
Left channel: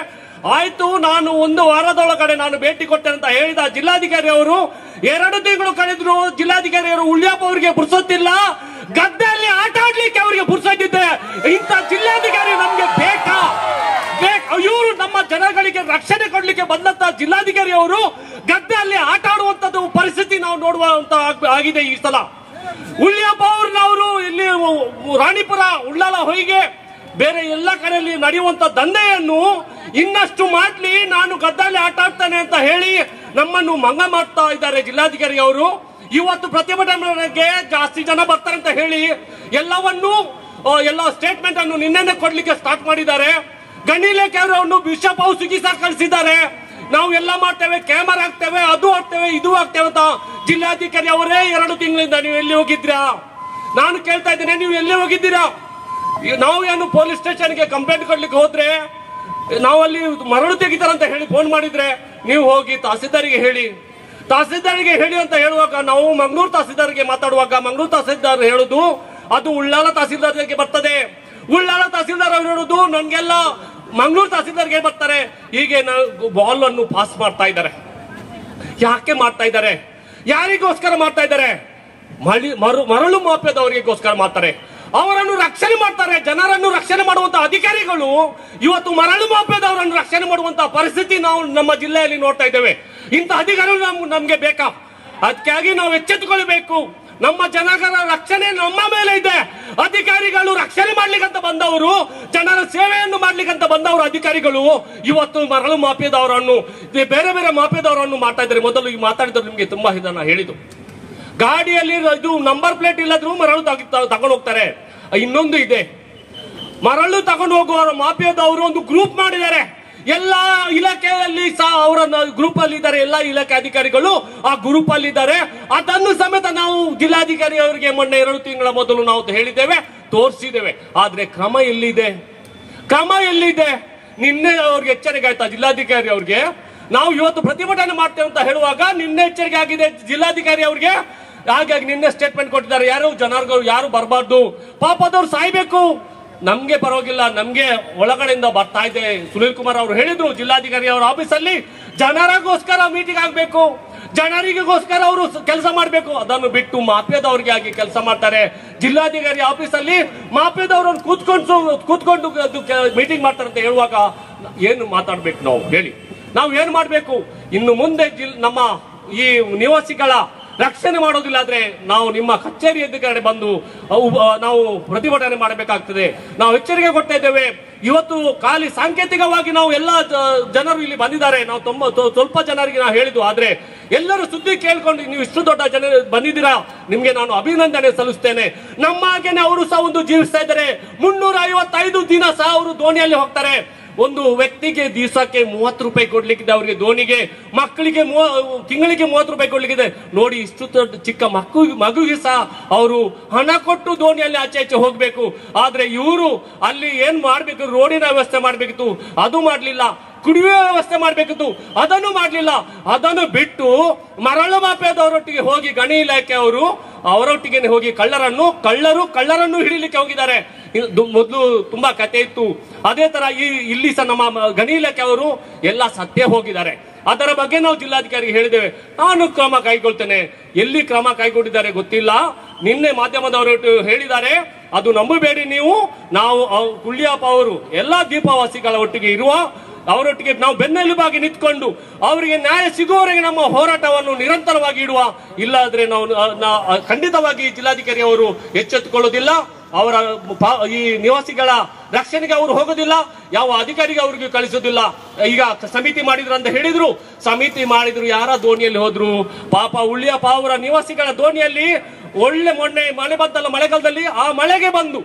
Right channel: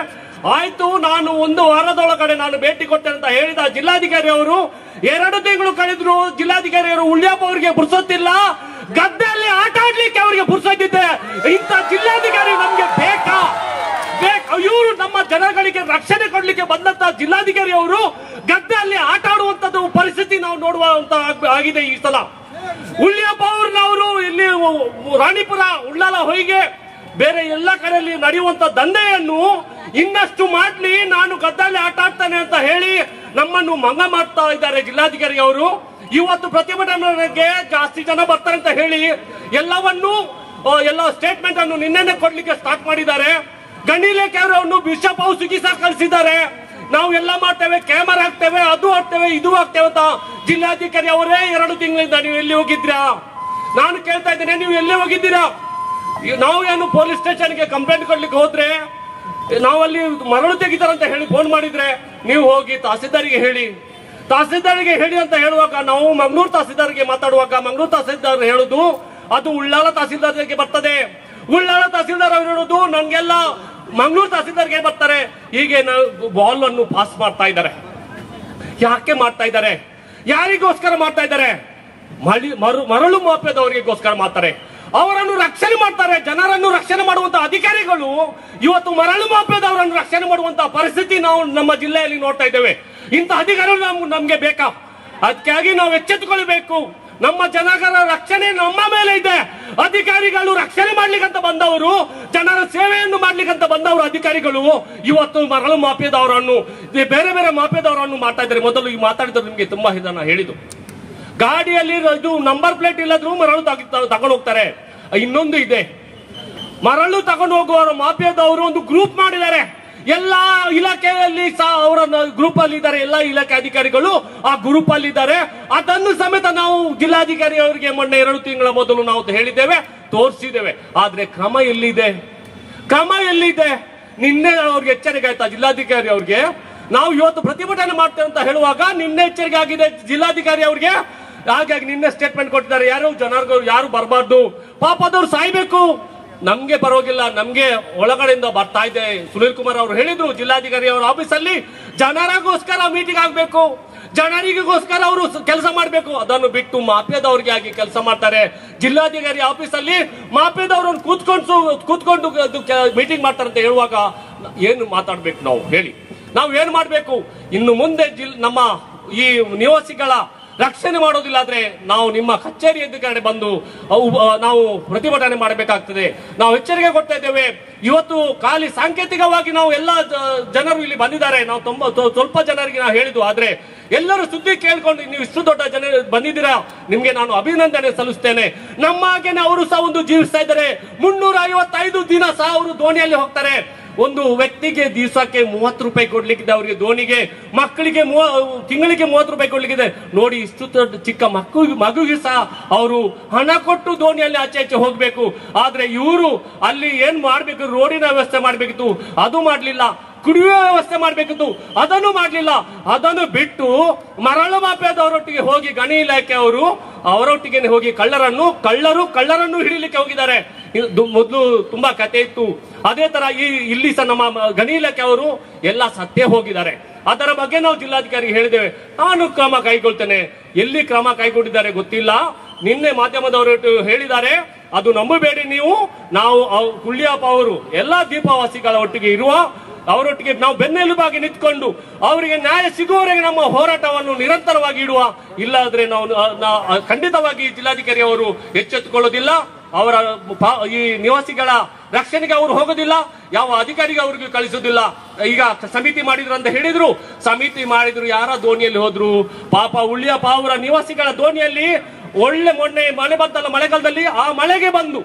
ಆಯ್ತು, ನಾನು 1 ವಾರದೊಳಗಡೆ ನಾನು ಭೇಟಿ ಕೊಟ್ಟೆ ಅಂತ ಹೇಳಿದ ಜಿಲ್ಲಾಧಿಕಾರಿ ಅವರು 2 ತಿಂಗಳು ಕಳೆದ್ರು. ಜಿಲ್ಲಾಧಿಕಾರಿ ಅವರು ಉಳ್ಳ್ಯಪ್ಪ ಅವರಿಗೆ ಪುರ್ಸೊತ್ತಿಲ್ಲ, ಗದ್ದೆಯಲ್ಲಿ ಆಟ ಆಡ್ಲಿಕ್ಕೆ ಅವರಿಗೆ ಪುರ್ಸೊತ್ತಿದೆ. ಇಂಥ ಜಿಲ್ಲಾಧಿಕಾರಿ ನಮ್ಗೆ ಬೇಕಾ? ಇವರು ನಮ್ಮ ಜನಗಳಿಗೆ ರಕ್ಷಣೆ ಕೊಡ್ಲಿಕ್ಕೆ ಬಂದಂತ ಜಿಲ್ಲಾಧಿಕಾರಿ ಅವರು ಗದ್ದೆಯಲ್ಲಿ ಆಟ ಆಡುವಂತದ್ದು ಪರಿಸ್ಥಿತಿ ನಾವು ನೋಡುವಂತ ಆಗಿದೆ ಈ ಸಲ. ಉಳ್ಳ್ಯಪ್ಪ ಅವ್ರನ್ನವರು ಇಲ್ಲಿ ರಾಣಿಪುರ, ಉಳ್ಳಾಲ, ಹೊಯ್ಗೆ ಬೇರೆ ಎಲ್ಲ ಕಡೆಯಲ್ಲಿ ನಡೆಯುವಂತ ದಂಧೆಯನ್ನು ಇನ್ನಷ್ಟು ಮಾಡ್ಲಿ, ನಾನು ಗದ್ದೆಯಲ್ಲಿ ಆಟ ಆಡ್ತಾನೆ ಅಂತ ಹೇಳಿ ನಮ್ಮನ್ನು ಮಂಗ ಮಾಡ್ತಾ ಇದ್ದಾರೆ ಜಿಲ್ಲಾಧಿಕಾರಿ ಅವರು. ಇವತ್ತು ಪ್ರತಿಭಟನೆಗೆ ಜಾಸ್ತಿ ಜನ ಬರ್ತಾರೆ ಅಂತ ಹೇಳಿ ಎಲ್ಲ ಸ್ಟೇಟ್ಮೆಂಟ್ ಅನ್ನು ನಿನ್ನೆ ಕೊಡ್ಲಿಕ್ಕೆ ಸ್ಟಾರ್ಟ್ ಮಾಡಿದ್ದಾರೆ. ಗಣಿ ಇಲಾಖೆ ಅವರನ್ನು ಬಿಷಪ್ ಹೌಸ್ ಚಿಕಿತ್ಸಾ ಕಳಿಸಿದ್ದಾರೆ. ನಾವು ಎಲ್ಲ ಮಾಡ್ತೇವೆ, ಕ್ಯಾಮರಾ ಹಾಕ್ತೇವೆ, ಅದು ಹಾಕ್ತೇವೆ, ಇದು ಹಾಕ್ತೇವೆ ಅಂತ ಜಿಲ್ಲಾಧಿಕಾರಿ ಅವರೇ 2 ತಿಂಗಳಿಂದ ನೀವು ಎಲ್ಲಿ ಹೋಗಿದ್ರಾ? ನಾನು ಕೇಳ್ತಾ ಇದ್ದೇನೆ, ನೀವು ಎಲ್ಲಿ ಹೋಗಿದ್ದೀರಾ? ನಾವು ಏನು ಪೊಲೀಸ್ ಸ್ಟೇಷನ್ಗೆ ಕಂಪ್ಲೇಂಟ್ ಕೊಡ್ಲಿಕ್ಕೆ ಹೋದ್ರೆ ನಾವು ಅಲ್ಲಿ ಮರಳು ತೆಗಿತಾರಂತ ಹೇಳಿ ಫೋನ್ ಮಾಡಿದ್ರೆ ನೀವು ಹೋಗಿ ತಹಸೀಲ್ದಾರಿಗೆ ಹೇಳಿ ಅಂತ ಹೇಳುವಾಗ ನಾವು ಮಂಗಳೂರು ತಹಸೀಲ್ದಾರ್ಗೆ ಮಾತಾಡುವಾಗ ಮಂಗಳೂರು ತಹಸೀಲ್ದಾರ್ ಹೇಳುದು ಅದು ಉಳ್ಳಾಲ ತಹಸೀಲ್ದಾರ್ಗೆ ಬರ್ತದೆ. ಉಳ್ಳಾಲ ತಹಸೀಲ್ದಾರ್ ಹೇಳುದು ನಂಗೆಲ್ಲ ಮಂಗಳೂರು ತಹಸೀಲ್ದಾರ್ಗೆ ಬರ್ತಾರೆ. ಹೀಗೆ ಬಾಲ್ ಅನ್ನು ಪಾಸ್ ಮಾಡ್ತಾ ಇದ್ದಾರೆ. ಯಾಕೆ ಮಾಡ್ತಾ ಇದ್ದಾರೆ? ಯಾರಿಗೋಸ್ಕರ ಮಾಡ್ತಾ ಇದ್ದಾರೆ? ಮರಳು ಮಾಫಿಯಾದವರಿಗೋಸ್ಕರ ಮಾಡ್ತಾರೆ. ಅವರನ್ನು ರಕ್ಷಣೆ ಮಾಡ್ತಾರೆ. ಜನರನ್ನು ರಕ್ಷಣೆ ಮಾಡುವಂತ ಅಧಿಕಾರಿಗಳು ಇವತ್ತು ಮರಳು ಮಾಫಿಯಾದವರನ್ನು ರಕ್ಷಣೆ ಮಾಡುವಂತಹ ಪರಿಸ್ಥಿತಿ ನಾವು ನಮ್ಮ ಜಿಲ್ಲೆಯಲ್ಲಿ ನೋಡ್ತಾ ಇದ್ದೇವೆ. ಇಂಥ ಅಧಿಕಾರಿಗಳು ನಮ್ಗೆ ಬೇಕಾ? ಅದಕ್ಕಾಗಿ ನಾವು ಎಚ್ಚೆತ್ತುಕೊಳ್ಬೇಕು. ನಮ್ಮ ಜನಗಳ ರಕ್ಷಣೆ ನಮ್ಮ ಮೇಲೆ ಇದೆ. ಅಧಿಕಾರಿಗಳು ರಕ್ಷಣೆ ಮಾಡ್ಲಿಕ್ಕಂತ ಬಂದವರು, ಜನರ ಸೇವೆಯನ್ನು ಮಾಡ್ಲಿಕ್ಕಂತ ಬಂದವರು ಅಧಿಕಾರಿಗಳು ಇವತ್ತು ಮರಳು ಮಾಫಿಯಾದವರನ್ನು, ಬೇರೆ ಬೇರೆ ಮಾಫಿಯಾದವರನ್ನು ಮಾಡ್ತಾ ಇದ್ದಾರೆ. ಮೊದಲು ಈ ಮಾತಾಡಿದ್ರು ನಿಮ್ಗೆ ತುಂಬಾ ಇದನ್ನ ಹೇಳಿದ್ದು, ಗಾಡಿಯಲ್ಲಿ ಇದು ನಂಬರ್ ಪ್ಲೇಟ್ ಇಲ್ಲದ್ರೂ ಮರಳು ತಗೊಂಡು ಹೋಗ್ತಾರೆ. ಇನ್ನೊಂದು ಇದೆ, ಮರಳು ತಗೊಂಡು ಹೋಗುವ ಮಾಫಿಯಾದವರು ಒಂದು ಗ್ರೂಪ್ ಮಾಡಿದ್ದಾರೆ. ಎಲ್ಲ ಇಲಾಖೆಯಲ್ಲಿ ಸಹ ಅವರ ಗ್ರೂಪ್ ಅಲ್ಲಿ ಇದ್ದಾರೆ. ಎಲ್ಲ ಇಲಾಖೆ ಅಧಿಕಾರಿಗಳು ಆ ಗ್ರೂಪ್ ಅಲ್ಲಿ ಇದ್ದಾರೆ. ಅದನ್ನು ಸಮೇತ ನಾವು ಜಿಲ್ಲಾಧಿಕಾರಿ ಅವರಿಗೆ ಮೊನ್ನೆ 2 ತಿಂಗಳ ಮೊದಲು ನಾವು ಹೇಳಿದ್ದೇವೆ, ತೋರಿಸಿದ್ದೇವೆ. ಆದ್ರೆ ಕ್ರಮ ಎಲ್ಲಿದೆ? ನಿನ್ನೆ ಅವ್ರಿಗೆ ಎಚ್ಚರಿಕೆ ಆಯ್ತಾ ಜಿಲ್ಲಾಧಿಕಾರಿ ಅವ್ರಿಗೆ? ನಾವು ಇವತ್ತು ಪ್ರತಿಭಟನೆ ಮಾಡ್ತೇವೆ ಅಂತ ಹೇಳುವಾಗ ನಿನ್ನೆ ಎಚ್ಚರಿಕೆ ಆಗಿದೆ ಜಿಲ್ಲಾಧಿಕಾರಿ ಅವ್ರಿಗೆ. ಹಾಗಾಗಿ ನಿನ್ನೆ ಸ್ಟೇಟ್ಮೆಂಟ್ ಕೊಟ್ಟಿದ್ದಾರೆ, ಯಾರು ಬರಬಾರ್ದು, ಪಾಪ ಅದವ್ರು ಸಾಯ್ಬೇಕು, ನಮ್ಗೆ ಪರವಾಗಿಲ್ಲ, ನಮ್ಗೆ ಒಳಗಡೆಯಿಂದ ಬರ್ತಾ ಇದೆ. ಸುನೀಲ್ ಕುಮಾರ್ ಅವರು ಹೇಳಿದ್ರು ಜಿಲ್ಲಾಧಿಕಾರಿ ಅವರ ಆಫೀಸಲ್ಲಿ ಜನರಿಗೋಸ್ಕರ ಮೀಟಿಂಗ್ ಆಗ್ಬೇಕು, ಜನರಿಗೋಸ್ಕರ ಅವರು ಕೆಲಸ ಮಾಡಬೇಕು. ಅದನ್ನು ಬಿಟ್ಟು ಮಾಫಿಯಾದವ್ರಿಗೆ ಆಗಿ ಕೆಲಸ ಮಾಡ್ತಾರೆ. ಜಿಲ್ಲಾಧಿಕಾರಿ ಆಫೀಸಲ್ಲಿ ಮಾಫಿಯಾದವ್ರನ್ನು ಕೂತ್ಕೊಂಡು ಮೀಟಿಂಗ್ ಮಾಡ್ತಾರೆ ಅಂತ ಹೇಳುವಾಗ ಏನು ಮಾತಾಡ್ಬೇಕು? ನಾವು ಹೇಳಿ, ನಾವು ಏನ್ ಮಾಡ್ಬೇಕು? ಇನ್ನು ಮುಂದೆ ನಮ್ಮ ಈ ನಿವಾಸಿಗಳ ರಕ್ಷಣೆ ಮಾಡೋದಿಲ್ಲ ಆದ್ರೆ ನಾವು ನಿಮ್ಮ ಕಚೇರಿ ಎದುರುಗಡೆ ಬಂದು ನಾವು ಪ್ರತಿಭಟನೆ ಮಾಡಬೇಕಾಗ್ತದೆ. ನಾವು ಎಚ್ಚರಿಕೆ ಕೊಡ್ತಾ ಇದ್ದೇವೆ. ಇವತ್ತು ಖಾಲಿ ಸಾಂಕೇತಿಕವಾಗಿ ನಾವು ಎಲ್ಲ ಜನರು ಇಲ್ಲಿ ಬಂದಿದ್ದಾರೆ. ನಾವು ಸ್ವಲ್ಪ ಜನರಿಗೆ ನಾವು ಹೇಳಿದ್ವು, ಆದ್ರೆ ಎಲ್ಲರೂ ಸುದ್ದಿ ಕೇಳ್ಕೊಂಡು ನೀವು ಇಷ್ಟು ದೊಡ್ಡ ಜನರು ಬಂದಿದ್ದೀರಾ, ನಿಮ್ಗೆ ನಾನು ಅಭಿನಂದನೆ ಸಲ್ಲಿಸ್ತೇನೆ. ನಮ್ಮ ಹಾಗೇನೆ ಅವರು ಸಹ ಒಂದು ಜೀವಿಸ್ತಾ ಇದ್ದಾರೆ. 355 ದಿನ ಸಹ ಅವರು ದೋಣಿಯಲ್ಲಿ ಹೋಗ್ತಾರೆ. ಒಂದು ವ್ಯಕ್ತಿಗೆ ದಿವಸಕ್ಕೆ 30 ರೂಪಾಯಿ ಕೊಡ್ಲಿಕ್ಕಿದೆ ಅವರಿಗೆ, ದೋಣಿಗೆ. ಮಕ್ಕಳಿಗೆ ತಿಂಗಳಿಗೆ 30 ರೂಪಾಯಿ ಕೊಡ್ಲಿಕ್ಕಿದೆ. ನೋಡಿ, ಇಷ್ಟು ಚಿಕ್ಕ ಮಗುಗೆ ಸಹ ಅವರು ಹಣ ಕೊಟ್ಟು ದೋಣಿಯಲ್ಲಿ ಆಚೆ ಹೋಗ್ಬೇಕು. ಆದ್ರೆ ಇವರು ಅಲ್ಲಿ ಏನ್ ಮಾಡ್ಬೇಕು? ರೋಡಿನ ವ್ಯವಸ್ಥೆ ಮಾಡ್ಬೇಕಿತ್ತು, ಅದು ಮಾಡ್ಲಿಲ್ಲ. ಕುಡಿಯುವ ವ್ಯವಸ್ಥೆ ಮಾಡ್ಬೇಕಿತ್ತು, ಅದನ್ನು ಮಾಡ್ಲಿಲ್ಲ. ಅದನ್ನು ಬಿಟ್ಟು ಮರಳು ಮಾಫಿಯಾದವರೊಟ್ಟಿಗೆ ಹೋಗಿ ಗಣಿ ಇಲಾಖೆ ಅವರು ಅವರೊಟ್ಟಿಗೆ ಹೋಗಿ ಕಳ್ಳರನ್ನು ಹಿಡಿಲಿಕ್ಕೆ ಹೋಗಿದ್ದಾರೆ. ಮೊದಲು ತುಂಬಾ ಕತೆ ಇತ್ತು. ಅದೇ ತರ ಇಲ್ಲಿ ಸಹ ನಮ್ಮ ಗಣಿ ಇಲಾಖೆ ಅವರು ಎಲ್ಲ ಸತ್ಯ ಹೋಗಿದ್ದಾರೆ. ಅದರ ಬಗ್ಗೆ ನಾವು ಜಿಲ್ಲಾಧಿಕಾರಿಗೆ ಹೇಳಿದ್ದೇವೆ. ನಾನು ಕ್ರಮ ಕೈಗೊಳ್ತೇನೆ. ಎಲ್ಲಿ ಕ್ರಮ ಕೈಗೊಂಡಿದ್ದಾರೆ ಗೊತ್ತಿಲ್ಲ. ನಿನ್ನೆ ಮಾಧ್ಯಮದವರು ಹೇಳಿದ್ದಾರೆ, ಅದು ನಂಬಬೇಡಿ ನೀವು. ನಾವು ಉಳ್ಳ್ಯಪ್ಪ ಅವರು ಎಲ್ಲಾ ದೀಪವಾಸಿಗಳ ಒಟ್ಟಿಗೆ ಇರುವ, ಅವರೊಟ್ಟಿಗೆ ನಾವು ಬೆನ್ನೆಲುಬಾಗಿ ನಿಂತ್ಕೊಂಡು ಅವರಿಗೆ ನ್ಯಾಯ ಸಿಗುವವರೆಗೆ ನಮ್ಮ ಹೋರಾಟವನ್ನು ನಿರಂತರವಾಗಿ ಇಡುವ. ಇಲ್ಲಾದ್ರೆ ನಾವು ಖಂಡಿತವಾಗಿ ಜಿಲ್ಲಾಧಿಕಾರಿ ಅವರು ಎಚ್ಚೆತ್ತುಕೊಳ್ಳೋದಿಲ್ಲ. ಅವರ ಈ ನಿವಾಸಿಗಳ ರಕ್ಷಣೆಗೆ ಅವರು ಹೋಗೋದಿಲ್ಲ, ಯಾವ ಅಧಿಕಾರಿಗೆ ಅವ್ರಿಗೆ ಕಳಿಸೋದಿಲ್ಲ. ಈಗ ಸಮಿತಿ ಮಾಡಿದ್ರು ಅಂತ ಹೇಳಿದ್ರು, ಸಮಿತಿ ಮಾಡಿದ್ರು, ಯಾರ ದೋಣಿಯಲ್ಲಿ ಹೋದ್ರು? ಪಾಪ ಉಳ್ಳ್ಯಪ್ಪ ಅವರ ನಿವಾಸಿಗಳ ದೋಣಿಯಲ್ಲಿ ಮೊನ್ನೆ ಮಳೆ ಬಂತಲ್ಲ, ಮಳೆಗಾಲದಲ್ಲಿ ಆ ಮಳೆಗೆ ಬಂದು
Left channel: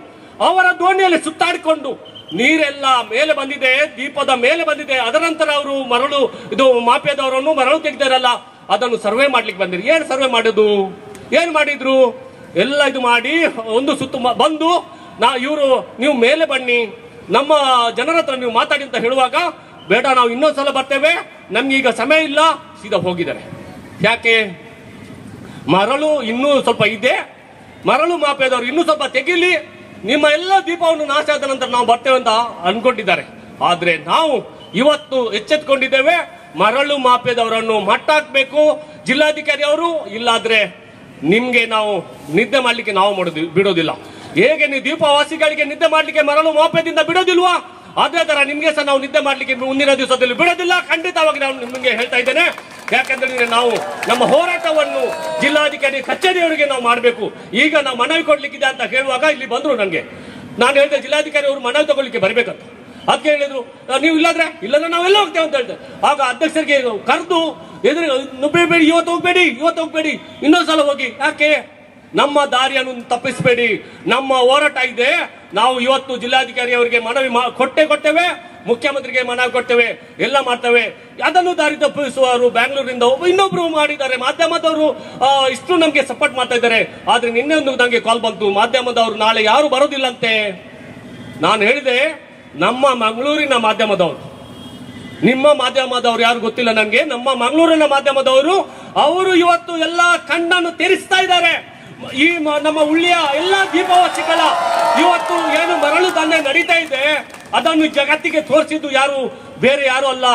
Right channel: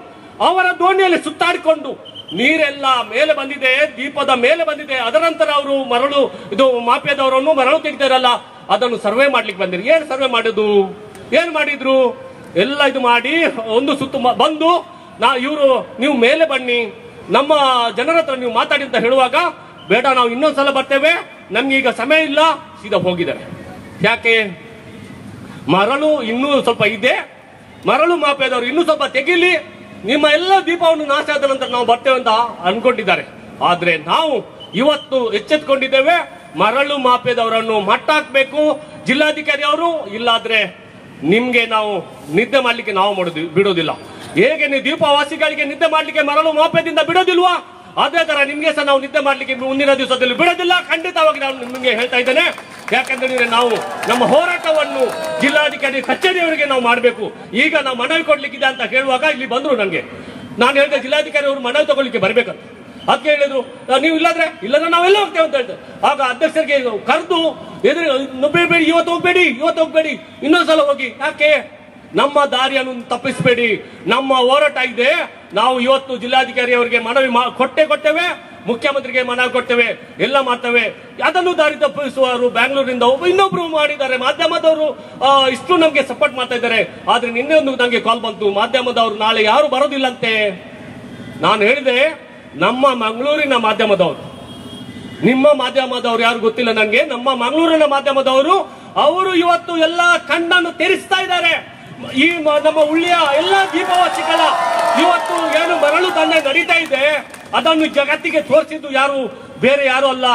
ಅವರ ದೋಣಿಯಲ್ಲಿ ಸುತ್ತಾಡಿಕೊಂಡು ನೀರೆಲ್ಲ ಮೇಲೆ ಬಂದಿದೆ, ದೀಪದ ಮೇಲೆ ಬಂದಿದೆ. ಅದರ ನಂತರ ಅವರು ಮರಳು ಇದು ಮಾಫಿಯಾದವರನ್ನು ಮರಳು ತೆಗೆದಾರಲ್ಲ, ಅದನ್ನು ಸರ್ವೆ ಮಾಡ್ಲಿಕ್ಕೆ ಬಂದಿರಿ. ಏನ್ ಸರ್ವೆ ಮಾಡುದು? ಏನ್ ಮಾಡಿದ್ರು? ಎಲ್ಲ ಇದು ಮಾಡಿ ಒಂದು ಸುತ್ತು ಬಂದು ನೀವು ಮೇಲೆ ಬನ್ನಿ, ನಮ್ಮ ಜನರ ಹತ್ರ ನೀವು ಮಾತಾಡಿ ಅಂತ ಹೇಳುವಾಗ, ಬೇಡ ನಾವು ಇನ್ನೊಂದ್ಸಲ ಬರ್ತೇವೆ, ನಮ್ಗೆ ಈಗ ಸಮಯ ಇಲ್ಲ, ಸೀದಾ ಹೋಗಿದ್ದಾರೆ. ಯಾಕೆ? ಮರಳು ಇನ್ನೂ ಸ್ವಲ್ಪ ಇದೆ, ಮರಳು ಮಾಫಿಯಾದವರು ಇನ್ನೂ ಸ್ವಲ್ಪ ತೆಗಿಲಿ, ನಿಮ್ಮ ಎಲ್ಲ ದೀಪವನ್ನು ನಾಶ ಆದ ನಂತರ ನಾವು ಬರ್ತೇವೆ ಅಂತ ಅನ್ಕೊಂಡಿದ್ದಾರೆ. ಆದ್ರೆ ನಾವು ಇವತ್ತು ಎಚ್ಚೆತ್ಕೊಂಡಿದ್ದೇವೆ, ಮರಳು ಮಾಫಿಯಾದವರನ್ನು ಮಟ್ಟ ಹಾಕ್ಬೇಕು ಜಿಲ್ಲಾಧಿಕಾರಿ ಅವರು, ಇಲ್ಲಾದ್ರೆ ನಿಮ್ಗೆ ನಾವು ನಿದ್ದೆ ಮಾಡ್ಲಿಕ್ಕೆ ನಾವು ಬಿಡೋದಿಲ್ಲ. ಹೇಗೆ ನೀವು ದೀಪವಾಸಿಗಳಿಗೆ ನಿದ್ದೆ ಮಾಡ್ಲಿಕ್ಕೆ ಮರಳು ಮಾಫಿಯಾದಿಂದ ಬಿಡೋದಿಲ್ವಾ, ಅದೇ ತರ ನಿಮ್ಗೆ ಸಹ ನಾವು ನಿದ್ದೆ ಮಾಡ್ಲಿಕ್ಕೆ ಮುಂದಿನ ದಿವಸದಲ್ಲಿ ಬಿಡೋದಿಲ್ಲ. ಖಂಡಿತವಾಗಿ ನಾನು ನಿಮ್ಗೆ ಹೇಳ್ತಾ ಇದ್ದೇನೆ. ಯಾಕಂದ್ರೆ ನಾವು ನಮ್ಮ ಹೋರಾಟವನ್ನು ಜಿಲ್ಲಾಧಿಕಾರಿ ಕಚೇರಿಯವರಿಗೆ ನಾವು ಮಾಡಬೇಕು. ಈಗ ನಾವು ಮನವಿ ಕೊಡ್ಲಿಕ್ಕಿದೆ ಅಂತ ಹೇಳುವಾಗ ಇಲ್ಲಿ ಬಂದ್ರು ನನಗೆ. ನಾನು ಹೇಳಿದೆ ಜಿಲ್ಲಾಧಿಕಾರಿ ಅವರು ಮನವಿ ತಗೊಳ್ಳಿಕ್ಕೆ ಬರ್ಬೇಕಂತ. ಅದಕ್ಕೆ ಹೇಳಿದ್ರು ನೀವು ಇಲ್ಲಾದ್ರೆ ನಾವೆಲ್ಲ ಹೋಗ್ತೇವೆ ಅಂತ ಹೇಳಿದೆ. ಆಗ ಅಧ್ಯಕ್ಷರಿಗೆ ಕರೆದು ನುಬ್ಬೇಡಿ, ಇವತ್ತು ಹೋಗ್ಬೇಡಿ, ಇನ್ನೊಂದ್ಸಲ ಹೋಗಿ. ಯಾಕೆ? ನಮ್ಮ ದಾರಿಯನ್ನು ತಪ್ಪಿಸಬೇಡಿ, ನಮ್ಮ ಹೋರಾಟ ಇದೆ. ನಾವು ಇವತ್ತು ಜಿಲ್ಲಾಧಿಕಾರಿ ಅವರಿಗೆ ಮನವಿ ಕೊಟ್ಟೇವೆ, ಮುಖ್ಯಮಂತ್ರಿಗೆ ಮನವಿ ಕೊಡ್ತೇವೆ, ಎಲ್ಲ ಮಾಡ್ತೇವೆ. ಅದನ್ನು ದಾರಿ ತಪ್ಪಿಸುವವರು ಬ್ಯಾಂಗ್ಳೂರಿಂದ ಇನ್ನೊಬ್ರು ಮಾಡಿದ್ದಾರೆ. ಮಾಧ್ಯಮದವರು ಇಷ್ಟು ನಮ್ಗೆ ಸಪೋರ್ಟ್ ಮಾಡ್ತಾ ಇದ್ದಾರೆ. ಆದ್ರೆ ನಿನ್ನೆ ಒಂದು ನಂಗೆ ಕಾಲ್ ಬಂತು, ಮಾಧ್ಯಮದವರು ನಾಳೆ ಯಾರು ಬರೋದಿಲ್ಲಂತೆ. ನಾನು ಹೇಳಿದೆ, ನಮ್ಮ ಮಂಗಳೂರಿನ ಮಾಧ್ಯಮದವರು, ನಿಮ್ಮ ಮಾಧ್ಯಮದವರು ಯಾರು ಗೊತ್ತಿಲ್ಲ ನನಗೆ, ನಮ್ಮ ಮಂಗಳೂರಿನ ಮಾಧ್ಯಮದವರು ಅವರು ಇವತ್ತು ಎಲ್ಲ ಕಣ್ಣನ್ನು ತೆರೆಸ್ತಾ ಇದ್ದಾರೆ. ಈ ನಮ್ಮ ಉಳ್ಳಿಯ ಎಲ್ಲ ದೀಪವಾಸಿಗಳ ಇವತ್ತು ಏನು ಮರಳು ದಂಧೆ ನಡೀತಾ ಇದೆ, ಅದನ್ನು ಜಗತ್ತಿಗೆ ತೋರಿಸಿದ್ದು ಯಾರು, ಬೇರೆ ಯಾರು ಅಲ್ಲ,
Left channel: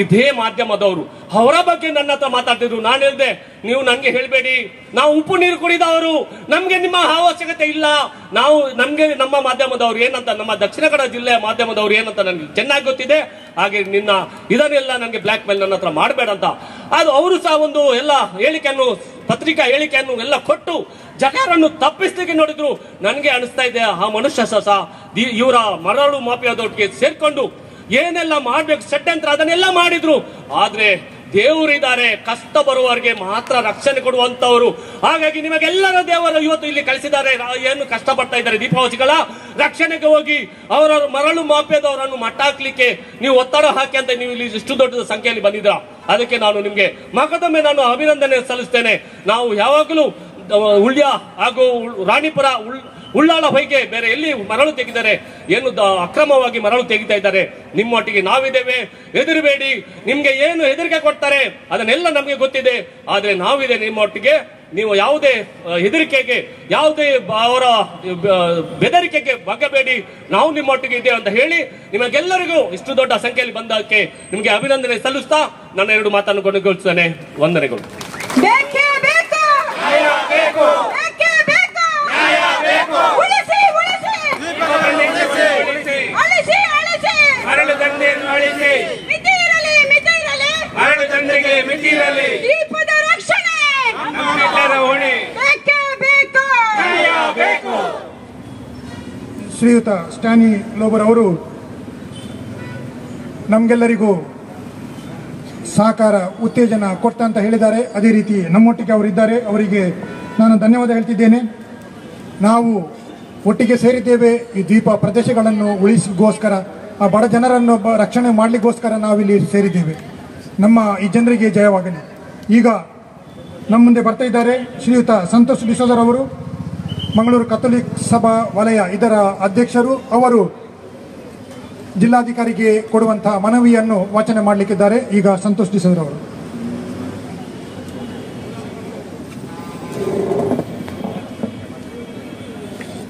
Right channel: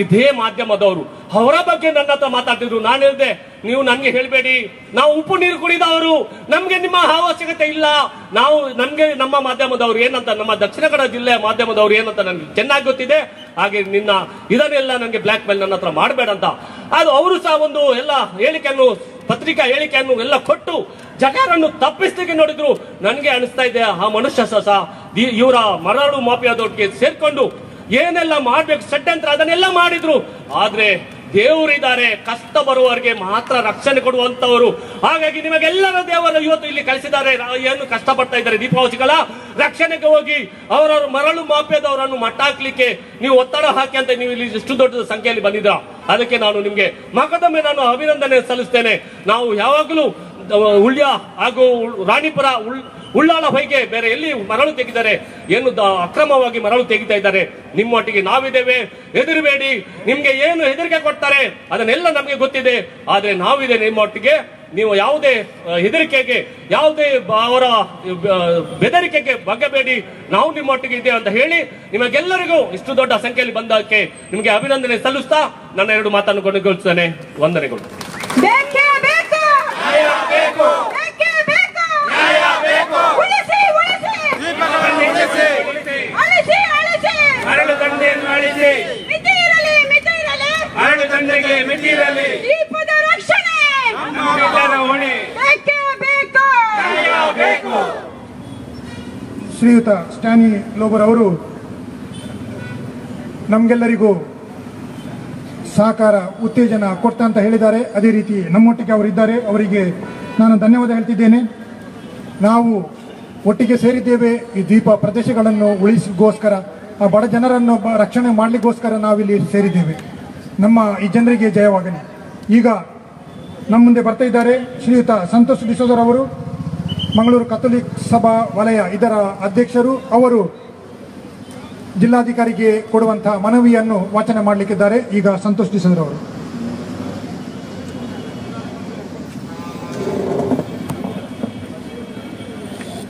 ಇದೇ ಮಾಧ್ಯಮದವರು. ಅವರ ಬಗ್ಗೆ ನನ್ನ ಹತ್ರ ಮಾತಾಡ್ತಿದ್ರು. ನಾನು ಹೇಳಿದೆ, ನೀವು ನನ್ಗೆ ಹೇಳ್ಬೇಡಿ, ನಾವು ಉಪ್ಪು ನೀರು ಕುಡಿದವರು, ನಮ್ಗೆ ನಿಮ್ಮ ಅವಶ್ಯಕತೆ ಇಲ್ಲ. ನಮ್ಗೆ ನಮ್ಮ ಮಾಧ್ಯಮದವರು ಏನಂತ, ನಮ್ಮ ದಕ್ಷಿಣ ಕನ್ನಡ ಜಿಲ್ಲೆಯ ಮಾಧ್ಯಮದವರು ಏನಂತ ನನ್ಗೆ ಚೆನ್ನಾಗಿ ಗೊತ್ತಿದೆ. ಹಾಗೆ ಇದನ್ನೆಲ್ಲ ನಂಗೆ ಬ್ಲಾಕ್ ಮೇಲ್ ನನ್ನ ಹತ್ರ ಮಾಡಬೇಡ ಅಂತ. ಅದು ಅವರು ಸಹ ಒಂದು ಎಲ್ಲ ಹೇಳಿಕೆಯನ್ನು, ಪತ್ರಿಕಾ ಹೇಳಿಕೆಯನ್ನು ಎಲ್ಲ ಕೊಟ್ಟು ಜಗರನ್ನು ತಪ್ಪಿಸ್ಲಿಕ್ಕೆ ನೋಡಿದ್ರು. ನನಗೆ ಅನಿಸ್ತಾ ಇದೆ, ಆ ಮನುಷ್ಯ ಸಹ ಇವರ ಮರಳು ಮಾಫಿಯಾದೊಟ್ಟಿಗೆ ಸೇರ್ಕೊಂಡು ಏನೆಲ್ಲ ಮಾಡ್ಬೇಕು ಷಡ್ಯಂತ್ರ ಅದನ್ನೆಲ್ಲ ಮಾಡಿದ್ರು. ಆದ್ರೆ ದೇವರಿದ್ದಾರೆ, ಕಷ್ಟ ಬರುವವರಿಗೆ ಮಾತ್ರ ರಕ್ಷಣೆ ಕೊಡುವಂತವರು. ಹಾಗಾಗಿ ನಿಮಗೆಲ್ಲರ ದೇವರು ಇವತ್ತು ಇಲ್ಲಿ ಕಳಿಸಿದ್ದಾರೆ. ಏನು ಕಷ್ಟಪಡ್ತಾ ಇದ್ದಾರೆ ದೀಪವಾಸಿಗಳ ರಕ್ಷಣೆಗೆ ಹೋಗಿ ಅವರ ಮರಳು ಮಾಫಿಯಾದವರನ್ನು ಮಟ್ಟ ಹಾಕ್ಲಿಕ್ಕೆ ನೀವು ಒತ್ತಡ ಹಾಕಿ ಅಂತ ನೀವು ಇಲ್ಲಿ ಇಷ್ಟು ದೊಡ್ಡ ಸಂಖ್ಯೆಯಲ್ಲಿ ಬಂದಿದ್ರ. ಅದಕ್ಕೆ ನಾನು ನಿಮ್ಗೆ ಮಗದೊಮ್ಮೆ ನಾನು ಅಭಿನಂದನೆ ಸಲ್ಲಿಸ್ತೇನೆ. ನಾವು ಯಾವಾಗಲೂ ಉಳ್ಯ ಹಾಗೂ ರಾಣಿಪುರ, ಉಳ್ಳಾಳ ಹೊಯ್ಗೆ ಬೇರೆ ಎಲ್ಲಿ ಮರಳು ತೆಗಿದ್ದಾರೆ, ಏನು ಅಕ್ರಮವಾಗಿ ಮರಳು ತೆಗಿತಾ ಇದ್ದಾರೆ, ನಿಮ್ಮೊಟ್ಟಿಗೆ ನಾವಿದ್ದೇವೆ, ಹೆದರಬೇಡಿ. ನಿಮ್ಗೆ ಏನು ಹೆದರಿಕೆ ಕೊಡ್ತಾರೆ ಅದನ್ನೆಲ್ಲ ನಮಗೆ ಗೊತ್ತಿದೆ, ಆದ್ರೆ ನಾವಿದೆ ನಿಮ್ಮೊಟ್ಟಿಗೆ. ನೀವು ಯಾವುದೇ ಹೆದರಿಕೆಗೆ, ಯಾವುದೇ ಅವರ ಬೆದರಿಕೆಗೆ ಬಗ್ಗಬೇಡಿ, ನಾವು ನಿಮ್ಮೊಟ್ಟಿಗೆ ಇದ್ದೇವೆ ಅಂತ ಹೇಳಿ ನಿಮಗೆಲ್ಲರಿಗೂ ಇಷ್ಟು ದೊಡ್ಡ ಸಂಖ್ಯೆಯಲ್ಲಿ ಬಂದಕ್ಕೆ ನಿಮಗೆ ಅಭಿನಂದನೆ ಸಲ್ಲಿಸ್ತಾ ನನ್ನ ಎರಡು ಮಾತನ್ನು ಕೊನೆಗೊಳಿಸುತ್ತೇನೆ. ವಂದನೆಗಳು. ಮರಳು ದಂಧೆಯನ್ನು ಅಳಿಸಿ, ಮರಳು ದಂಧೆಗೆ ಮಿತಿರಲಿ, ದೀಪದ ರಕ್ಷಣೆ ನಮ್ಮೆಲ್ಲರ ಹೊಣೆ. ಶ್ರೀಯುತ ಸ್ಟ್ಯಾನಿ ಲೋಬರ್ ಅವರು ನಮಗೆಲ್ಲರಿಗೂ ಸಹಕಾರ, ಉತ್ತೇಜನ ಕೊಡ್ತಾ ಅಂತ ಹೇಳಿದ್ದಾರೆ. ಅದೇ ರೀತಿ ನಮ್ಮೊಟ್ಟಿಗೆ ಅವರಿದ್ದಾರೆ, ಅವರಿಗೆ ನಾನು ಧನ್ಯವಾದ ಹೇಳ್ತಿದ್ದೇನೆ. ನಾವು ಒಟ್ಟಿಗೆ ಸೇರಿದ್ದೇವೆ ಈ ದ್ವೀಪ ಪ್ರದೇಶಗಳನ್ನು ಉಳಿಸಿಗೋಸ್ಕರ, ಆ ಬಡ ಜನರನ್ನು ರಕ್ಷಣೆ ಮಾಡಲಿಕ್ಕೋಸ್ಕರ ನಾವಿಲ್ಲಿ ಸೇರಿದ್ದೇವೆ. ನಮ್ಮ ಈ ಜನರಿಗೆ ಜಯವಾಗಲಿ. ಈಗ ನಮ್ಮ ಮುಂದೆ ಬರ್ತಾ ಇದ್ದಾರೆ ಶ್ರೀಯುತ ಸಂತೋಷ್ ಡಿಸೋದರ್ ಅವರು, ಮಂಗಳೂರು ಕಥೋಲಿಕ್ ಸಭಾ ವಲಯ ಇದರ ಅಧ್ಯಕ್ಷರು. ಅವರು ಜಿಲ್ಲಾಧಿಕಾರಿಗೆ ಕೊಡುವಂತಹ ಮನವಿಯನ್ನು ವಾಚನ ಮಾಡಲಿಕ್ಕಿದ್ದಾರೆ. ಈಗ ಸಂತೋಷ್ ಡಿಸೋದರ್ ಅವರು.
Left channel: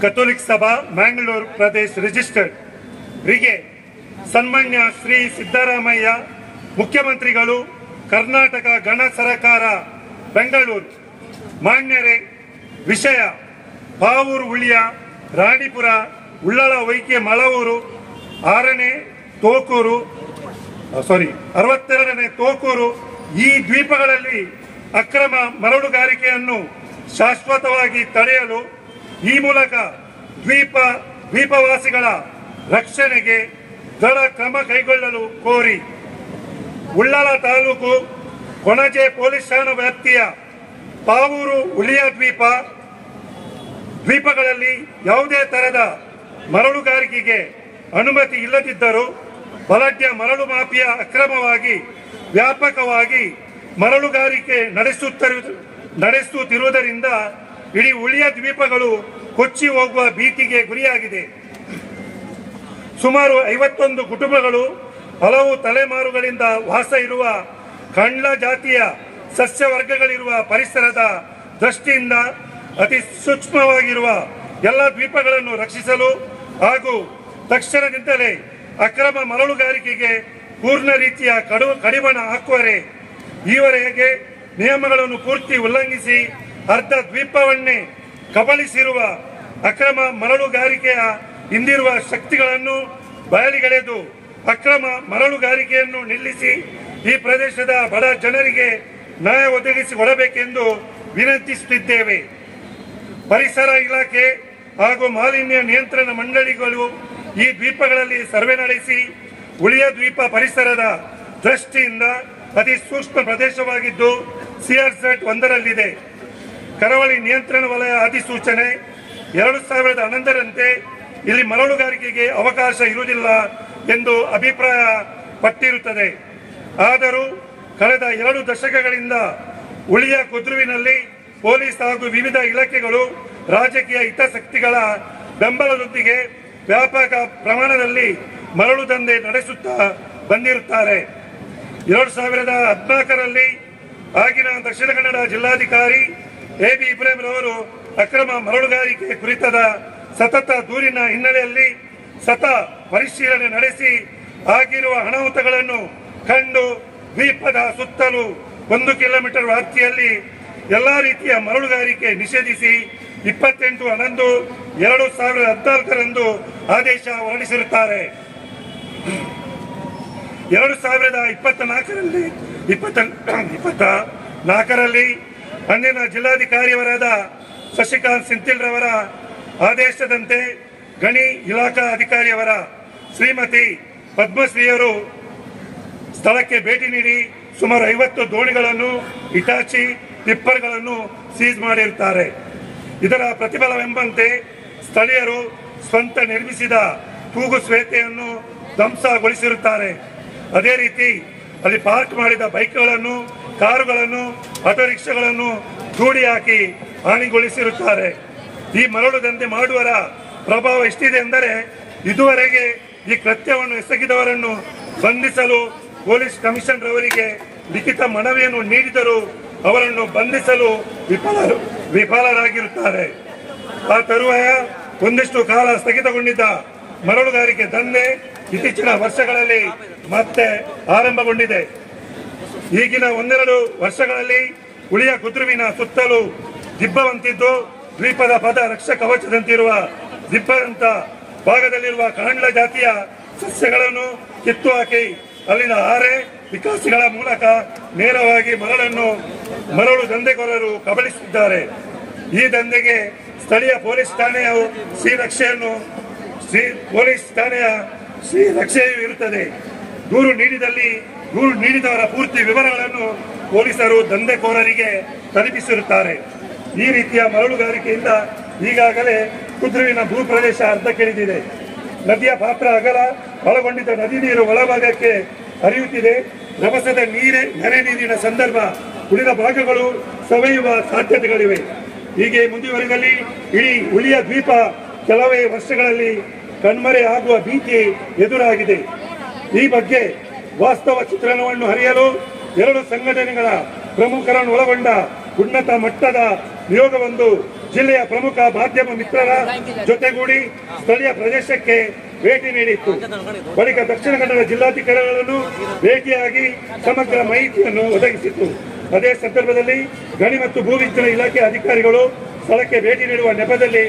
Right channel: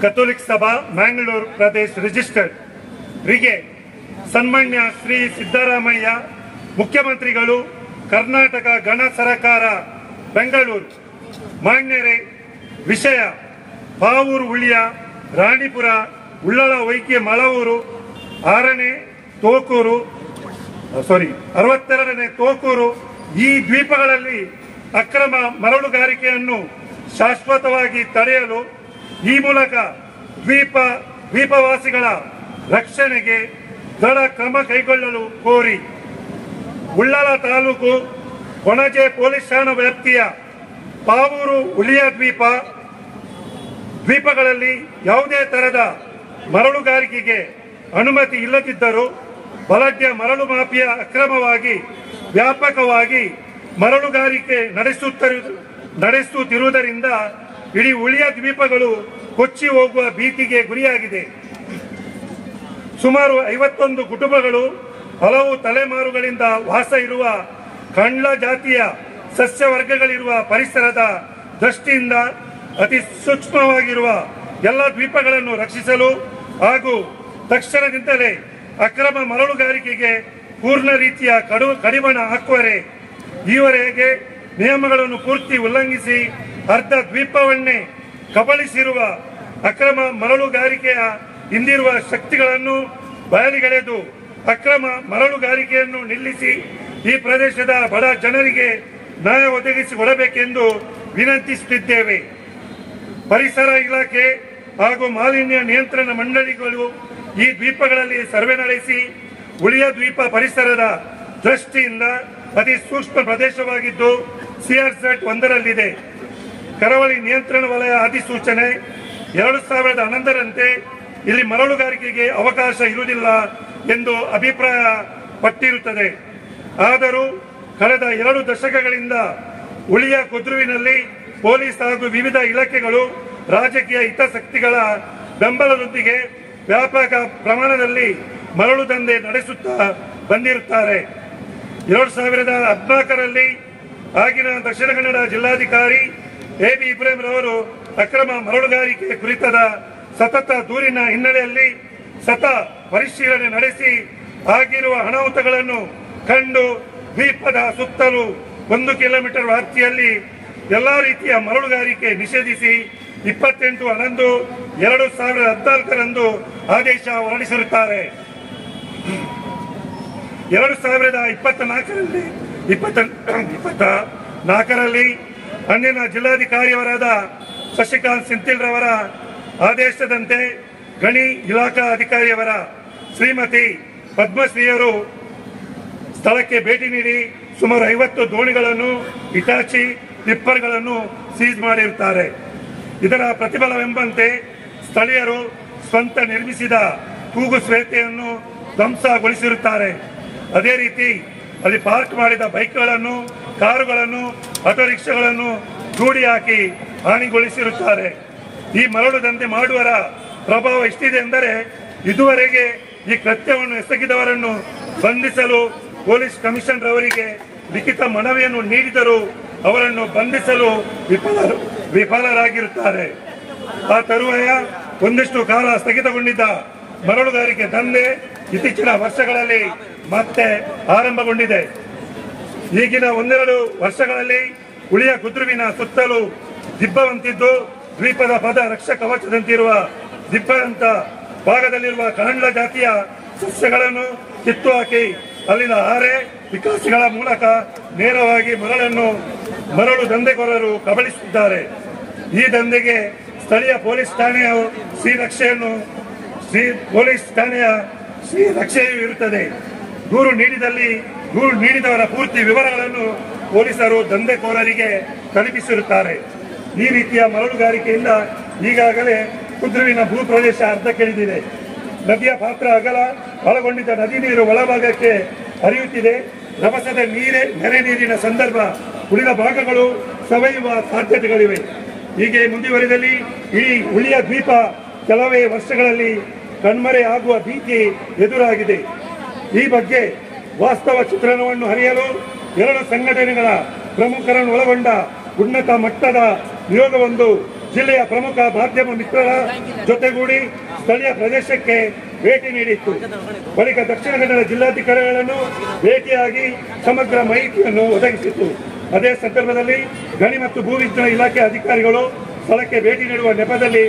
ಕಥೋಲಿಕ್ ಸಭಾ ಮ್ಯಾಂಗ್ಳೂರು ಪ್ರದೇಶ ರಿಜಿಸ್ಟರ್ಡ್ ರಿಗೆ ಸನ್ಮಾನ್ಯ ಶ್ರೀ ಸಿದ್ದರಾಮಯ್ಯ ಮುಖ್ಯಮಂತ್ರಿಗಳು, ಕರ್ನಾಟಕ ಗಣ ಸರಕಾರ ಬೆಂಗಳೂರು. ಮಾನ್ಯರೇ, ವಿಷಯ ಪಾವೂರು ಉಳಿಯ ರಾಣಿಪುರ ಉಳ್ಳಾಳ ಹೊಯ್ಗೆ ಮಳವೂರು 62ನೇ ತೋಕೂರು ಈ ದ್ವೀಪಗಳಲ್ಲಿ ಅಕ್ರಮ ಮರಳುಗಾರಿಕೆಯನ್ನು ಶಾಶ್ವತವಾಗಿ ತಡೆಯಲು ಈ ಮೂಲಕ ದ್ವೀಪವಾಸಿಗಳ ರಕ್ಷಣೆಗೆ ದೃಢ ಕ್ರಮ ಕೈಗೊಳ್ಳಲು ಕೋರಿ ಉಳ್ಳಾಳ ತಾಲೂಕು ಕೊಣಜೆ ಪೊಲೀಸ್ ಠಾಣಾ ವ್ಯಾಪ್ತಿಯ ಪಾವೂರು ಉಳಿಯ ದ್ವೀಪಗಳಲ್ಲಿ ಯಾವುದೇ ತರಹದ ಮರಳುಗಾರಿಕೆಗೆ ಅನುಮತಿ ಇಲ್ಲದಿದ್ದರೂ ಬಲಾಢ್ಯ ಮರಳು ಮಾಫಿಯಾ ಅಕ್ರಮವಾಗಿ ವ್ಯಾಪಕವಾಗಿ ಮರಳುಗಾರಿಕೆ ನಡೆಸುತ್ತಿರುವುದರಿಂದ ಇಡೀ ಉಳಿಯ ದ್ವೀಪಗಳು ಕೊಚ್ಚಿ ಹೋಗುವ ಭೀತಿಗೆ ಗುರಿಯಾಗಿದೆ. ಸುಮಾರು 51 ಕುಟುಂಬಗಳು ಹಲವು ತಲೆಮಾರುಗಳಿಂದ ವಾಸ ಇರುವ ಕಂಡ್ಲ ಜಾತಿಯ ಸಸ್ಯವರ್ಗಗಳಿರುವ ಪರಿಸರದ ದೃಷ್ಟಿಯಿಂದ ಅತಿ ಸೂಕ್ಷ್ಮವಾಗಿರುವ ಎಲ್ಲ ದ್ವೀಪಗಳನ್ನು ರಕ್ಷಿಸಲು ಹಾಗೂ ತಕ್ಷಣದಿಂದಲೇ ಅಕ್ರಮ ಮರಳುಗಾರಿಕೆಗೆ ಪೂರ್ಣ ರೀತಿಯ ಕಡಿವಾಣ ಹಾಕುವರೆ ಈವರೆಗೆ ನಿಯಮಗಳನ್ನು ಪೂರ್ತಿ ಉಲ್ಲಂಘಿಸಿ ಅರ್ಧ ದ್ವೀಪವನ್ನೇ ಕಬಳಿಸಿರುವ ಅಕ್ರಮ ಮರಳುಗಾರಿಕೆಯ ಹಿಂದಿರುವ ಶಕ್ತಿಗಳನ್ನು ಬಯಲಿಗೆಳೆದು ಅಕ್ರಮ ಮರಳುಗಾರಿಕೆಯನ್ನು ನಿಲ್ಲಿಸಿ ಈ ಪ್ರದೇಶದ ಬಡ ಜನರಿಗೆ ನ್ಯಾಯ ಒದಗಿಸಿಕೊಡಬೇಕೆಂದು ವಿನಂತಿಸುತ್ತಿದ್ದೇವೆ. ಪರಿಸರ ಇಲಾಖೆ ಹಾಗೂ ಮಾಲಿನ್ಯ ನಿಯಂತ್ರಣ ಮಂಡಳಿಗಳು ಈ ದ್ವೀಪಗಳಲ್ಲಿ ಸರ್ವೆ ನಡೆಸಿ ಉಳಿಯ ದ್ವೀಪ ಪರಿಸರದ ದೃಷ್ಟಿಯಿಂದ ಅತಿ ಸೂಕ್ಷ್ಮ ಪ್ರದೇಶವಾಗಿದ್ದು ಸಿಆರ್ಝೆಡ್ 1ರಲ್ಲಿದೆ. ಕರಾವಳಿ ನಿಯಂತ್ರಣ ವಲಯ ಅಧಿಸೂಚನೆ 2011ರಂತೆ ಇಲ್ಲಿ ಮರಳುಗಾರಿಕೆಗೆ ಅವಕಾಶ ಇರುವುದಿಲ್ಲ ಎಂದು ಅಭಿಪ್ರಾಯ ಪಟ್ಟಿರುತ್ತದೆ. ಆದರೂ ಕಳೆದ 2 ದಶಕಗಳಿಂದ ಉಳಿಯ ಕುದ್ರುವಿನಲ್ಲಿ ಪೊಲೀಸ್ ಹಾಗೂ ವಿವಿಧ ಇಲಾಖೆಗಳು ರಾಜಕೀಯ ಹಿತಾಸಕ್ತಿಗಳ ಬೆಂಬಲದೊಂದಿಗೆ ವ್ಯಾಪಕ ಪ್ರಮಾಣದಲ್ಲಿ ಮರಳು ದಂಧೆ ನಡೆಸುತ್ತಾ ಬಂದಿರುತ್ತಾರೆ. 2014ರಲ್ಲಿ ಆಗಿನ ದಕ್ಷಿಣ ಕನ್ನಡ ಜಿಲ್ಲಾಧಿಕಾರಿ ಎಬಿ ಇಬ್ರಾಹಿಂ ರವರು ಅಕ್ರಮ ಮರಳುಗಾರಿಕೆ ಕುರಿತಾದ ಸತತ ದೂರಿನ ಹಿನ್ನೆಲೆಯಲ್ಲಿ ಪರಿಶೀಲನೆ ನಡೆಸಿ ಆಗಿರುವ ಅನಾಹುತಗಳನ್ನು ಕಂಡು ದ್ವೀಪದ ಸುತ್ತಲೂ 1 ಕಿಲೋಮೀಟರ್ ವ್ಯಾಪ್ತಿಯಲ್ಲಿ ಎಲ್ಲಾ ರೀತಿಯ ಮರಳುಗಾರಿಕೆ ನಿಷೇಧಿಸಿ 28/11/2014ರಂದು ಆದೇಶ ಹೊರಡಿಸಿರುತ್ತಾರೆ. 2024ರಲ್ಲಿ ಅಂದಿನ ಜಿಲ್ಲಾಧಿಕಾರಿಯವರಾದ ಶಶಿಕಾಂತ್ ಸೆಂಥಿಲ್ ರವರ ಆದೇಶದಂತೆ ಗಣಿ ಇಲಾಖಾ ಅಧಿಕಾರಿಯವರ ಶ್ರೀಮತಿ ಪದ್ಮಶ್ರೀಯವರು ಸ್ಥಳಕ್ಕೆ ಭೇಟಿ ನೀಡಿ ಸುಮಾರು 50 ದೋಣಿಗಳನ್ನು ಇಟಾಚಿ ಟಿಪ್ಪರ್ಗಳನ್ನು ಸೀಜ್ ಮಾಡಿರುತ್ತಾರೆ. ಇದರ ಪ್ರತಿಫಲವೆಂಬಂತೆ ಸ್ಥಳೀಯರು ಸ್ವಂತ ನಿರ್ಮಿಸಿದ ತೂಗು ಶ್ವೇತೆಯನ್ನು ಧ್ವಂಸಗೊಳಿಸಿರುತ್ತಾರೆ. ಅದೇ ರೀತಿ ಅಲ್ಲಿ ಪಾರ್ಕ್ ಮಾಡಿದ ಬೈಕ್ಗಳನ್ನು, ಕಾರುಗಳನ್ನು, ಆಟೋ ರಿಕ್ಷಾಗಳನ್ನು ದೂಡಿ ಹಾಕಿ ಹಾನಿಗೊಳಿಸಿರುತ್ತಾರೆ. ಈ ಮರಳು ದಂಧೆ ಮಾಡುವರ ಪ್ರಭಾವ ಎಷ್ಟಿದೆ ಎಂದರೆ ಇದುವರೆಗೆ ಈ ಕೃತ್ಯವನ್ನು ಎಸಗಿದವರನ್ನು ಬಂಧಿಸಲು ಪೊಲೀಸ್ ಕಮಿಷನರ್ ಅವರಿಗೆ ಲಿಖಿತ ಮನವಿಯನ್ನು ನೀಡಿದರೂ ಅವರನ್ನು ಬಂಧಿಸಲು ವಿಫಲರಾಗಿರುತ್ತಾರೆ. ಆ ತರುವಾಯ ಒಂದಿಷ್ಟು ಕಾಲ ಸ್ಥಗಿತಗೊಂಡಿದ್ದ ಮರಳುಗಾರಿಕೆ ದಂಧೆ ಇತ್ತೀಚಿನ ವರ್ಷಗಳಲ್ಲಿ ಮತ್ತೆ ಆರಂಭಗೊಂಡಿದೆ. ಈಗಿನ 1-2 ವರ್ಷಗಳಲ್ಲಿ ಉಳಿಯ ಕುದ್ರುವಿನ ಸುತ್ತಲೂ ದಿಬ್ಬವಂತಿದ್ದು ದ್ವೀಪದ ಪದ ರಕ್ಷ ಕವಚದಂತಿರುವ ದಿಬ್ಬದಂತ ಭಾಗದಲ್ಲಿರುವ ಕಣಂಡ ಜಾತಿಯ ಸಸ್ಯಗಳನ್ನು ಕಿತ್ತು ಹಾಕಿ ಅಲ್ಲಿನ ಆರೆ ವಿಕಾಸಿಗಳ ಮೂಲಕ ನೇರವಾಗಿ ಮರಳು ದಂಧೆಕೋರರು ಕಬಳಿಸುತ್ತಿದ್ದಾರೆ. ಈ ದಂಧೆಗೆ ಸ್ಥಳೀಯ ಪೊಲೀಸ್ ಠಾಣೆಯ ಶ್ರೀರಕ್ಷೆಯೂ ಇರುತ್ತದೆ. ದೂರು ನೀಡಿದವರ ಪೂರ್ತಿ ವಿವರಗಳನ್ನು ಪೊಲೀಸರು ದಂಧೆಕೋರರಿಗೆ ತಲುಪಿಸಿರುತ್ತಾರೆ. ಈ ರೀತಿಯ ಮರಳುಗಾರಿಕೆಯಿಂದ ಈಗಾಗಲೇ ಕುದ್ರುವಿನ ಭೂ ಪ್ರದೇಶ ಅರ್ಧಕ್ಕಿಳಿದಿದೆ. ನದಿಯ ಪಾತ್ರ ಅಗಲ ಒಳಗೊಂಡಿದ್ದ ನದಿ ನೀರು ಒಳಭಾಗಕ್ಕೆ ಹರಿಯುತ್ತಿದೆ. ರಭಸದ ನೆರೆ ನೀರಿನ ಸಂದರ್ಭ ಉಳಿದ ಭಾಗಗಳು ಸವೆಯುವ ಸಾಧ್ಯತೆಗಳಿವೆ. ಹೀಗೆ ಮುಂದುವರೆದಲ್ಲಿ ಇಡೀ ಉಳಿಯ ದ್ವೀಪ ಕೆಲವೇ ವರ್ಷಗಳಲ್ಲಿ ಕಣ್ಮರೆಯಾಗುವ ಭೀತಿ ಎದುರಾಗಿದೆ. ಈ ಬಗ್ಗೆ ವಾಸ್ತವ ಚಿತ್ರಣವನ್ನು ಅರಿಯಲು 2 ಸಂಘಟನೆಗಳ ಪ್ರಮುಖರನ್ನು ಒಳಗೊಂಡ ಉನ್ನತ ಮಟ್ಟದ ನಿಯೋಗವೊಂದು ಜಿಲ್ಲೆಯ ಪ್ರಮುಖ ಮಾಧ್ಯಮ ಮಿತ್ರರ ಜೊತೆಗೂಡಿ ಸ್ಥಳೀಯ ಪ್ರದೇಶಕ್ಕೆ ಭೇಟಿ ನೀಡಿತ್ತು. ಬಳಿಕ ದಕ್ಷಿಣ ಕನ್ನಡ ಜಿಲ್ಲಾಧಿಕಾರಿಗಳನ್ನು ಭೇಟಿಯಾಗಿ ಸಮಗ್ರ ಮಾಹಿತಿಯನ್ನು ಒದಗಿಸಿತ್ತು. ಅದೇ ಸಂದರ್ಭದಲ್ಲಿ ಗಣಿ ಮತ್ತು ಭೂವಿಜ್ಞಾನ ಇಲಾಖೆ ಅಧಿಕಾರಿಗಳು ಸ್ಥಳಕ್ಕೆ ಭೇಟಿ ನೀಡುವ ನೆಪದಲ್ಲಿ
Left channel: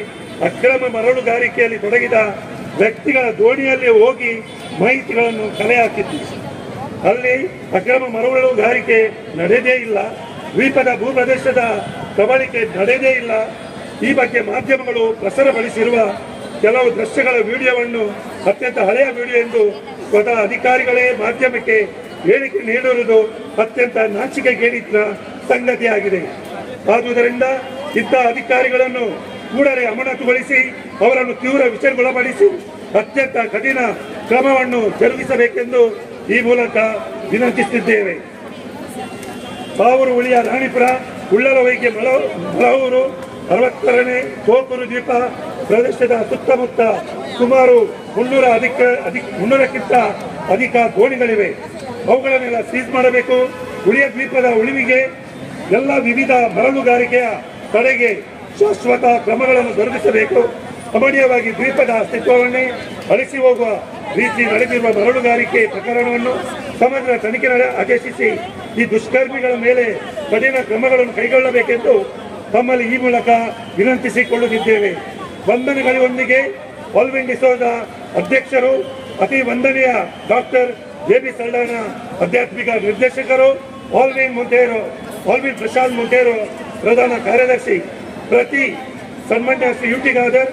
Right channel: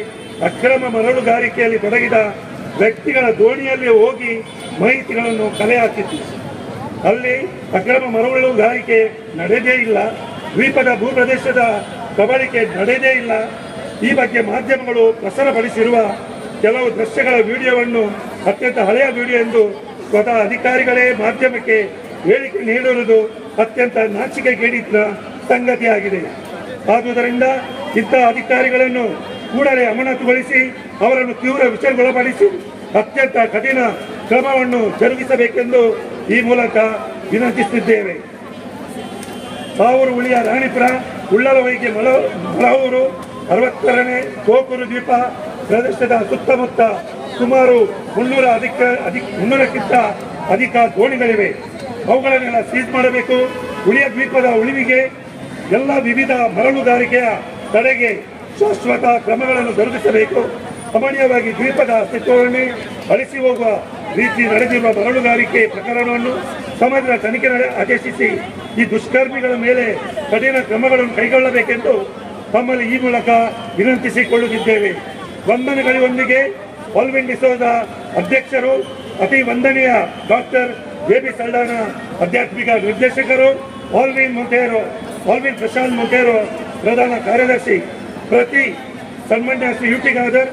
ಅಕ್ರಮ ಮರಳುಗಾರಿಕೆಯಲ್ಲಿ ತೊಡಗಿದ ವ್ಯಕ್ತಿಗಳ ದೋಣಿಯಲ್ಲಿ ಹೋಗಿ ಮಾಹಿತಿಗಳನ್ನು ಕಲೆ ಹಾಕಿತ್ತು. ಅಲ್ಲಿ ಅಕ್ರಮ ಮರಳುಗಾರಿಕೆ ನಡೆದೇ ಇಲ್ಲ, ದ್ವೀಪದ ಭೂಪ್ರದೇಶದ ಕಬಳಿಕೆ ನಡೆದೇ ಇಲ್ಲ. ಈ ಬಗ್ಗೆ ಮಾಧ್ಯಮಗಳು ಪ್ರಸಾರಪಡಿಸಿರುವ ಕೆಲವು ದೃಶ್ಯಗಳ ವಿಡಿಯೋವನ್ನು ಅತ್ಯಂತ ಹಳೆಯ ವಿಡಿಯೋ ಎಂದು ಸ್ವತಃ ಅಧಿಕಾರಿಗಳೇ ಮಾಧ್ಯಮಕ್ಕೆ ಹೇಳಿಕೆ ನೀಡಿರುವುದು ಅತ್ಯಂತ ನಾಚಿಕೆಗೇಡಿನ ಸಂಗತಿಯಾಗಿದೆ. ಆದುದರಿಂದ ಇಂತಹ ಅಧಿಕಾರಿಗಳನ್ನು ಕೂಡಲೇ ಅಮಾನತುಗೊಳಿಸಿ ಅವರನ್ನು ತೀವ್ರ ವಿಚಾರಗೊಳಪಡಿಸಿ ಅತ್ಯಂತ ಕಠಿಣ ಕ್ರಮವನ್ನು ಜರುಗಿಸಬೇಕೆಂದು ಈ ಮೂಲಕ ವಿನಂತಿಸುತ್ತಿದ್ದೇವೆ. ಸಾವೂರು ಹುಲಿಯ ರಾಣಿಪುರ, ಉಳ್ಳಲವೈಗೆ ಮಲಹೂರು, 62ನೇ ಕೋಕೂರು ದ್ವೀಪ ಪ್ರದೇಶದ ಸುತ್ತಮುತ್ತ ಸುಮಾರು 300ಕ್ಕಿಂತ ಅಧಿಕ ದೋಣಿಗಳಿವೆ. ಅವುಗಳನ್ನೆಲ್ಲ ಸೀಸ್ ಮಾಡಬೇಕು. ಹುಲಿಯ ದ್ವೀಪದ ಉಳಿವಿಗೆ ಎಲ್ಲ ವಿವಿಧ ಮರಳುಗಾರಿಕೆಯ ತಡೆಗೆ ಶಾಶ್ವತ ಕ್ರಮಗಳನ್ನು ಜರುಗಿಸಬೇಕು. ಸಾಮಾನ್ಯವಾಗಿ ದ್ವೀಪದ ಅಸ್ತಿತ್ವವನ್ನೇ ಅಳಿಸಿ ಹೋಗುವ ರೀತಿ ನಡೆದಿರುವ ಮರಳುಗಾರಿಕೆ ಪ್ರಕರಣವನ್ನು ಸಮಗ್ರ ತನಿಖೆ ಆದೇಶಿಸಿ ಈ ದುಷ್ಕರ್ಮಿಗಳ ಮೇಲೆ ಕಠಿಣ ಕ್ರಮಗಳನ್ನು ಕೈಗೊಳ್ಳಬೇಕೆಂದು ತಮ್ಮಲ್ಲಿ ಈ ಮೂಲಕ ವಿನಂತಿಸಿಕೊಳ್ಳುತ್ತಿದ್ದೇವೆ. ವಂದನೆಗಳೊಂದಿಗೆ ಆಲ್ವಿನ್ ಡಿಸೋಜ ಅಧ್ಯಕ್ಷರು, ಅತಿ ವಂದನೀಯ ಡಾಕ್ಟರ್ ಜೆಬಿ ಸಲ್ಡಾನ ಆಧ್ಯಾತ್ಮಿಕ ನಿರ್ದೇಶಕರು, ಆಲ್ವಿನ್ ಪ್ರಶಾಂತ್ ಮೊಂಟೇರೋ ಪ್ರಧಾನ ಕಾರ್ಯದರ್ಶಿ, ಪ್ರತಿ ಸನ್ಮಾನ್ಯ ಶ್ರೀ ಯುಟಿ ಖಾದರ್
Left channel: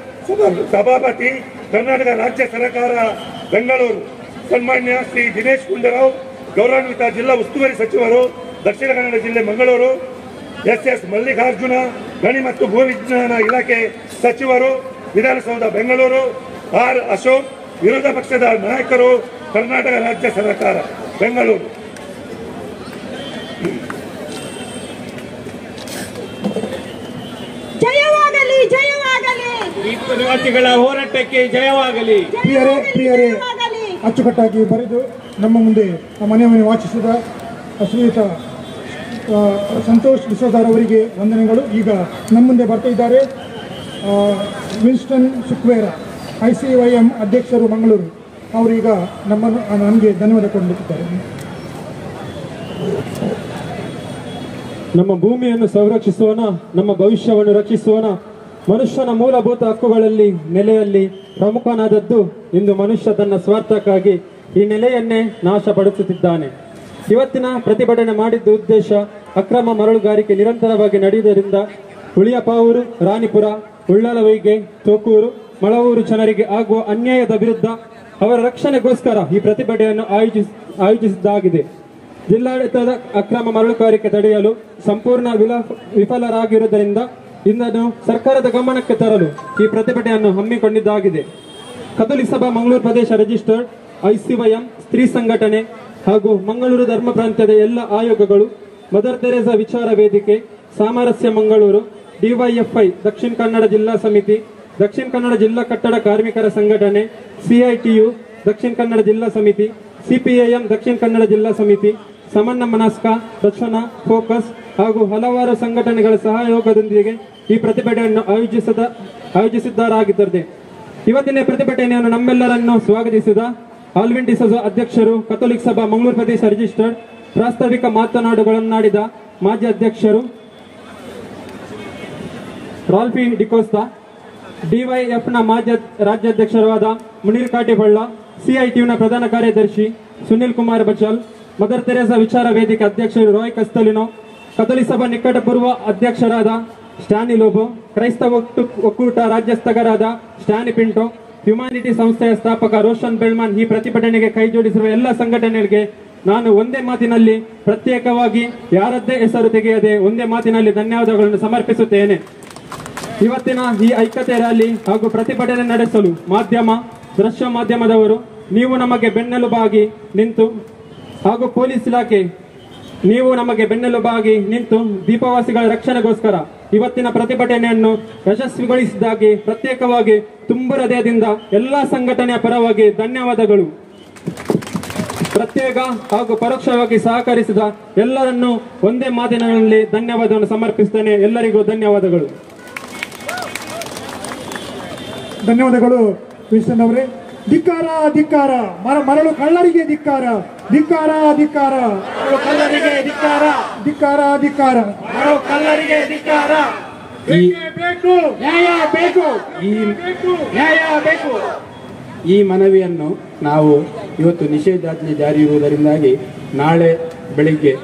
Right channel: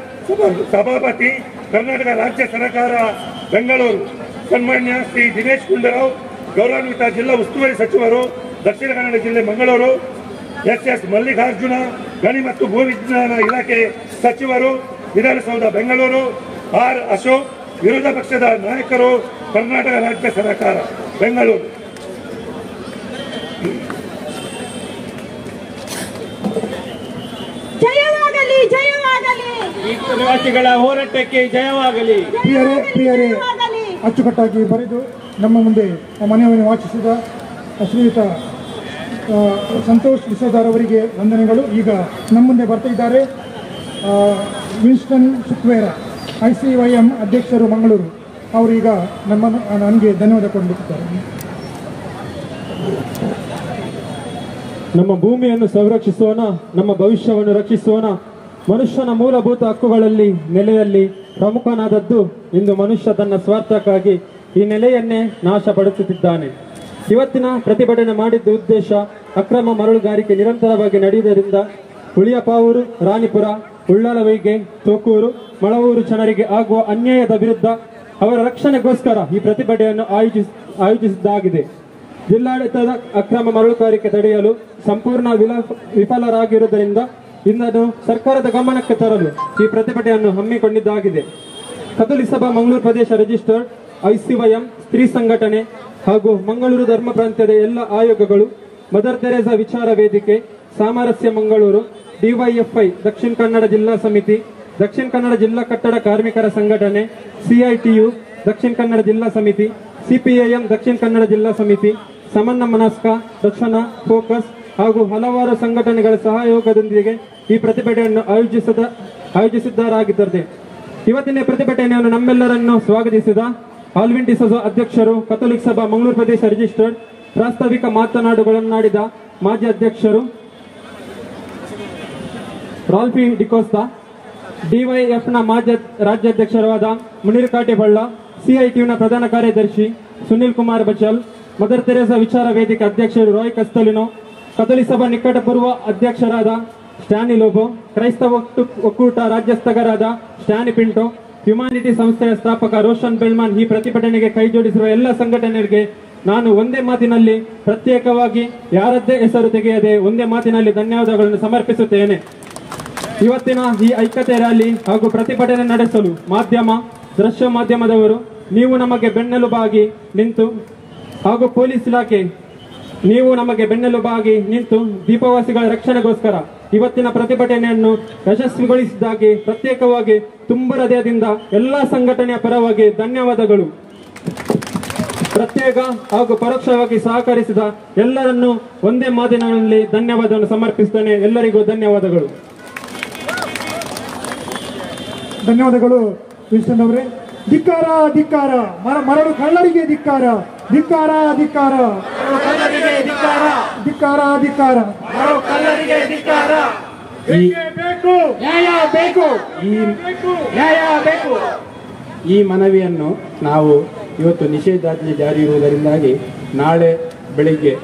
ಸಭಾಪತಿ, ಕರ್ನಾಟಕ ರಾಜ್ಯ ಸರ್ಕಾರ ಬೆಂಗಳೂರು, ಸನ್ಮಾನ್ಯ ಶ್ರೀ ದಿನೇಶ್ ಗುಂಡೂರಾವ್ ಗೌರವಾನ್ವಿತ ಜಿಲ್ಲಾ ಉಸ್ತುವಾರಿ ಸಚಿವರು, ದಕ್ಷಿಣ ಕನ್ನಡ ಜಿಲ್ಲೆ ಮಂಗಳೂರು, ಎಸ್ ಮಲ್ಲಿಕಾರ್ಜುನ ಗಣಿ ಮತ್ತು ಭೂವಿಜ್ಞಾನ ಇಲಾಖೆ ಸಚಿವರು, ವಿಧಾನಸೌಧ ಬೆಂಗಳೂರು, ಆರ್ ಅಶೋಕ್ ವಿರೋಧ ಪಕ್ಷದ ನಾಯಕರು, ಕರ್ನಾಟಕ ರಾಜ್ಯ ಸರ್ಕಾರ ಬೆಂಗಳೂರು. ಜಯವಾಗಲಿ, ಜಯವಾಗಲಿ, ಪ್ರವಾಸಿಗಳ ಹೋರಾಟಕ್ಕೆ ಜಯವಾಗಲಿ. ಪ್ರಿಯರೇ, ಅಚ್ಚುಕಟ್ಟಾಗಿ ಬರೆದು ನಮ್ಮ ಮುಂದೆ ಮನವಿಯನ್ನು ವಾಚಿಸಿದ ಶ್ರೀಯುತ ಸಂತೋಷ್ ಡಿಸೋಜಾರ್ ಅವರಿಗೆ ವಂದನೆಗಳು. ಈಗ ನಮ್ಮ ಮುಂದೆ ಬರ್ತಾ ಇದ್ದಾರೆ ವಿನ್ಸ್ಟನ್ ಸುಕ್ವೇರ, ICYM ಅಧ್ಯಕ್ಷರು ಮಂಗಳೂರು. ಅವರೀಗ ನನಗೆ ಧನ್ಯವಾದ ಕೊಟ್ಟಿದ್ದಾರೆ. ನಮ್ಮ ಭೂಮಿಯನ್ನು ಸಂರಕ್ಷಿಸೋಣ, ನಮ್ಮ ಭವಿಷ್ಯವನ್ನು ರಕ್ಷಿಸೋಣ. ಮನುಷ್ಯನ ಮೂಲಭೂತ ಹಕ್ಕುಗಳಲ್ಲಿ ನೆಲೆಯಲ್ಲಿ ಪ್ರಮುಖನಾದದ್ದು ಇಂದು ಮನುಷ್ಯ ತನ್ನ ಸ್ವಾರ್ಥಕ್ಕಾಗಿ ಈ ನೆಲೆಯನ್ನೇ ನಾಶಪಡಿಸುತ್ತಿದ್ದಾನೆ. ಇವತ್ತಿನ ಪ್ರತಿಭಟನೆ ಮಾಡಿದ್ದ ಉದ್ದೇಶ ಅಕ್ರಮ ಮರಳುಗಾರಿಕೆ ನಿರಂತರವಾಗಿ ನಡೆಯುವುದರಿಂದ ಹುಳಿಯಪಾವೂರು, ರಾಣಿಪುರ, ಉಳ್ಳಾಲವೈಗೆ, ತೋಕೂರು, ಮಳವೂರು ಜನರಿಗೆ ಆಗುವ ಅನ್ಯಾಯದ ವಿರುದ್ಧ ಅವರ ರಕ್ಷಣೆಗೋಸ್ಕರ ಈ ಪ್ರತಿಭಟನೆಯನ್ನು ಆಯೋಜಿಸಿದ್ದಾಗಿದೆ. ಜಿಲ್ಲಾಡಳಿತದ ಅಕ್ರಮ ಮರಳುಗಾರಿಕೆ ತಡೆಯಲು ಸಂಪೂರ್ಣ ವಿಫಲರಾಗಿರುವುದರಿಂದ ಇದನ್ನು ಸರ್ಕಾರದ ಗಮನಕ್ಕೆ ತರಲು ಈ ಪ್ರತಿಭಟನೆಯನ್ನು ಹಮ್ಮಿಕೊಂಡಿದ್ದಾಗಿದೆ. ಕಥೋಲಿಕ ಸಭಾ ಮಂಗಳೂರು ಪ್ರದೇಶ ರಿಜಿಸ್ಟರ್ಡ್, ICYM ಸ್ತ್ರೀ ಸಂಘಟನೆ ಹಾಗೂ ಮಂಗಳೂರು ಧರ್ಮ ಪ್ರಾಂತ್ಯದ ಎಲ್ಲ ಆಯೋಗಗಳು, ಮದರ್ ತೆರೇಸಾ ವಿಚಾರ ವೇದಿಕೆ, ಸಾಮರಸ್ಯ ಮಂಗಳೂರು, DYFI ದಕ್ಷಿಣ ಕನ್ನಡ ಜಿಲ್ಲಾ ಸಮಿತಿ, ದಕ್ಷಿಣ ಕನ್ನಡ ಜಿಲ್ಲಾ ಕಟ್ಟಡ ಕಾರ್ಮಿಕರ ಸಂಘಟನೆ, CITU ದಕ್ಷಿಣ ಕನ್ನಡ ಜಿಲ್ಲಾ ಸಮಿತಿ, CPIM ದಕ್ಷಿಣ ಕನ್ನಡ ಜಿಲ್ಲಾ ಸಮಿತಿ, ಸಮನ್ನ ಮನಸ್ಕ, ರಚನಾ, ಫೋಕಸ್ ಹಾಗೂ ಹಲವಾರು ಸಂಘಟನೆಗಳ ಸಹಯೋಗದೊಂದಿಗೆ ಈ ಪ್ರತಿಭಟನೆಯನ್ನು ಆಯೋಜಿಸಿದ್ದಾರಾಗಿದ್ದಾರೆ. ಇವತ್ತಿನ ಪ್ರತಿಭಟನೆಯನ್ನು ನಮ್ಮೆಲ್ಲರನ್ನು ಸ್ವಾಗತಿಸಿದ ಆಲ್ವಿನ್ ಡಿಸೋಜ ಅಧ್ಯಕ್ಷರು, ಕಥೋಲಿಕ ಸಭಾ ಮಂಗಳೂರು ಪ್ರದೇಶ ರಿಜಿಸ್ಟರ್ಡ್ ಪ್ರಾಸ್ತಾವಿಕ ಮಾತನಾಡುಗಳನ್ನಾಡಿದ ಮಾಜಿ ಅಧ್ಯಕ್ಷರು ರಾಲ್ಫಿ ಡಿಕೋಸ್ತಾ, DYFನ ಮಾಜಿ ರಾಜ್ಯಾಧ್ಯಕ್ಷರಾದ ಮುನೀರ್ ಕಾಟೆಬಳ್ಳ, CITUನ ಪ್ರಧಾನ ಕಾರ್ಯದರ್ಶಿ ಸುನಿಲ್ ಕುಮಾರ್ ಬಚಾಲ್, ಮದರ್ ತೆರೇಸಾ ವಿಚಾರ ವೇದಿಕೆ ಅಧ್ಯಕ್ಷರು ರಾಯ್ ಕಸ್ತಲಿನೋ, ಕಥೋಲಿಕ ಸಭಾ ನಿಕಟಪೂರ್ವ ಅಧ್ಯಕ್ಷರಾದ ಸ್ಟ್ಯಾನಿ ಲೋಬೋ, ಕ್ರೈಸ್ತವ ಒಕ್ಕೂಟ ರಾಜ್ಯಸ್ಥರಾದ ಸ್ಟ್ಯಾನಿ ಪಿಂಟೋ, ಹ್ಯುಮ್ಯಾನಿಟಿ ಸಂಸ್ಥೆಯ ಸ್ಥಾಪಕ ರೋಷನ್ ಬೆಲ್ಮಾನ್ ಈ ಪ್ರತಿಭಟನೆಗೆ ಕೈಜೋಡಿಸಿರುವ ಎಲ್ಲ ಸಂಘಟನೆಗಳಿಗೆ ನಾನು ಒಂದೇ ಮಾತಿನಲ್ಲಿ ಪ್ರತ್ಯೇಕವಾಗಿ ಯಾರದ್ದೇ ಹೆಸರು ತೆಗೆಯದೆ ಒಂದೇ ಮಾತಿನಲ್ಲಿ ಧನ್ಯವಾದಗಳನ್ನು ಸಮರ್ಪಿಸುತ್ತೇನೆ. ಇವತ್ತಿನ ಈ ಐಕ್ಯತೆ ರ್ಯಾಲಿ ಹಾಗೂ ಪ್ರತಿಭಟನೆ ನಡೆಸಲು ಮಾಧ್ಯಮ, ದೃಶ್ಯ ಮಾಧ್ಯಮದವರು ನೀವು ನಮಗೆ ಬೆನ್ನೆಲುಬಾಗಿ ನಿಂತು ಹಾಗೂ ಪೊಲೀಸ್ ಇಲಾಖೆ ನೀವು ನಮಗೆ ಬೆನ್ನೆಲುಬಾಗಿ ನಿಂತು ದೀಪವಾಸಿಗಳ ರಕ್ಷಣೆಗೋಸ್ಕರ ಇವತ್ತಿನ ಪ್ರತಿಭಟನೆಯನ್ನು ಯಶಸ್ವಿಗೊಳಿಸಿದ್ದಾಗಿ ಪ್ರತ್ಯೇಕವಾಗಿ ತುಂಬ ಹೃದಯದಿಂದ ಎಲ್ಲಾ ಸಂಘಟನೆಯ ಪರವಾಗಿ ಧನ್ಯವಾದಗಳು. ಪ್ರತ್ಯೇಕ ಹಾಗೂ ಪರೋಕ್ಷವಾಗಿ ಸಹಕರಿಸಿದ ಎಲ್ಲರನ್ನೂ ಒಂದೇ ಮಾತಿನಲ್ಲಿ ಧನ್ಯವಾದವನ್ನು ಸಮರ್ಪಿಸುತ್ತೇನೆ. ಎಲ್ಲರಿಗೂ ಧನ್ಯವಾದಗಳು. ಧನ್ಯವಾದಗಳು ವಿನ್ಸ್ಟನ್ ಅವರೇ. ಧಿಕ್ಕಾರ, ಧಿಕ್ಕಾರ, ಮರಳು ಕಳ್ಳರಿಗೆ ಧಿಕ್ಕಾರ, ಧಿಕ್ಕಾರ, ಧಿಕ್ಕಾರ, ಧಿಕ್ಕಾರ, ಧಿಕ್ಕಾರ, ಕಳ್ಳರಿಗೆ ಧಿಕ್ಕಾರ. ನ್ಯಾಯ ಬೇಕು, ನ್ಯಾಯ ಬೇಕು. ಈ ಮನವಿಯನ್ನು ನಾವು ಇವತ್ತು ನಿಷೇಧಾಜ್ಞೆ ಜಾರಿ ಇರುವುದರಿಂದಾಗಿ ನಾಳೆ ಬೆಳಿಗ್ಗೆ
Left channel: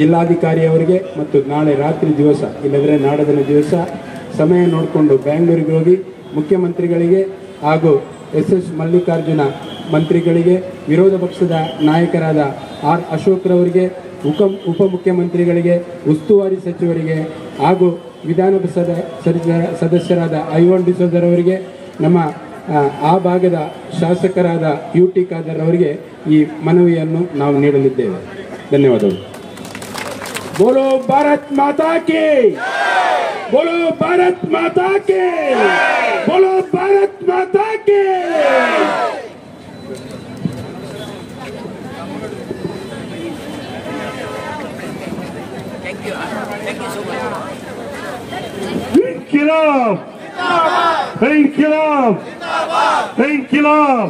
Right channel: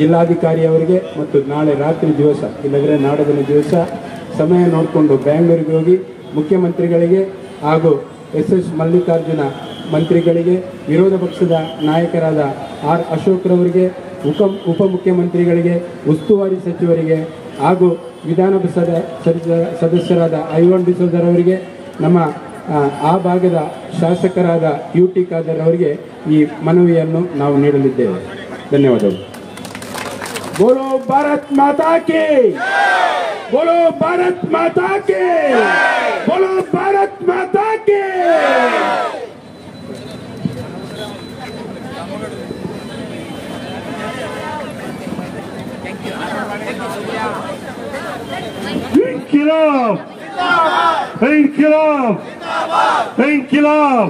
ಜಿಲ್ಲಾಧಿಕಾರಿಯವರಿಗೆ ಮತ್ತು ನಾಳೆ ರಾತ್ರಿ ದಿವಸ ಇಲ್ಲದ್ರೆ ನಾಡದಿನ ದಿವಸ ಸಮಯ ನೋಡಿಕೊಂಡು ಬೆಂಗಳೂರಿಗೆ ಹೋಗಿ ಮುಖ್ಯಮಂತ್ರಿಗಳಿಗೆ ಹಾಗೂ SS ಮಲ್ಲಿಕಾರ್ಜುನ ಮಂತ್ರಿಗಳಿಗೆ, ವಿರೋಧ ಪಕ್ಷದ ನಾಯಕರಾದ R ಅಶೋಕ್ರವರಿಗೆ, ಉಪಮುಖ್ಯಮಂತ್ರಿಗಳಿಗೆ, ಉಸ್ತುವಾರಿ ಸಚಿವರಿಗೆ ಹಾಗೂ ವಿಧಾನ ಸದಸ್ಯರಾದ ಐವಾನ್ ಡಿಸೋಜರ್ ಅವರಿಗೆ, ನಮ್ಮ ಆ ಭಾಗದ ಶಾಸಕರಾದ UT ಖಾದರ್ ಅವರಿಗೆ ಈ ಮನವಿಯನ್ನು ನಾವು ನೀಡಲಿದ್ದೇವೆ. ಧನ್ಯವಾದಗಳು. ಬೋಲೋ ಭಾರತ್ ಮಾತಾ ಕೇ, ಬೋಲೋ ಭಾರತ್ ಮಾತಾ ಕೇ, ಬೋಲೋ ಭಾರತ್ ಮಾತಾ ಕೇ. इनकलाब, इनकलाब, इनकलाब.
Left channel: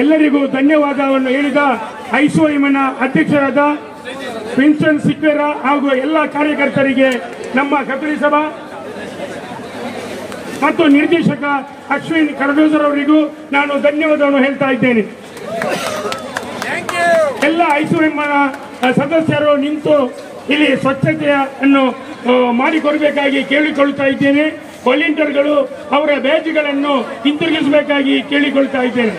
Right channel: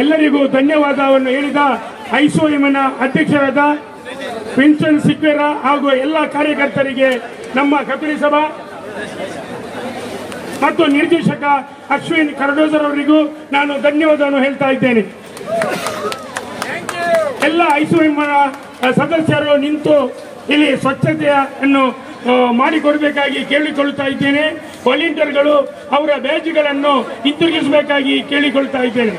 ಎಲ್ಲರಿಗೂ ಧನ್ಯವಾದವನ್ನು ಹೇಳಿದ ಐಸೋಎಂನ ಅಧ್ಯಕ್ಷರಾದ ವಿನ್ಸೆಂಟ್ ಸಿಕ್ವೇರಾ ಹಾಗೂ ಎಲ್ಲ ಕಾರ್ಯಕರ್ತರಿಗೆ, ನಮ್ಮ ಕಥಳಿ ಸಭಾ ಮತ್ತು ನಿರ್ದೇಶಕ ಅಶ್ವಿನ್ ಕರಡೋಜರ್ ಅವರಿಗೂ ನಾನು ಧನ್ಯವಾದವನ್ನು ಹೇಳ್ತಾ ಇದ್ದೇನೆ. ಎಲ್ಲ ಐಸೋಎಂನ ಸದಸ್ಯರು ನಿಂತು ಇಲ್ಲಿ ಸ್ವಚ್ಛತೆಯನ್ನು ಮಾಡಿಕೊಡಬೇಕಾಗಿ ಕೇಳಿಕೊಳ್ಳುತ್ತಾ ಇದ್ದೇನೆ. ವಾಲಂಟಿಯರ್ಗಳು ಅವರ ಬ್ಯಾಜ್ಗಳನ್ನು ಹಿಂತಿರುಗಿಸಬೇಕಾಗಿ ಕೇಳಿಕೊಳ್ತಾ ಇದ್ದೇನೆ.